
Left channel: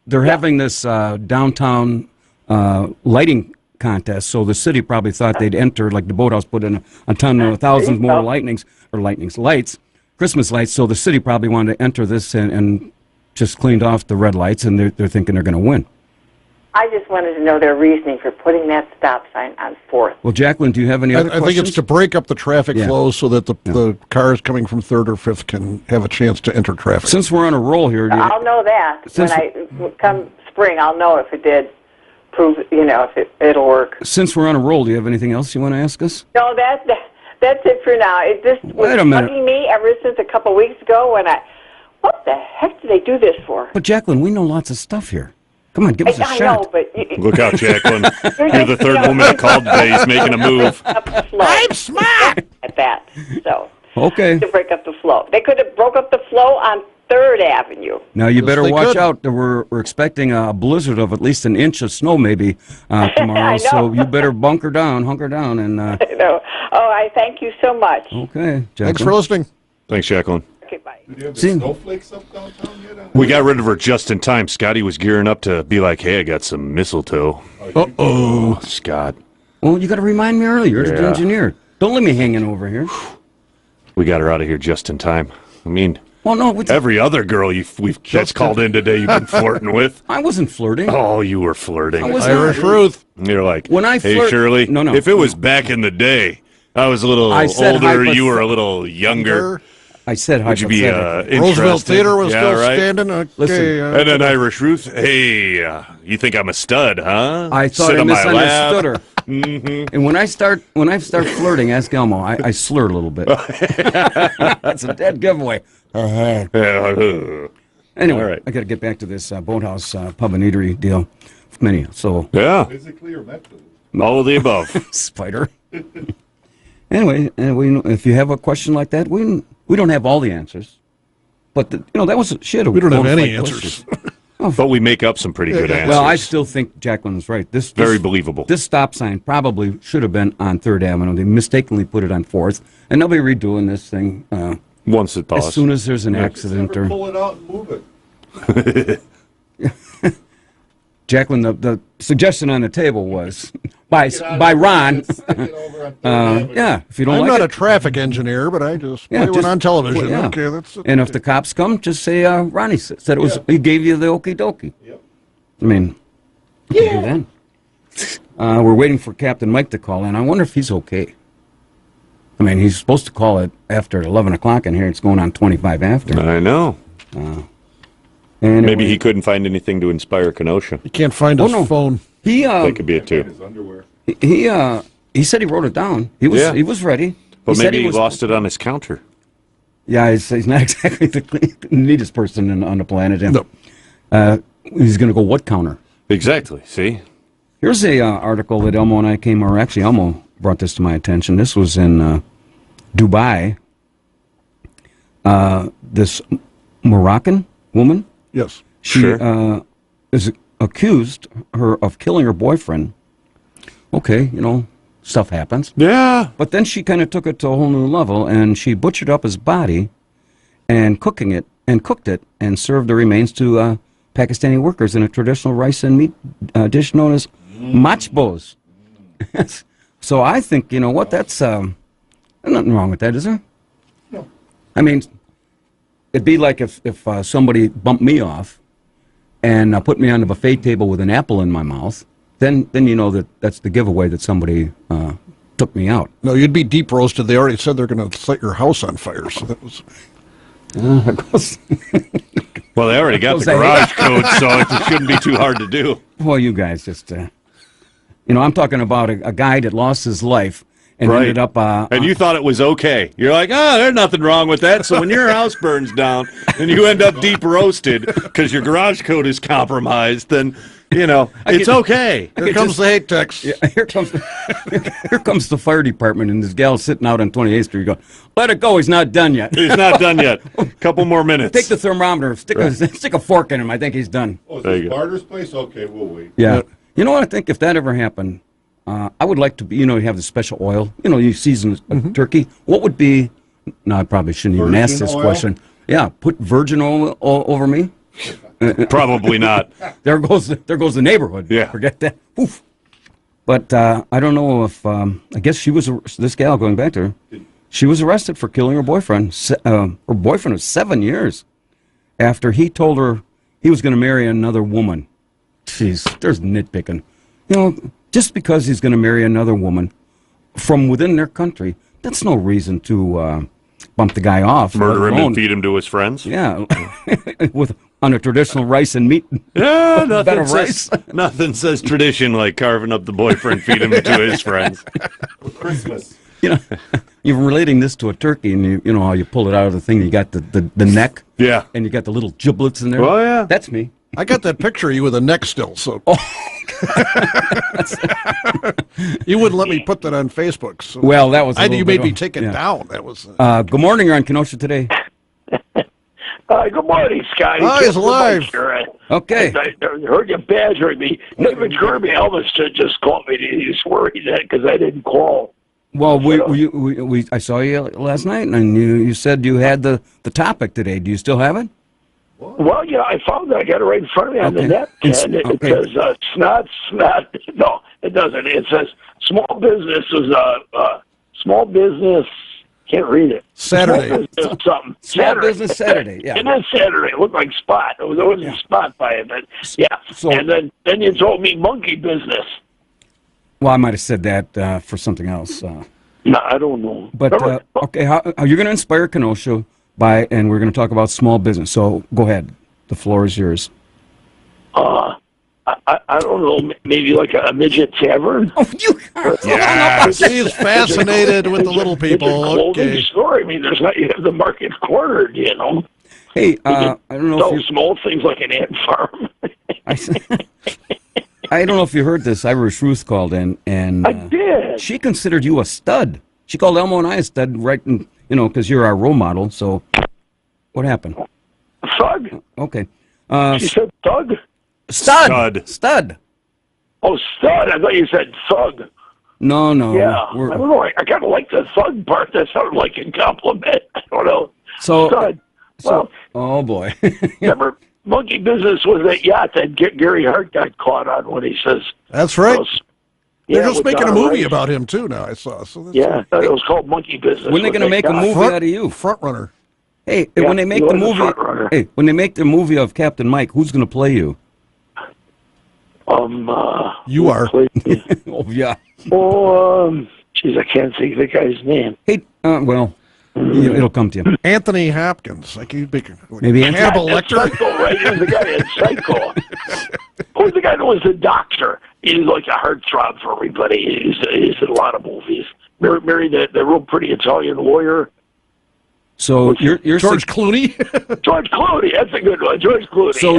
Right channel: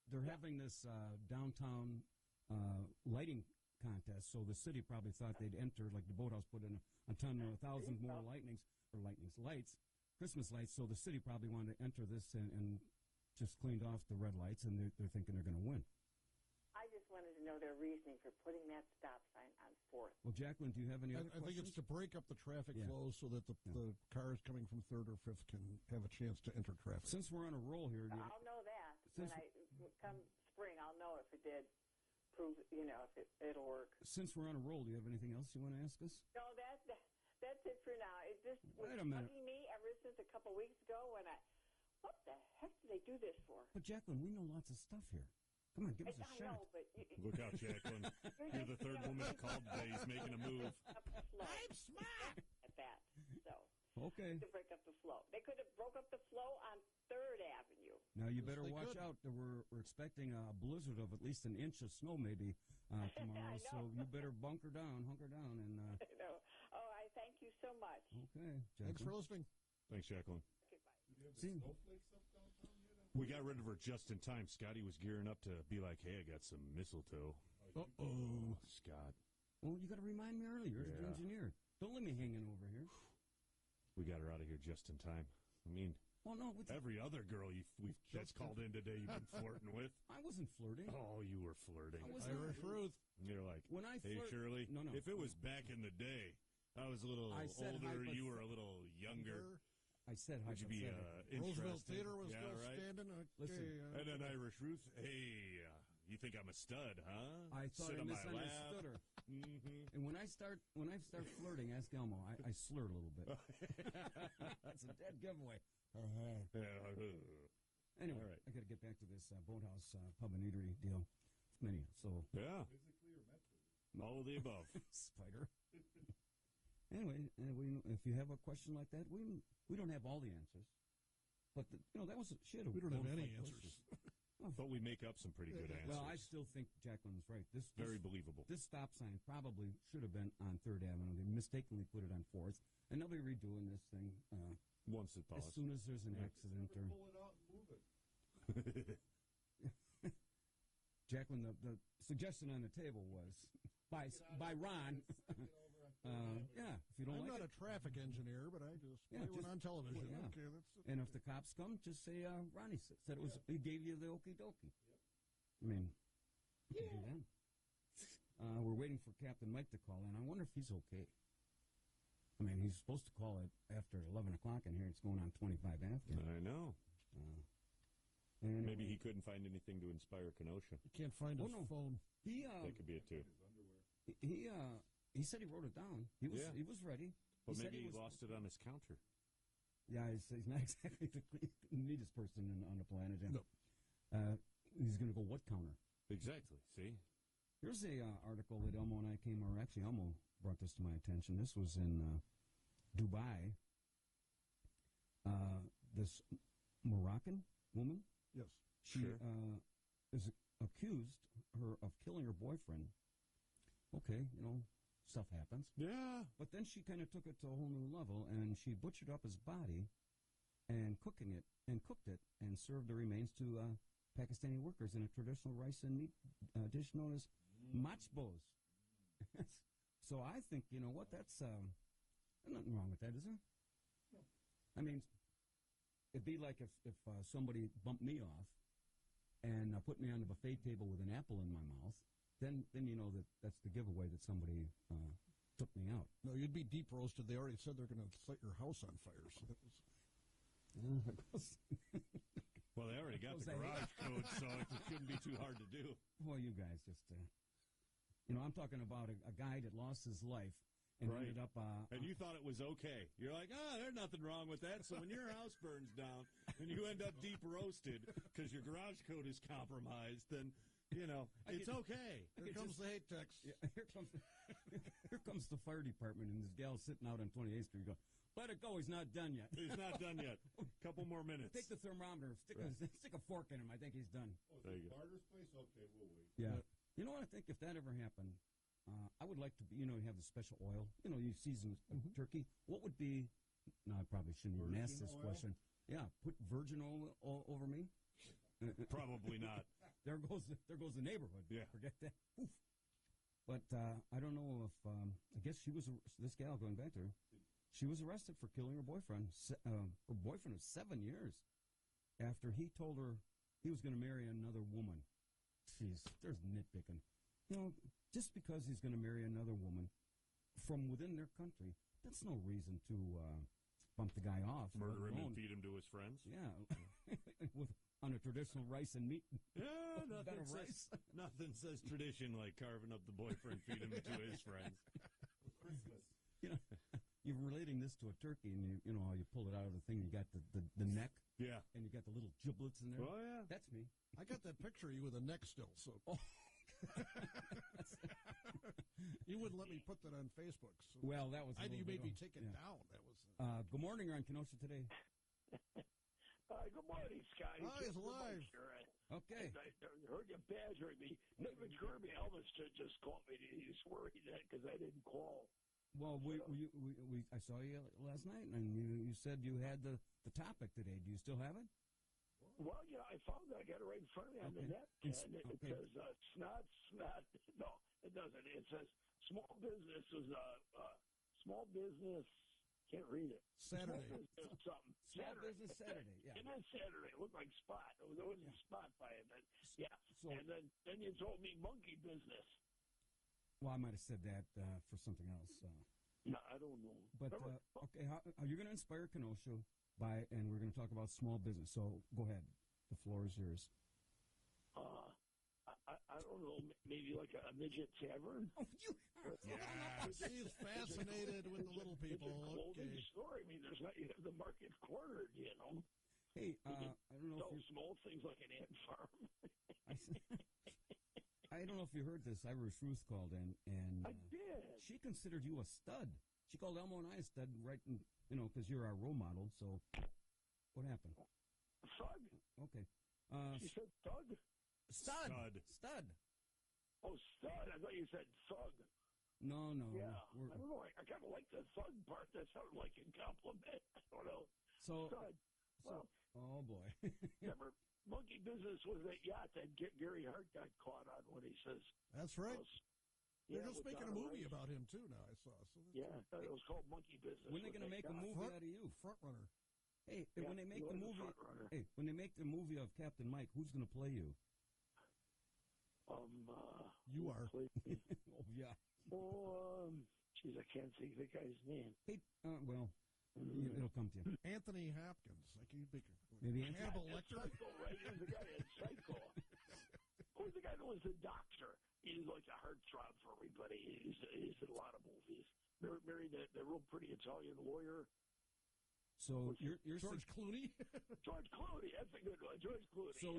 they're having this downtown lighting contest, so the city probably thought they'd enter, like the Boathouse put in a ton of thousands more lights, Christmas lights, so the city probably wanted to enter this and just cleaned off the red lights, and they're thinking they're going to win. I just wanted to know their reasoning for putting that stop sign on 4th. Well, Jacqueline, do you have any other questions? I think it's to break up the traffic flow so that the cars coming from 3rd or 5th can have a chance to enter traffic. Since we're on a roll here... I'll know that. Come spring, I'll know if it did prove, if it'll work. Since we're on a roll, do you have anything else you want to ask us? No, that's it for now. It just was bugging me ever since a couple of weeks ago what the heck do they do this for? But Jacqueline, we know lots of stuff here. Come on, give us a I shot. know, but Look out, Jacqueline. You're the third woman that called today. He's making a move. I'm smart at that. So Okay. to break up the flow, they could have broke up the flow on 3rd Avenue. Now you Yes, better they watch could. out. We're expecting a blizzard of at least an inch of snow maybe tomorrow. I know. So you better hunker down, and I know. Oh, I thank you so much. okay, Jacqueline. Thanks for listening. Thanks, Jacqueline. Okay, bye. Do you have the See- snowflakes up downtown yet? We got rid of her just in time. Scotty was gearing up to be like, hey, I got some mistletoe. Uh-oh. Scott. Well, you got to remind me earlier. You're the Yeah. engineer. Don't let me hanging over here. We got her out of here just in time. I mean, Well, no, every other girl that's called in today you've been flirting with. I wasn't flirting. Oh, you were flirting. I was Irish not. Ruth. You're like, When I hey, flirt- Shirley, No. if it was back in the day, I was a little I said older, you were a hypothet- little younger. I said Would you be hypothetical. Roosevelt interested? Theater was Yeah, still right? standing. Okay, Listen. And then Irish Ruth, hey, you think I'm a stud, huh? I thought Sit I on my misunderstood lap. her. And when I start flirting, ask Elmo. I slur a little bit. That's a dead giveaway. Anyway, All right. I got to get back to this boathouse pub and eatery deal. Many. So Yeah, Physically or mentally? all of the above. spider. Anyway, if you have a question like that, we don't have all the answers, but that was shit. We don't have any answers. But we make up some pretty good answers. Well, I still think Jacqueline's right. This Very believable. This stop sign probably should have been on 3rd Avenue. They mistakenly put it on 4th, and they'll be redoing this thing Once it passes. as soon as there's an accident. Never Or pull it out and move it. Jacqueline, the suggestion on the table was by Ron. Yeah, if you don't I'm like not it, a traffic engineer, but I just play one just- on television. yeah. Okay, that's And if the cops come, just say Ronnie said it was. He gave you the okie dokie. Yep. I mean, you can do that. We're waiting for Captain Mike to call in. I wonder if he's okay. I mean, he's supposed to call it after 11 o'clock in here. It's going on 25 after. I know. Anyway, Maybe he couldn't find anything to inspire Kenosha. you can't find his no. phone. He That could be it too. His underwear. he said he wrote it down. He was ready. But said maybe he was- lost it on his counter. Yeah, he's not exactly the neatest person on the planet. Him. No. He's going to go what counter? Exactly. See? Here's a article that Elmo and I actually Elmo brought this to my attention. This was in Dubai. This Moroccan woman, Yes. she is accused of killing her boyfriend. Okay, stuff happens. Yeah. But then she kind of took it to a whole new level, and she butchered up his body and cooked it and served the remains to Pakistani workers in a traditional rice and meat dish known as machbos. So I think, that's there's nothing wrong with that, is there? No. I mean, it'd be like if somebody bumped me off and put me on the buffet table with an apple in my mouth, then you know that's the giveaway that somebody took me out. No, you'd be deep roasted. They already said they're going to set your house on fire. So that was. Well, they already got the garage code, so it shouldn't be too hard to do. Well, you guys just, I'm talking about a guy that lost his life and ended up. And you thought it was okay. You're like, there's nothing wrong with that. So when your house burns down and you end up deep roasted because your garage code is compromised, then, it's okay. Here comes the hate text. Yeah, here comes the fire department, and this gal sitting out on 28th Street going, let it go, he's not done yet. He's not done yet. Couple more minutes. Take the thermometer, stick a fork in him. I think he's done. Oh, is There you this go. Barter's place? Okay, we'll wait. Yeah. You know what I think? If that ever happened, I would like to be, you have the special oil. You season a turkey. What would be, no, I probably shouldn't even ask Virgin this oil? question. Yeah, put virgin oil over me. Probably not. There goes the neighborhood. Yeah. Forget that. Oof. But I don't know if, I guess this gal, going back to her, she was arrested for killing her boyfriend. Her boyfriend was 7 years after he told her he was going to marry another woman. Jeez, there's nitpicking. Just because he's going to marry another woman from within their country, that's no reason to bump the guy off. Murder him let alone- and feed him to his friends. Yeah, on a traditional rice and meat. Yeah, Bed nothing of rice. nothing says tradition like carving up the boyfriend, feed him to his friends. For Christmas. You're relating this to a turkey, and you know how you pull it out of the thing. You got the neck. Yeah. And you got the little giblets in there. Oh, yeah. That's me. I got that picture of you with a neck still, so you wouldn't let me put that on Facebook. So well, that was. You made me take it down. That was. Good morning. You're on Kenosha today. Good morning, Scotty. Oh, he's alive. Okay. I heard you badgering me. Even Kirby Elvis just called me. He's worried that because I didn't call. Well, I saw you last night, and you said you had the topic today. Do you still have it? Well, yeah, I found it. I got it right in front of me on the net, and it says snot. No, it doesn't. It says small business small business. Can't read it. Saturday. Small business something. Small business Saturday. Yeah. It is Saturday. It looked like Spot. There was a spot by it, but yeah. So, and then you told me monkey business. Well, I might have said that for something else. No, I don't know. But okay, how you're going to inspire Kenosha and we're going to talk about small business. So go ahead. The floor is yours. I don't know, maybe like a midget tavern. Oh, you He's fascinated with the little people. Okay. Store. I mean, there's not you have the market cornered, you know. Hey, I don't know if small things like an ant farm. I don't know if you heard this. Irish Ruth called in, and I did. She considered you a stud. She called Elmo and I a stud, right? Because you're our role model. So, what happened? Thug. Okay. She said thug. Stud. Oh, stud. I thought you said thug. No. Yeah. I don't know. I kind of like the thug part. That sounded like a compliment. I don't know. So, stud. Well, oh boy. Remember, monkey business was that yacht that Gary Hart got caught on when he says. That's right. They're Yeah, just making a movie about him too now. I saw. So yeah, it was called Monkey Business. When are they going to make a movie out of you? Front runner. Hey, when they make the movie, when they make the movie of Captain Mike, who's going to play you? You are. Oh yeah. Oh, geez, I can't think of the guy's name. Hey, well, it'll come to you. Anthony Hopkins. Like he'd be maybe Hannibal Lecter. Psycho, right? He was the guy in Psycho. Who's the guy that was the doctor? He's like a heartthrob for everybody. He's in a lot of movies. Married the real pretty Italian lawyer. So you're George Clooney. George Clooney, that's a good one. George Clooney. So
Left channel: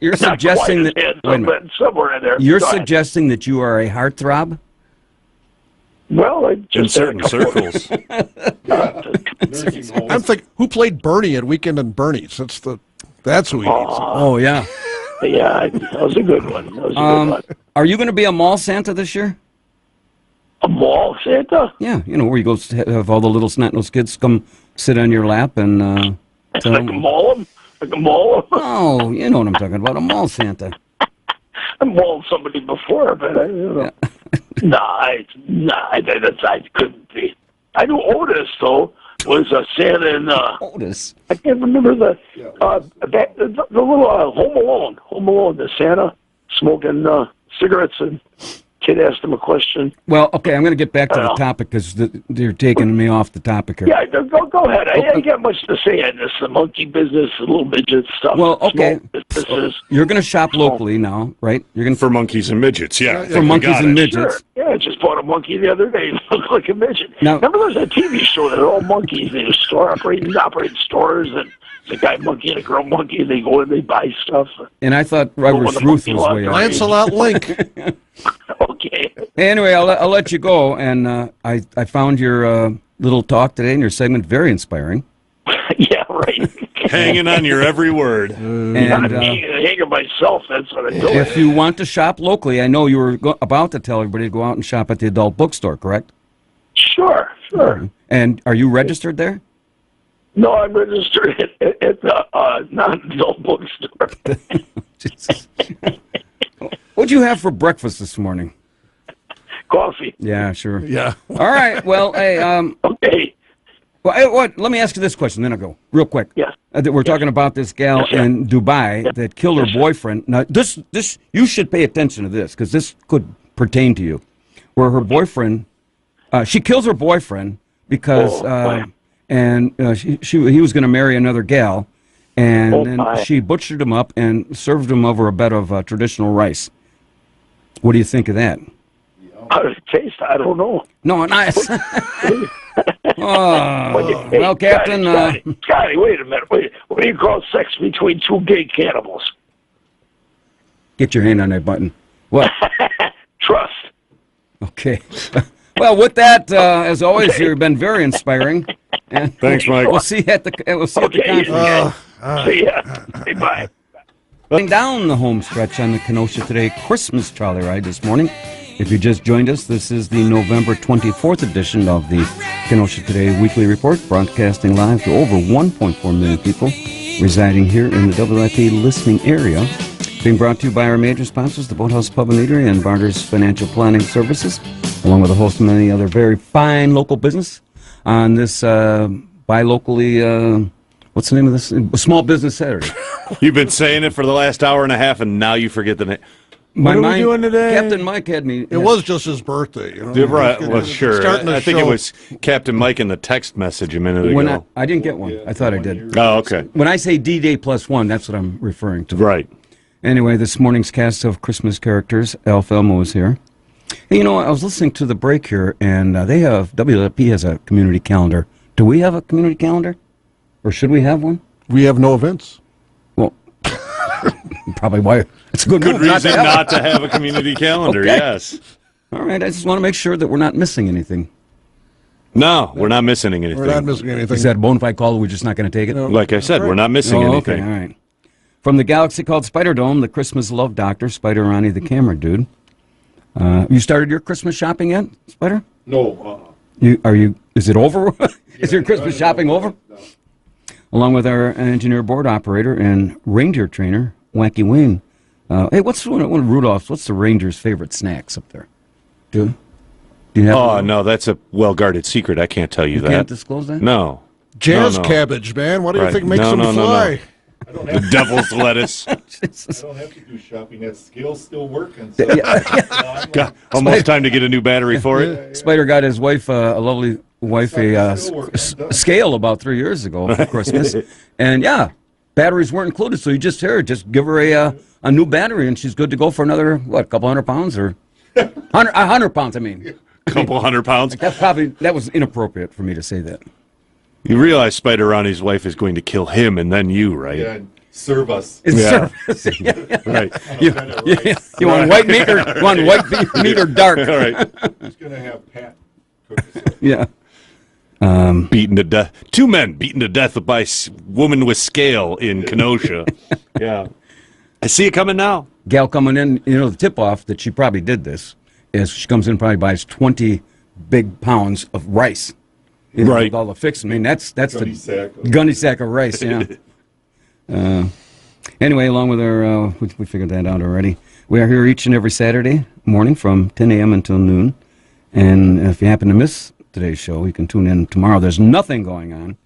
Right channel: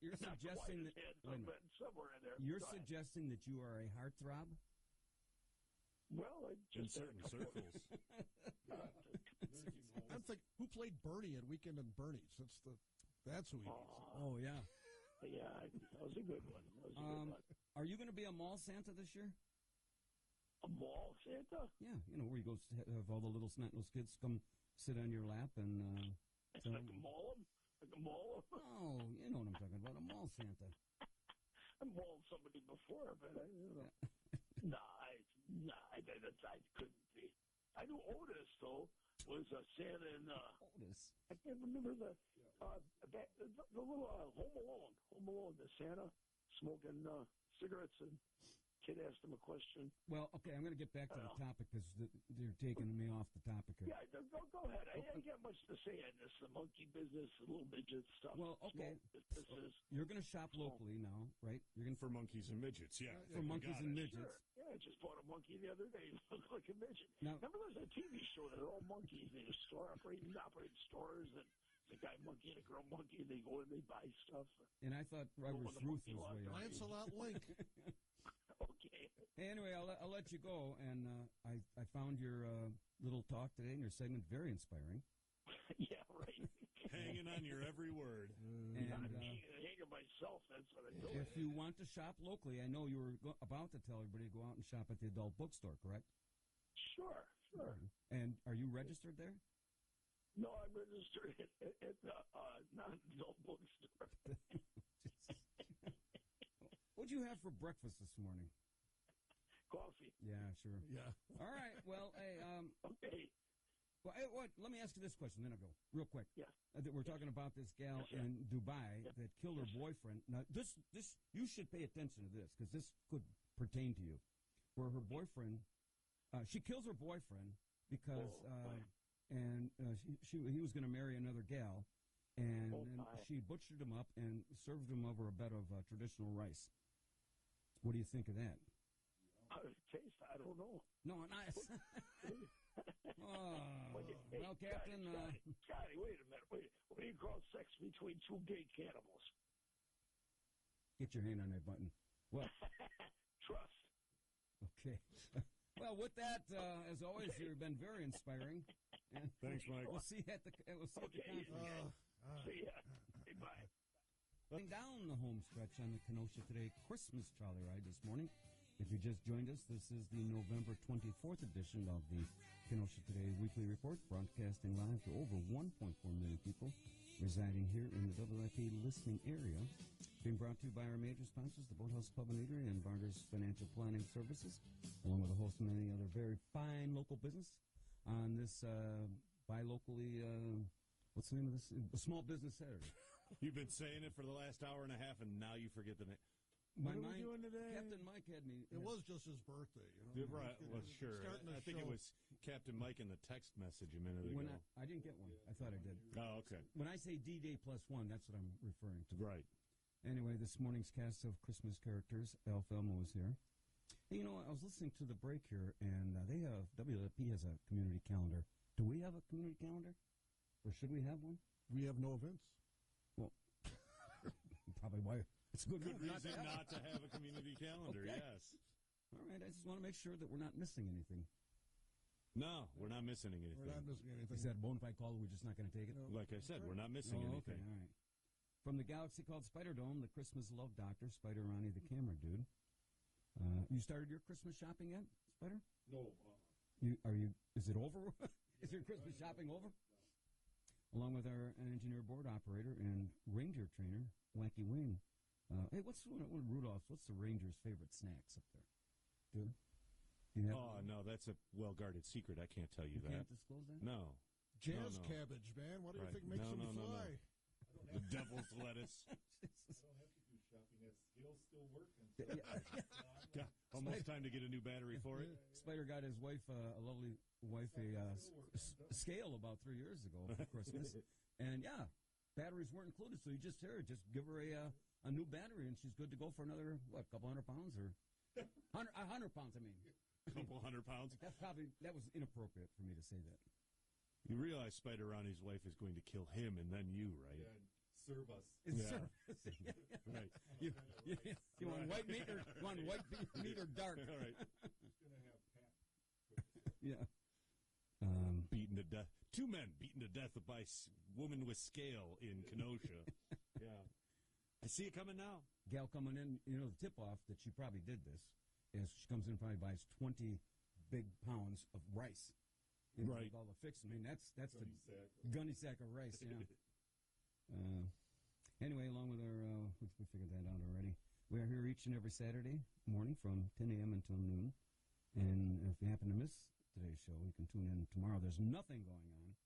you're suggesting that somewhere in there. You're suggesting that you are a heartthrob? Well, in certain circles. I'm thinking, who played Bernie at Weekend and Bernie's? That's who he is. Oh yeah. Yeah, that was a good one. That was a good one. Are you going to be a mall Santa this year? A mall Santa? Yeah, where you go have all the little snot-nosed kids come sit on your lap and tell like them. Maul them? Like a maul them? Oh, you know what I'm talking about, a mall Santa. I mauled somebody before, but I don't know. I couldn't be. I knew Otis, though, was a Santa in... Otis? I can't remember the little Home Alone, the Santa smoking cigarettes, and kid asked him a question. Well, okay, I'm going to get back to the topic because you're taking me off the topic here. Yeah, go ahead. I ain't got much to say on this. The monkey business, the little midget stuff. Well, okay. You're going to shop Oh. locally now, right? You're going for monkeys and midgets, yeah. For monkeys and midgets. Sure. Yeah, I just bought a monkey the other day. It looked like a midget. Now, remember there was a TV show that all monkeys. They were operating stores, and the guy monkey and a girl monkey. They go and they buy stuff. And I thought Irish Ruth was way up. Lancelot Link. Okay. Anyway, I'll let you go. And I found your little talk today and your segment very inspiring. Yeah, right. Hanging on your every word. And hanging myself, that's what I do. If you want to shop locally, I know you were about to tell everybody to go out and shop at the adult bookstore, correct? Sure. And are you registered there? No, I'm registered at the non-adult bookstore. What'd you have for breakfast this morning? Coffee. Yeah, sure. Yeah. All right. Well, hey. Okay. Well, let me ask you this question, then I'll go real quick. Yes. We're talking about this gal in Dubai that killed her boyfriend. Now, this you should pay attention to this because this could pertain to you. Where her boyfriend, she kills her boyfriend because, he was going to marry another gal, and then she butchered him up and served him over a bed of traditional rice. What do you think of that? How does it taste? I don't know. No, nice. Well, Captain. Scotty, wait a minute. What do you call sex between two gay cannibals? Get your hand on that button. What? Trust. Okay. Well, with that, as always, you've been very inspiring. And thanks, Mike. We'll see you at the conference. See ya. Hey, bye. Down the home stretch on the Kenosha Today Christmas trolley ride this morning. If you just joined us, this is the November 24th edition of the Kenosha Today Weekly Report, broadcasting live to over 1.4 million people residing here in the WIP listening area. Being brought to you by our major sponsors, the Boathouse Pub and Eatery and Barter's Financial Planning Services, along with a host of many other very fine local business on this buy locally, what's the name of this? Small Business Saturday. You've been saying it for the last hour and a half, and now you forget the name. What are we doing today? Captain Mike had me. It was just his birthday. You know? Right, well, sure. I think it was Captain Mike in the text message a minute ago. I didn't get one. I thought I did. Oh, okay. When I say D-Day +1, that's what I'm referring to. Right. Anyway, this morning's cast of Christmas characters, Alf Elmo is here. Hey, you know, I was listening to the break here, and WLP has a community calendar. Do we have a community calendar? Or should we have one? We have no events. Well, probably why. It's a good reason not to have a community calendar, okay. Yes. All right, I just want to make sure that we're not missing anything. No, we're not missing anything. We're not missing anything. Is that a bona fide call? We're just not going to take it? No. Like I said, we're not missing anything. Okay, all right. From the galaxy called Spider Dome, the Christmas love doctor, Spider Ronnie the camera dude. You started your Christmas shopping yet, Spider? No. Is it over? Is your Christmas shopping over? No. Along with our engineer board operator and reindeer trainer, Wacky Wayne. Hey, what's one of Rudolph's? What's the reindeer's favorite snacks up there? Do you have? Oh, no, that's a well-guarded secret. I can't tell you that. You can't disclose that? No. Jazz cabbage, man. What do you think makes them fly? The devil's lettuce. I don't have to do shopping. That scale's still working. So almost time to get a new battery for it. Spider got his wife, a lovely wife, a scale about 3 years ago for Christmas. And, yeah, batteries weren't included, so you just give her a new battery, and she's good to go for another, what, couple 100 pounds? Or 100 pounds, I mean. Couple 100 pounds? That was inappropriate for me to say that. You realize Spider Ronnie's wife is going to kill him and then you, right? Yeah, serve us. Service. Right. You want white meat or dark? All right. He's going to have Pat cook us. Yeah. Beaten to death. 2 men beaten to death by woman with scale in Kenosha. Yeah. I see it coming now. Gal coming in, the tip-off that she probably did this is she comes in and probably buys 20 big pounds of rice. Right. With all the fixing. I mean, that's the gunny sack of rice, yeah. Anyway, along with our, we figured that out already. We are here each and every Saturday morning from 10 a.m. until noon. And if you happen to miss today's show, you can tune in tomorrow. There's nothing going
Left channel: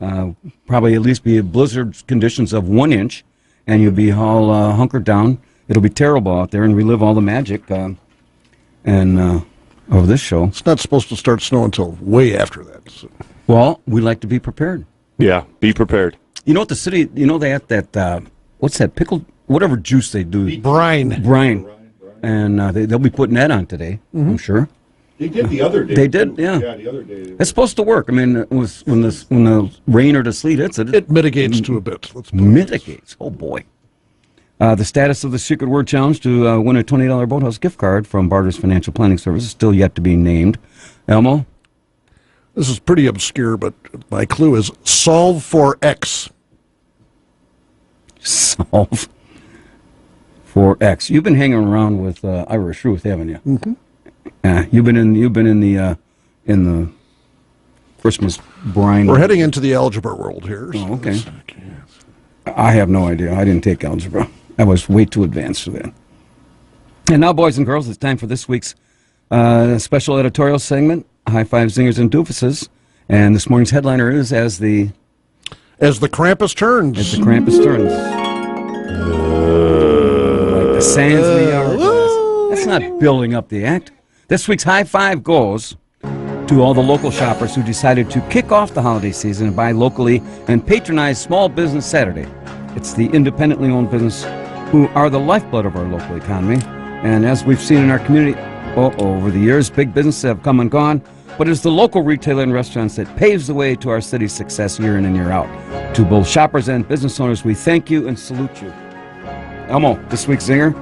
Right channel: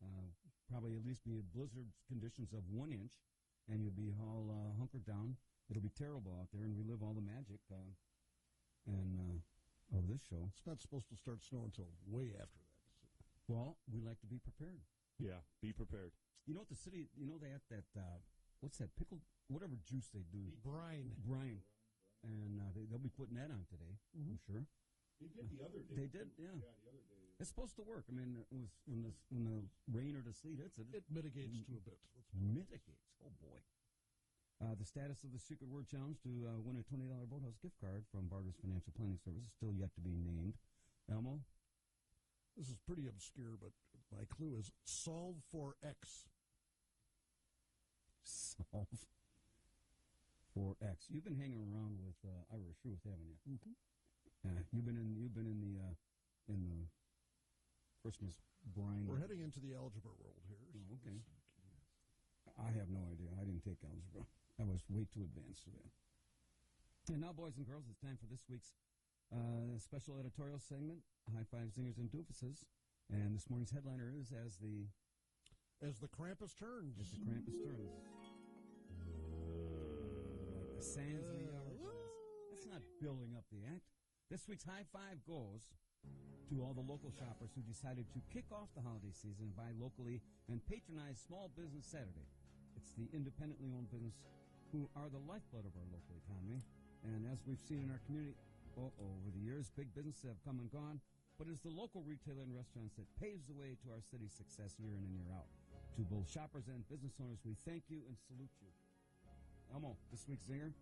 on. Probably at least be blizzard conditions of 1 inch, and you'll be all hunkered down. It'll be terrible out there, and relive all the magic of this show. It's not supposed to start snowing until way after that. So. Well, we like to be prepared. Yeah, be prepared. You know what the city, they have that, what's that, pickled, whatever juice they do. Brine. And they'll be putting that on today, I'm sure. They did the other day. They did, yeah. Yeah, the other day. It's supposed to work. I mean, when the rain or the sleet hits it. It mitigates to a bit. Mitigates. Oh, boy. The status of the Secret Word Challenge to win a $20 Boathouse gift card from Barter's Financial Planning Services still yet to be named. Elmo? This is pretty obscure, but my clue is solve for X. Solve for X. You've been hanging around with Irish Ruth, haven't you? Mm-hmm. You've been in the Christmas brine. We're heading into the algebra world here. So okay. I have no idea. I didn't take algebra. I was way too advanced for that. And now, boys and girls, it's time for this week's special editorial segment, High Five Zingers and Doofuses. And this morning's headliner is As the Krampus Turns. As the Krampus Turns. Like the sands in the hourglass. That's not building up the act. This week's high five goes to all the local shoppers who decided to kick off the holiday season and buy locally and patronize Small Business Saturday. It's the independently owned business who are the lifeblood of our local economy. And as we've seen in our community over the years, big businesses have come and gone, but it's the local retailer and restaurants that paves the way to our city's success year in and year out. To both shoppers and business owners, we thank you and salute you. Elmo, this week's zinger?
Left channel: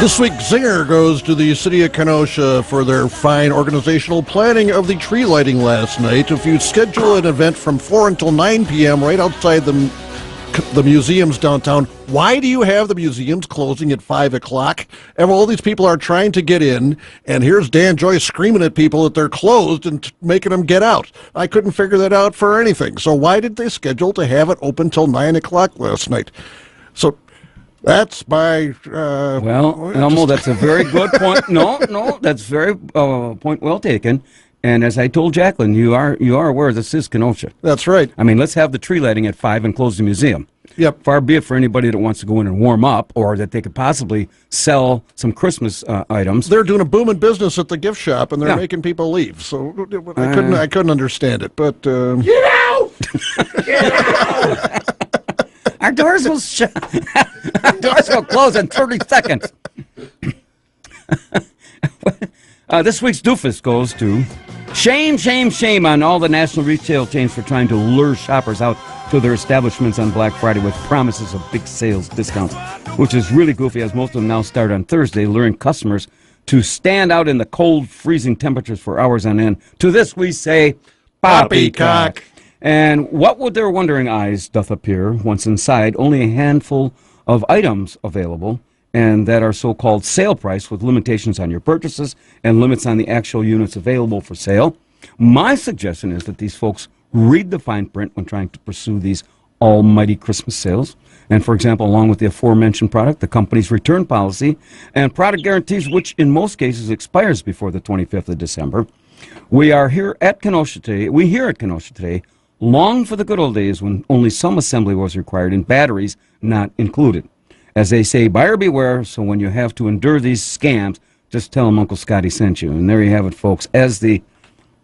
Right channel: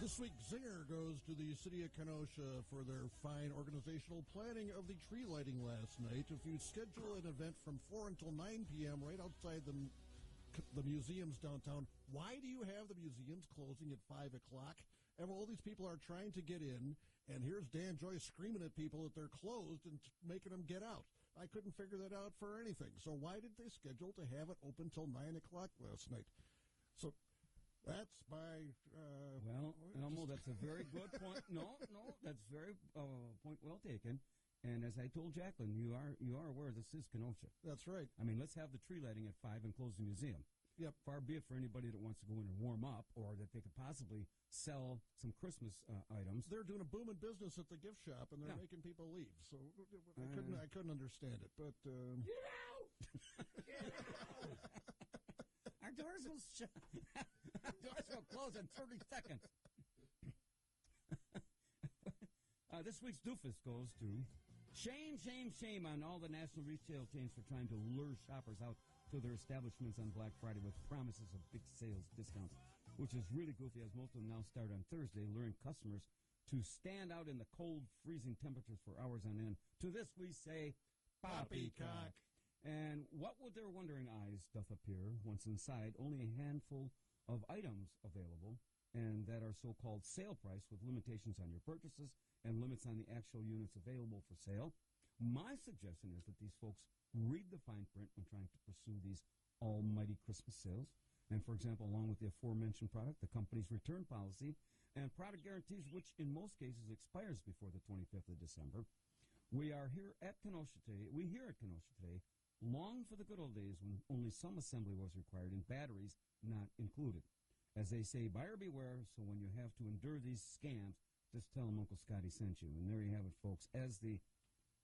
This week's zinger goes to the city of Kenosha for their fine organizational planning of the tree lighting last night. If you schedule an event from 4 until 9 p.m. right outside the museums downtown, why do you have the museums closing at 5 o'clock? And all these people are trying to get in, and here's Dan Joyce screaming at people that they're closed and making them get out. I couldn't figure that out for anything. So why did they schedule to have it open till 9 o'clock last night? So that's my... well, Elmo, that's a very good point. No, that's very point well taken. And as I told Jacqueline, you are aware this is Kenosha. That's right. I mean, let's have the tree lighting at 5 and close the museum. Yep. Far be it for anybody that wants to go in and warm up, or that they could possibly sell some Christmas items. They're doing a booming business at the gift shop, and they're making people leave. So I couldn't understand it. But get out! Get out! Our doors will Our doors will close in 30 seconds. This week's doofus goes to shame, shame, shame on all the national retail chains for trying to lure shoppers out to their establishments on Black Friday with promises of big sales discounts, which is really goofy, as most of them now start on Thursday, luring customers to stand out in the cold, freezing temperatures for hours on end. To this we say, poppycock. And what would their wondering eyes doth appear once inside only a handful of items available, and that are so-called sale price with limitations on your purchases and limits on the actual units available for sale? My suggestion is that these folks read the fine print when trying to pursue these almighty Christmas sales. And, for example, along with the aforementioned product, the company's return policy and product guarantees, which in most cases expires before the 25th of December. We here at Kenosha today long for the good old days when only some assembly was required and batteries not included. As they say, buyer beware, so when you have to endure these scams, just tell them Uncle Scotty sent you. And there you have it, folks, as the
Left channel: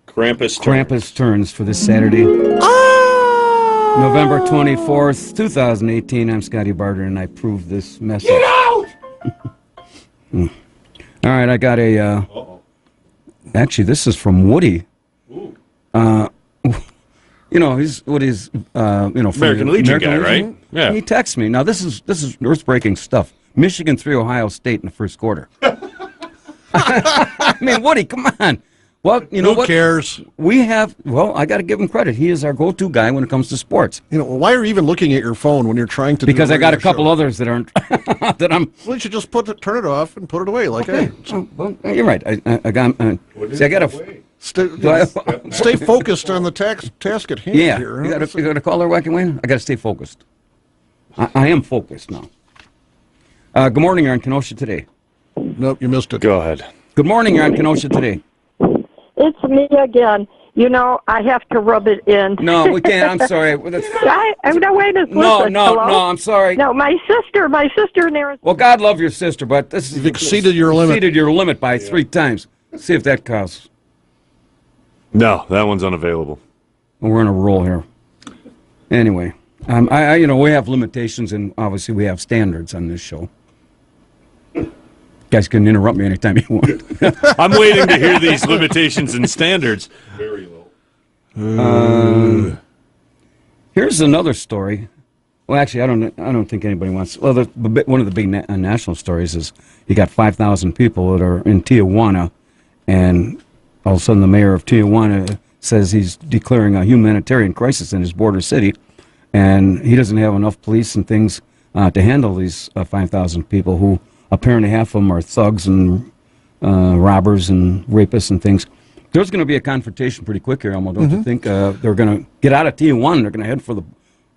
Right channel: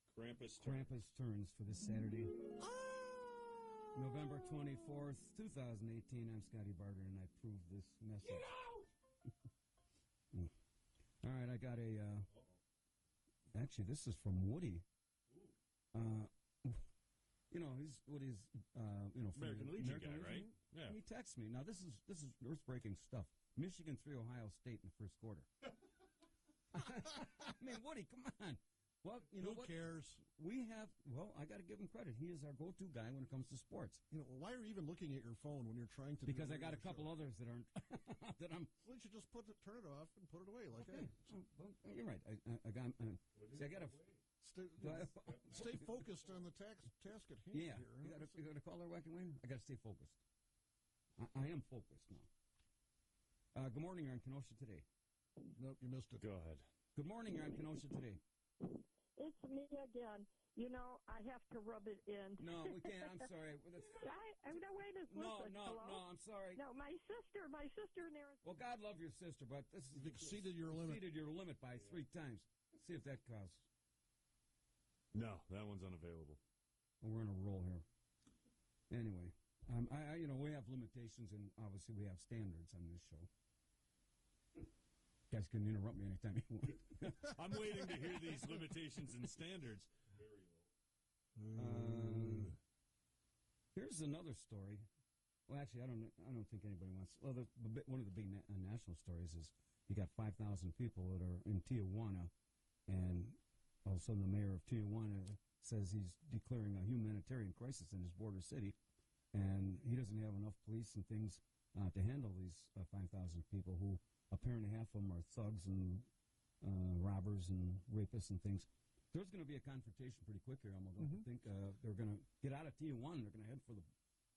Krampus turns for this Saturday, November 24th, 2018. I'm Scotty Barter, and I approve this message. Get out! All right, I got a... actually, this is from Woody. You know, he's Woody's, American Legion guy, right? Yeah. He texts me. Now, this is earth-breaking stuff. Michigan 3, Ohio State in the first quarter. I mean, Woody, come on. Well, you know Who cares? I got to give him credit. He is our go-to guy when it comes to sports. You know, why are you even looking at your phone when you're trying to Because I got a couple others that aren't, that I'm... Well, you should just turn it off and put it away, like, okay. Well, you're right. I got to... Stay focused on the task at hand here. You got to call her Wacky Wayne? I got to stay focused. I am focused now. Good morning, you're on Kenosha Today. Nope, you missed it. Go ahead. Good morning, you're on Kenosha Today. It's me again. You know, I have to rub it in. No, we can't. I'm sorry. No, wait a second. No, I'm sorry. No, my sister in Arizona. Well, God love your sister, but this is... You've exceeded your limit. Exceeded your limit by 3 times. See if that counts. No, that one's unavailable. We're in a roll here. Anyway, we have limitations, and obviously we have standards on this show. You guys can interrupt me anytime you want. I'm waiting to hear these limitations and standards. Very low. Here's another story. Well, actually, I don't think anybody wants. Well, one of the big national stories is you got 5,000 people that are in Tijuana, and all of a sudden the mayor of Tijuana says he's declaring a humanitarian crisis in his border city, and he doesn't have enough police and things to handle these 5,000 people who apparently half of them are thugs and robbers and rapists and things. There's going to be a confrontation pretty quick here, Elmo, don't you think? They're going to get out of Tijuana. They're going to head for the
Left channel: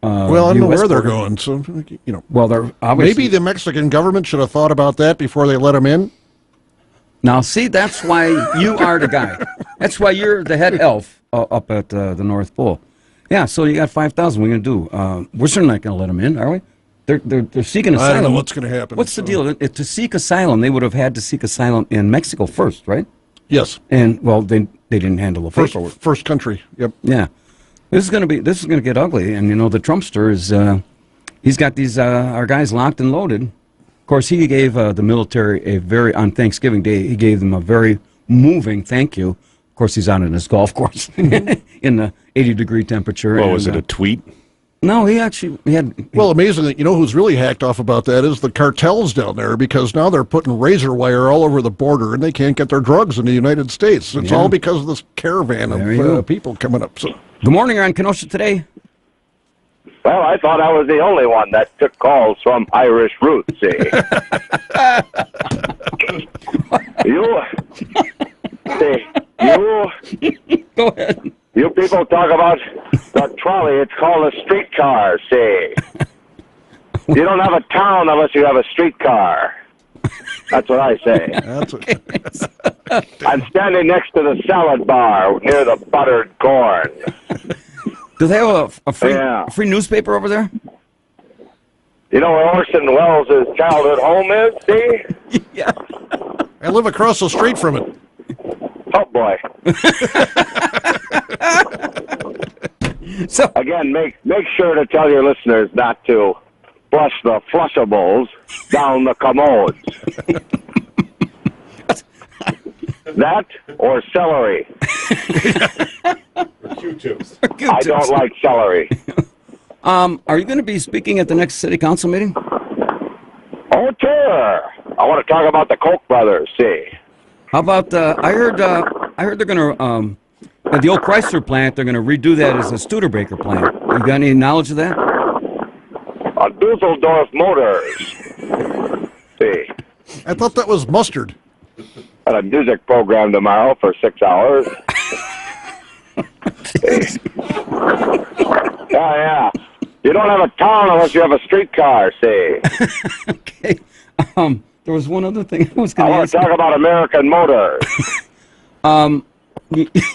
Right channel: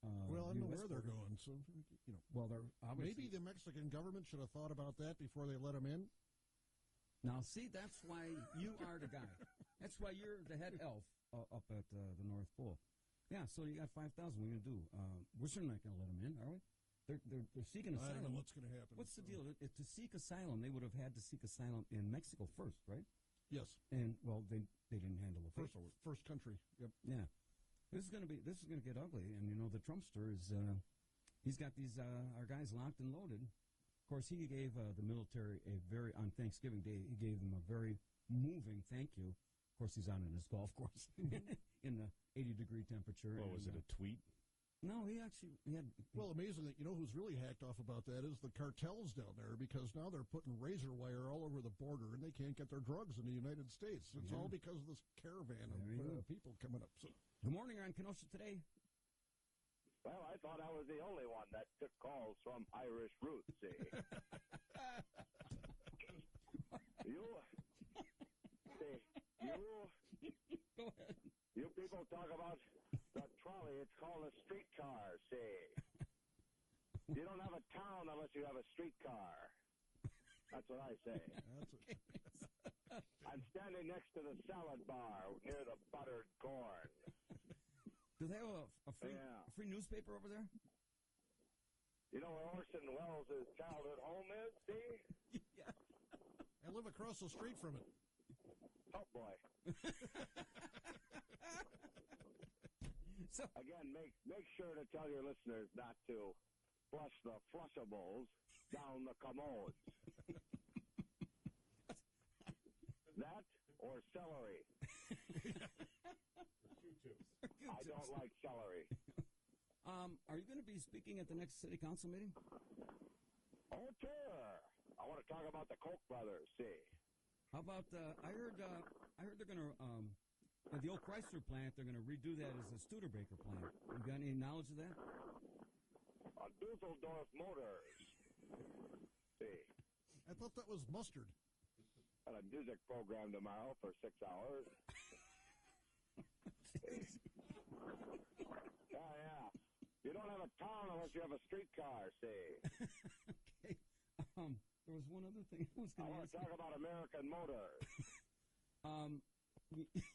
well, I don't know where they're going. So, you know, well, they're obviously... Maybe the Mexican government should have thought about that before they let them in. Now, see, that's why you are the guy. That's why you're the head elf up at the North Pole. Yeah, so you got 5,000. What are we going to do? We're certainly not going to let them in, are we? They're seeking asylum. I don't know what's going to happen. What's the deal? To seek asylum, they would have had to seek asylum in Mexico first, right? Yes. And, well, they didn't handle the paperwork. First country, yep. Yeah. This is going to get ugly. And, you know, the Trumpster is, he's got these, our guys locked and loaded. Of course, he gave the military on Thanksgiving Day, he gave them a very moving thank you. Of course, he's out in his golf course in the 80-degree temperature. Well, was it a tweet? No, he had. Well, amazingly, you know who's really hacked off about that is the cartels down there, because now they're putting razor wire all over the border and they can't get their drugs in the United States. It's all because of this caravan of people coming up. So. Good morning, you're on Kenosha Today. Well, I thought I was the only one that took calls from Irish roots, see. Go ahead. You people talk about the trolley. It's called a streetcar, see. You don't have a town unless you have a streetcar. That's what I say. I'm standing next to the salad bar near the buttered corn. Do they have a free newspaper over there? You know where Orson Welles' childhood home is, see? Yeah. I live across the street from it. Oh, boy. So again, make sure to tell your listeners not to flush the flushables down the commodes. That or celery. I don't like celery. Are you going to be speaking at the next city council meeting? Oh, sure. I want to talk about the Koch brothers. See. How about I heard they're going to at the old Chrysler plant, they're going to redo that as a Studebaker plant. You got any knowledge of that? Dusseldorf Motors. See. I thought that was mustard. Got a music program tomorrow for 6 hours. Yeah. You don't have a town unless you have a streetcar, see. Okay. There was one other thing I was going to ask. I want to talk about American Motors.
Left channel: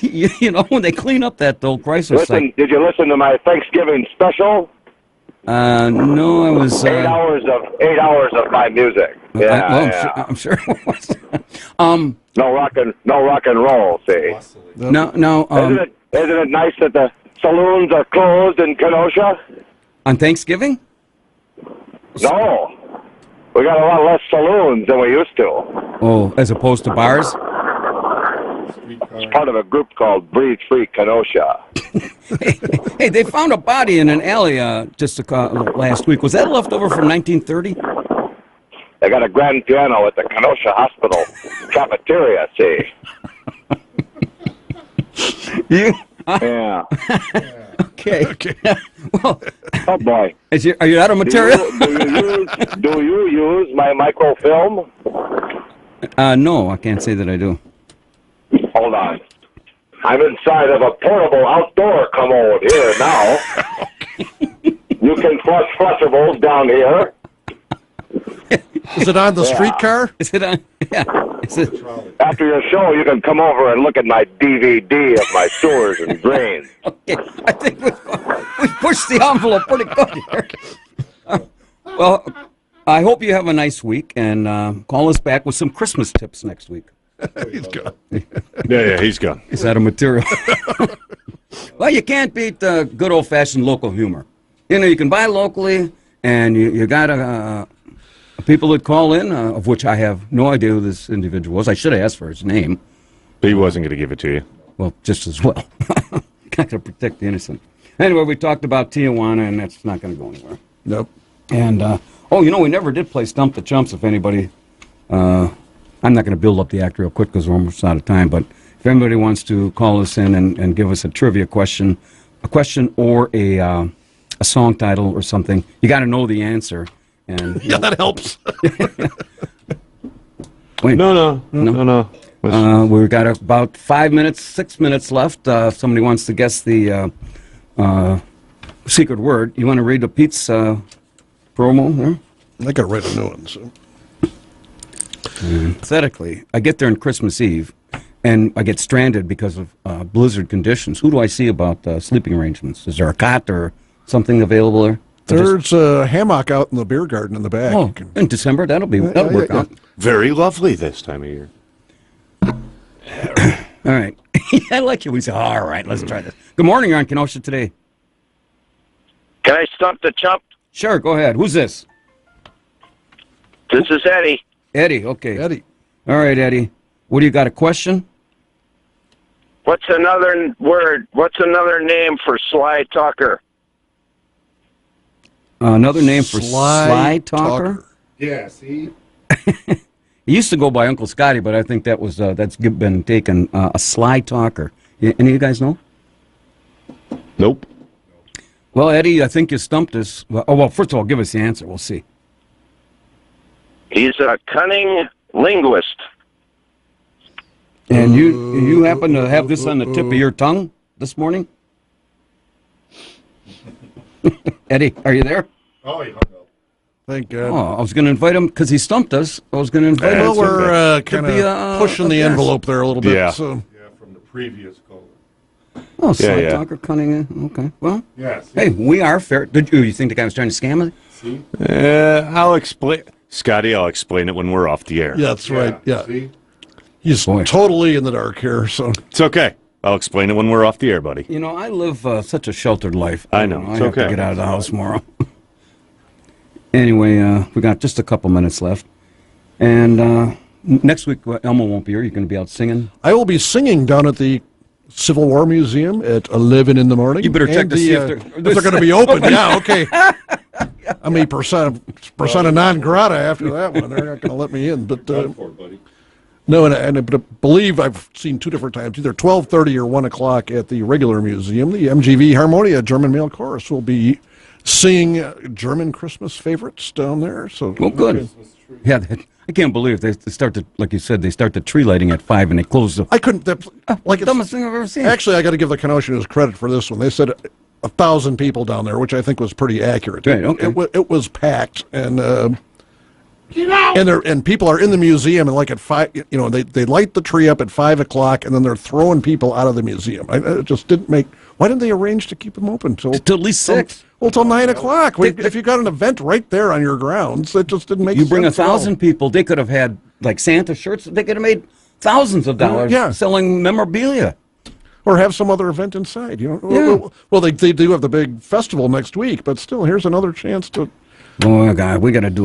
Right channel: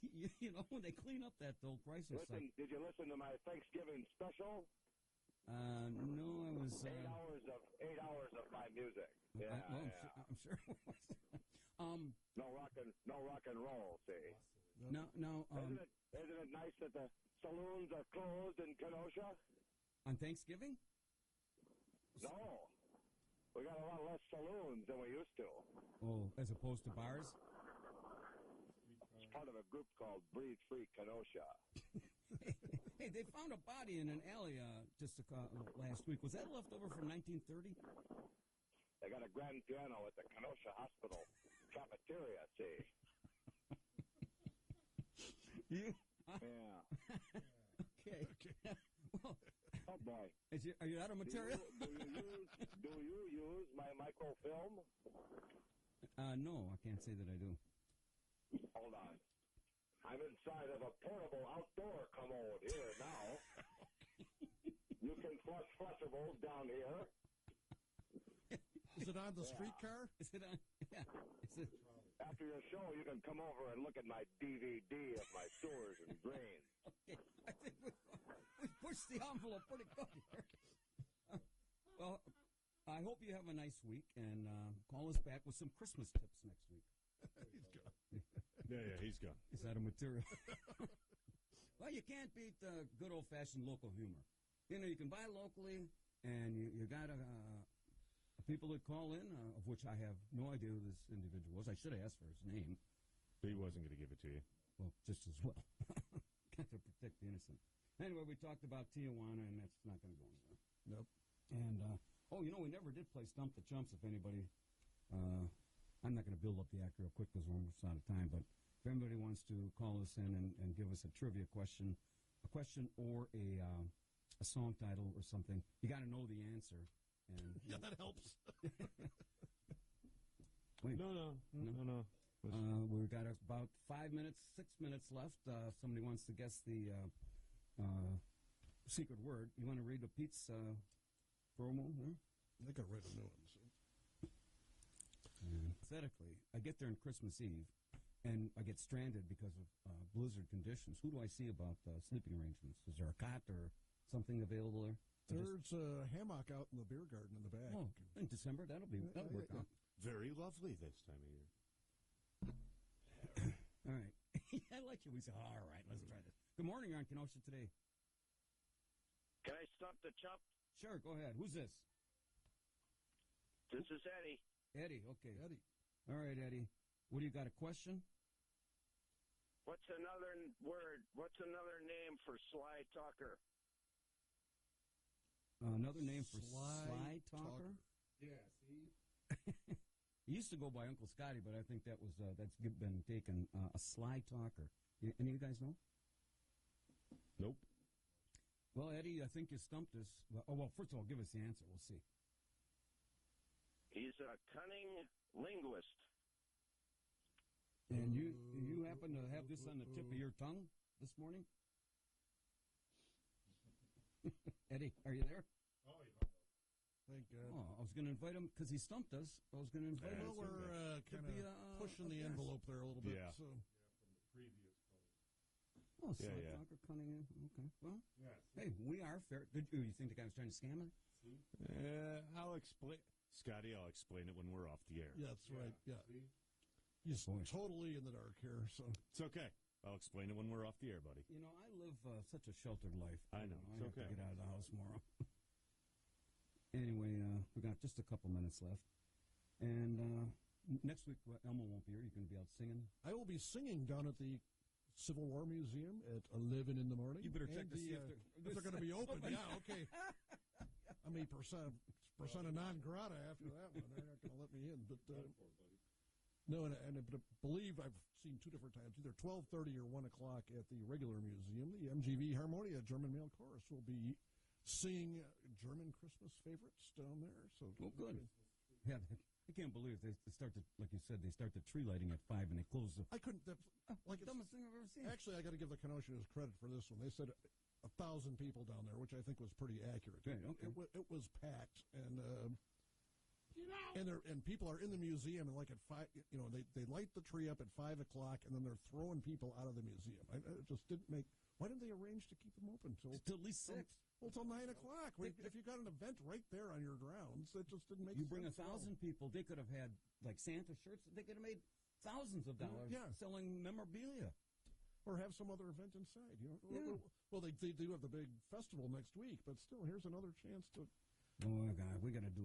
You know, when they clean up that old Chrysler site. Did you listen to my Thanksgiving special? No, I was. 8 hours of my music. Yeah, I'm sure it was. No rock and roll. See. No. Isn't it nice that the saloons are closed in Kenosha? On Thanksgiving? No, we got a lot less saloons than we used to. Oh, as opposed to bars? It's part of a group called Breathe Free Kenosha. Hey, they found a body in an alley just last week. Was that left over from 1930? They got a grand piano at the Kenosha Hospital cafeteria, see. Yeah. Okay. Well, oh, boy. Are you out of material? Do you use my microfilm? No, I can't say that I do. Hold on. I'm inside of a portable outdoor commode here now. You can flush flushables down here. Is it on the streetcar? Is it on? Yeah. Is it? After your show, you can come over and look at my DVD of my sewers and drains. Okay, I think we pushed the envelope pretty good here. Well, I hope you have a nice week, and call us back with some Christmas tips next week. He's gone. Yeah, he's gone. Is that a material? Well, you can't beat good old-fashioned local humor. You know, you can buy locally, and you got people that call in, of which I have no idea who this individual was. I should have asked for his name. But he wasn't going to give it to you. Well, just as well. Not going to protect the innocent. Anyway, we talked about Tijuana, and that's not going to go anywhere. Nope. And, we never did play Stump the Chumps. If anybody, I'm not going to build up the act real quick because we're almost out of time, but if anybody wants to call us in and give us a trivia question, or a song title or something, you got to know the answer. And yeah, that helps. Wait, No. We've got about 6 minutes left. If somebody wants to guess the secret word, you want to read the Pete's promo there? I got to write a new one. So. Pathetically, I get there on Christmas Eve, and I get stranded because of blizzard conditions. Who do I see about sleeping arrangements? Is there a cot or something available there? There's a hammock out in the beer garden in the back. Oh, in December, that'll work out. Very lovely this time of year. All right. I like you. We say, all right, let's try this. Good morning, you're on Kenosha Today. Can I stump the chump? Sure, go ahead. Who's this? This is Eddie. Eddie, okay. Eddie. All right, Eddie. What do you got, a question? What's another word? What's another name for Sly Tucker? Another name for Sly Talker? Yeah, see? He used to go by Uncle Scotty, but I think that's been taken. A Sly Talker. Any of you guys know? Nope. Well, Eddie, I think you stumped us. Well, first of all, give us the answer. We'll see. He's a cunning linguist. And you happen to have this on the tip of your tongue this morning? Eddie, are you there? Oh, he hung up. Thank God. Oh, I was going to invite him because he stumped us. I was going to invite him. Well, we're to kind be of pushing the envelope there a little bit. Yeah. So. Yeah, from the previous caller. Oh, Sly yeah. Talker, cunning. Okay, well. Yeah, see? Hey, we are fair. You think the guy was trying to scam us? See? I'll explain. Scotty, I'll explain it when we're off the air. Yeah, that's right. Yeah. See? He's totally in the dark here, so. It's okay. I'll explain it when we're off the air, buddy. You know, I live such a sheltered life. I know. I It's have okay. to get out of the house tomorrow. Anyway, we got just a couple minutes left. And next week, Elmo won't be here. You're going to be out singing. I will be singing down at the Civil War Museum at 11 in the morning. You better check to see if they're going to be open. Yeah, okay. I mean, persona non grata after that one. They're not going to let me in. But no, and I believe I've seen two different times, either 12:30 or 1 o'clock at the regular museum. The MGV Harmonia German Male Chorus will be singing German Christmas favorites down there. So, well, good. Yeah, I can't believe they start to, like you said, they start the tree lighting at 5 and they close the. I couldn't. Like the dumbest thing I've ever seen. Actually, I got to give the Kenosha News credit for this one. They said 1,000 people down there, which I think was pretty accurate. Right, okay. It was packed, and people are in the museum, and like at 5, they light the tree up at 5 o'clock, and then they're throwing people out of the museum. It just didn't make. Why didn't they arrange to keep them open till at least 6? Well, till 9 o'clock. If you got an event right there on your grounds, it just didn't make sense. You bring 1,000 people, they could have had like Santa shirts. They could have made thousands of dollars selling memorabilia. Or have some other event inside, Yeah. Well, they do have the big festival next week, but still, here's another chance to. Oh, God, we got to do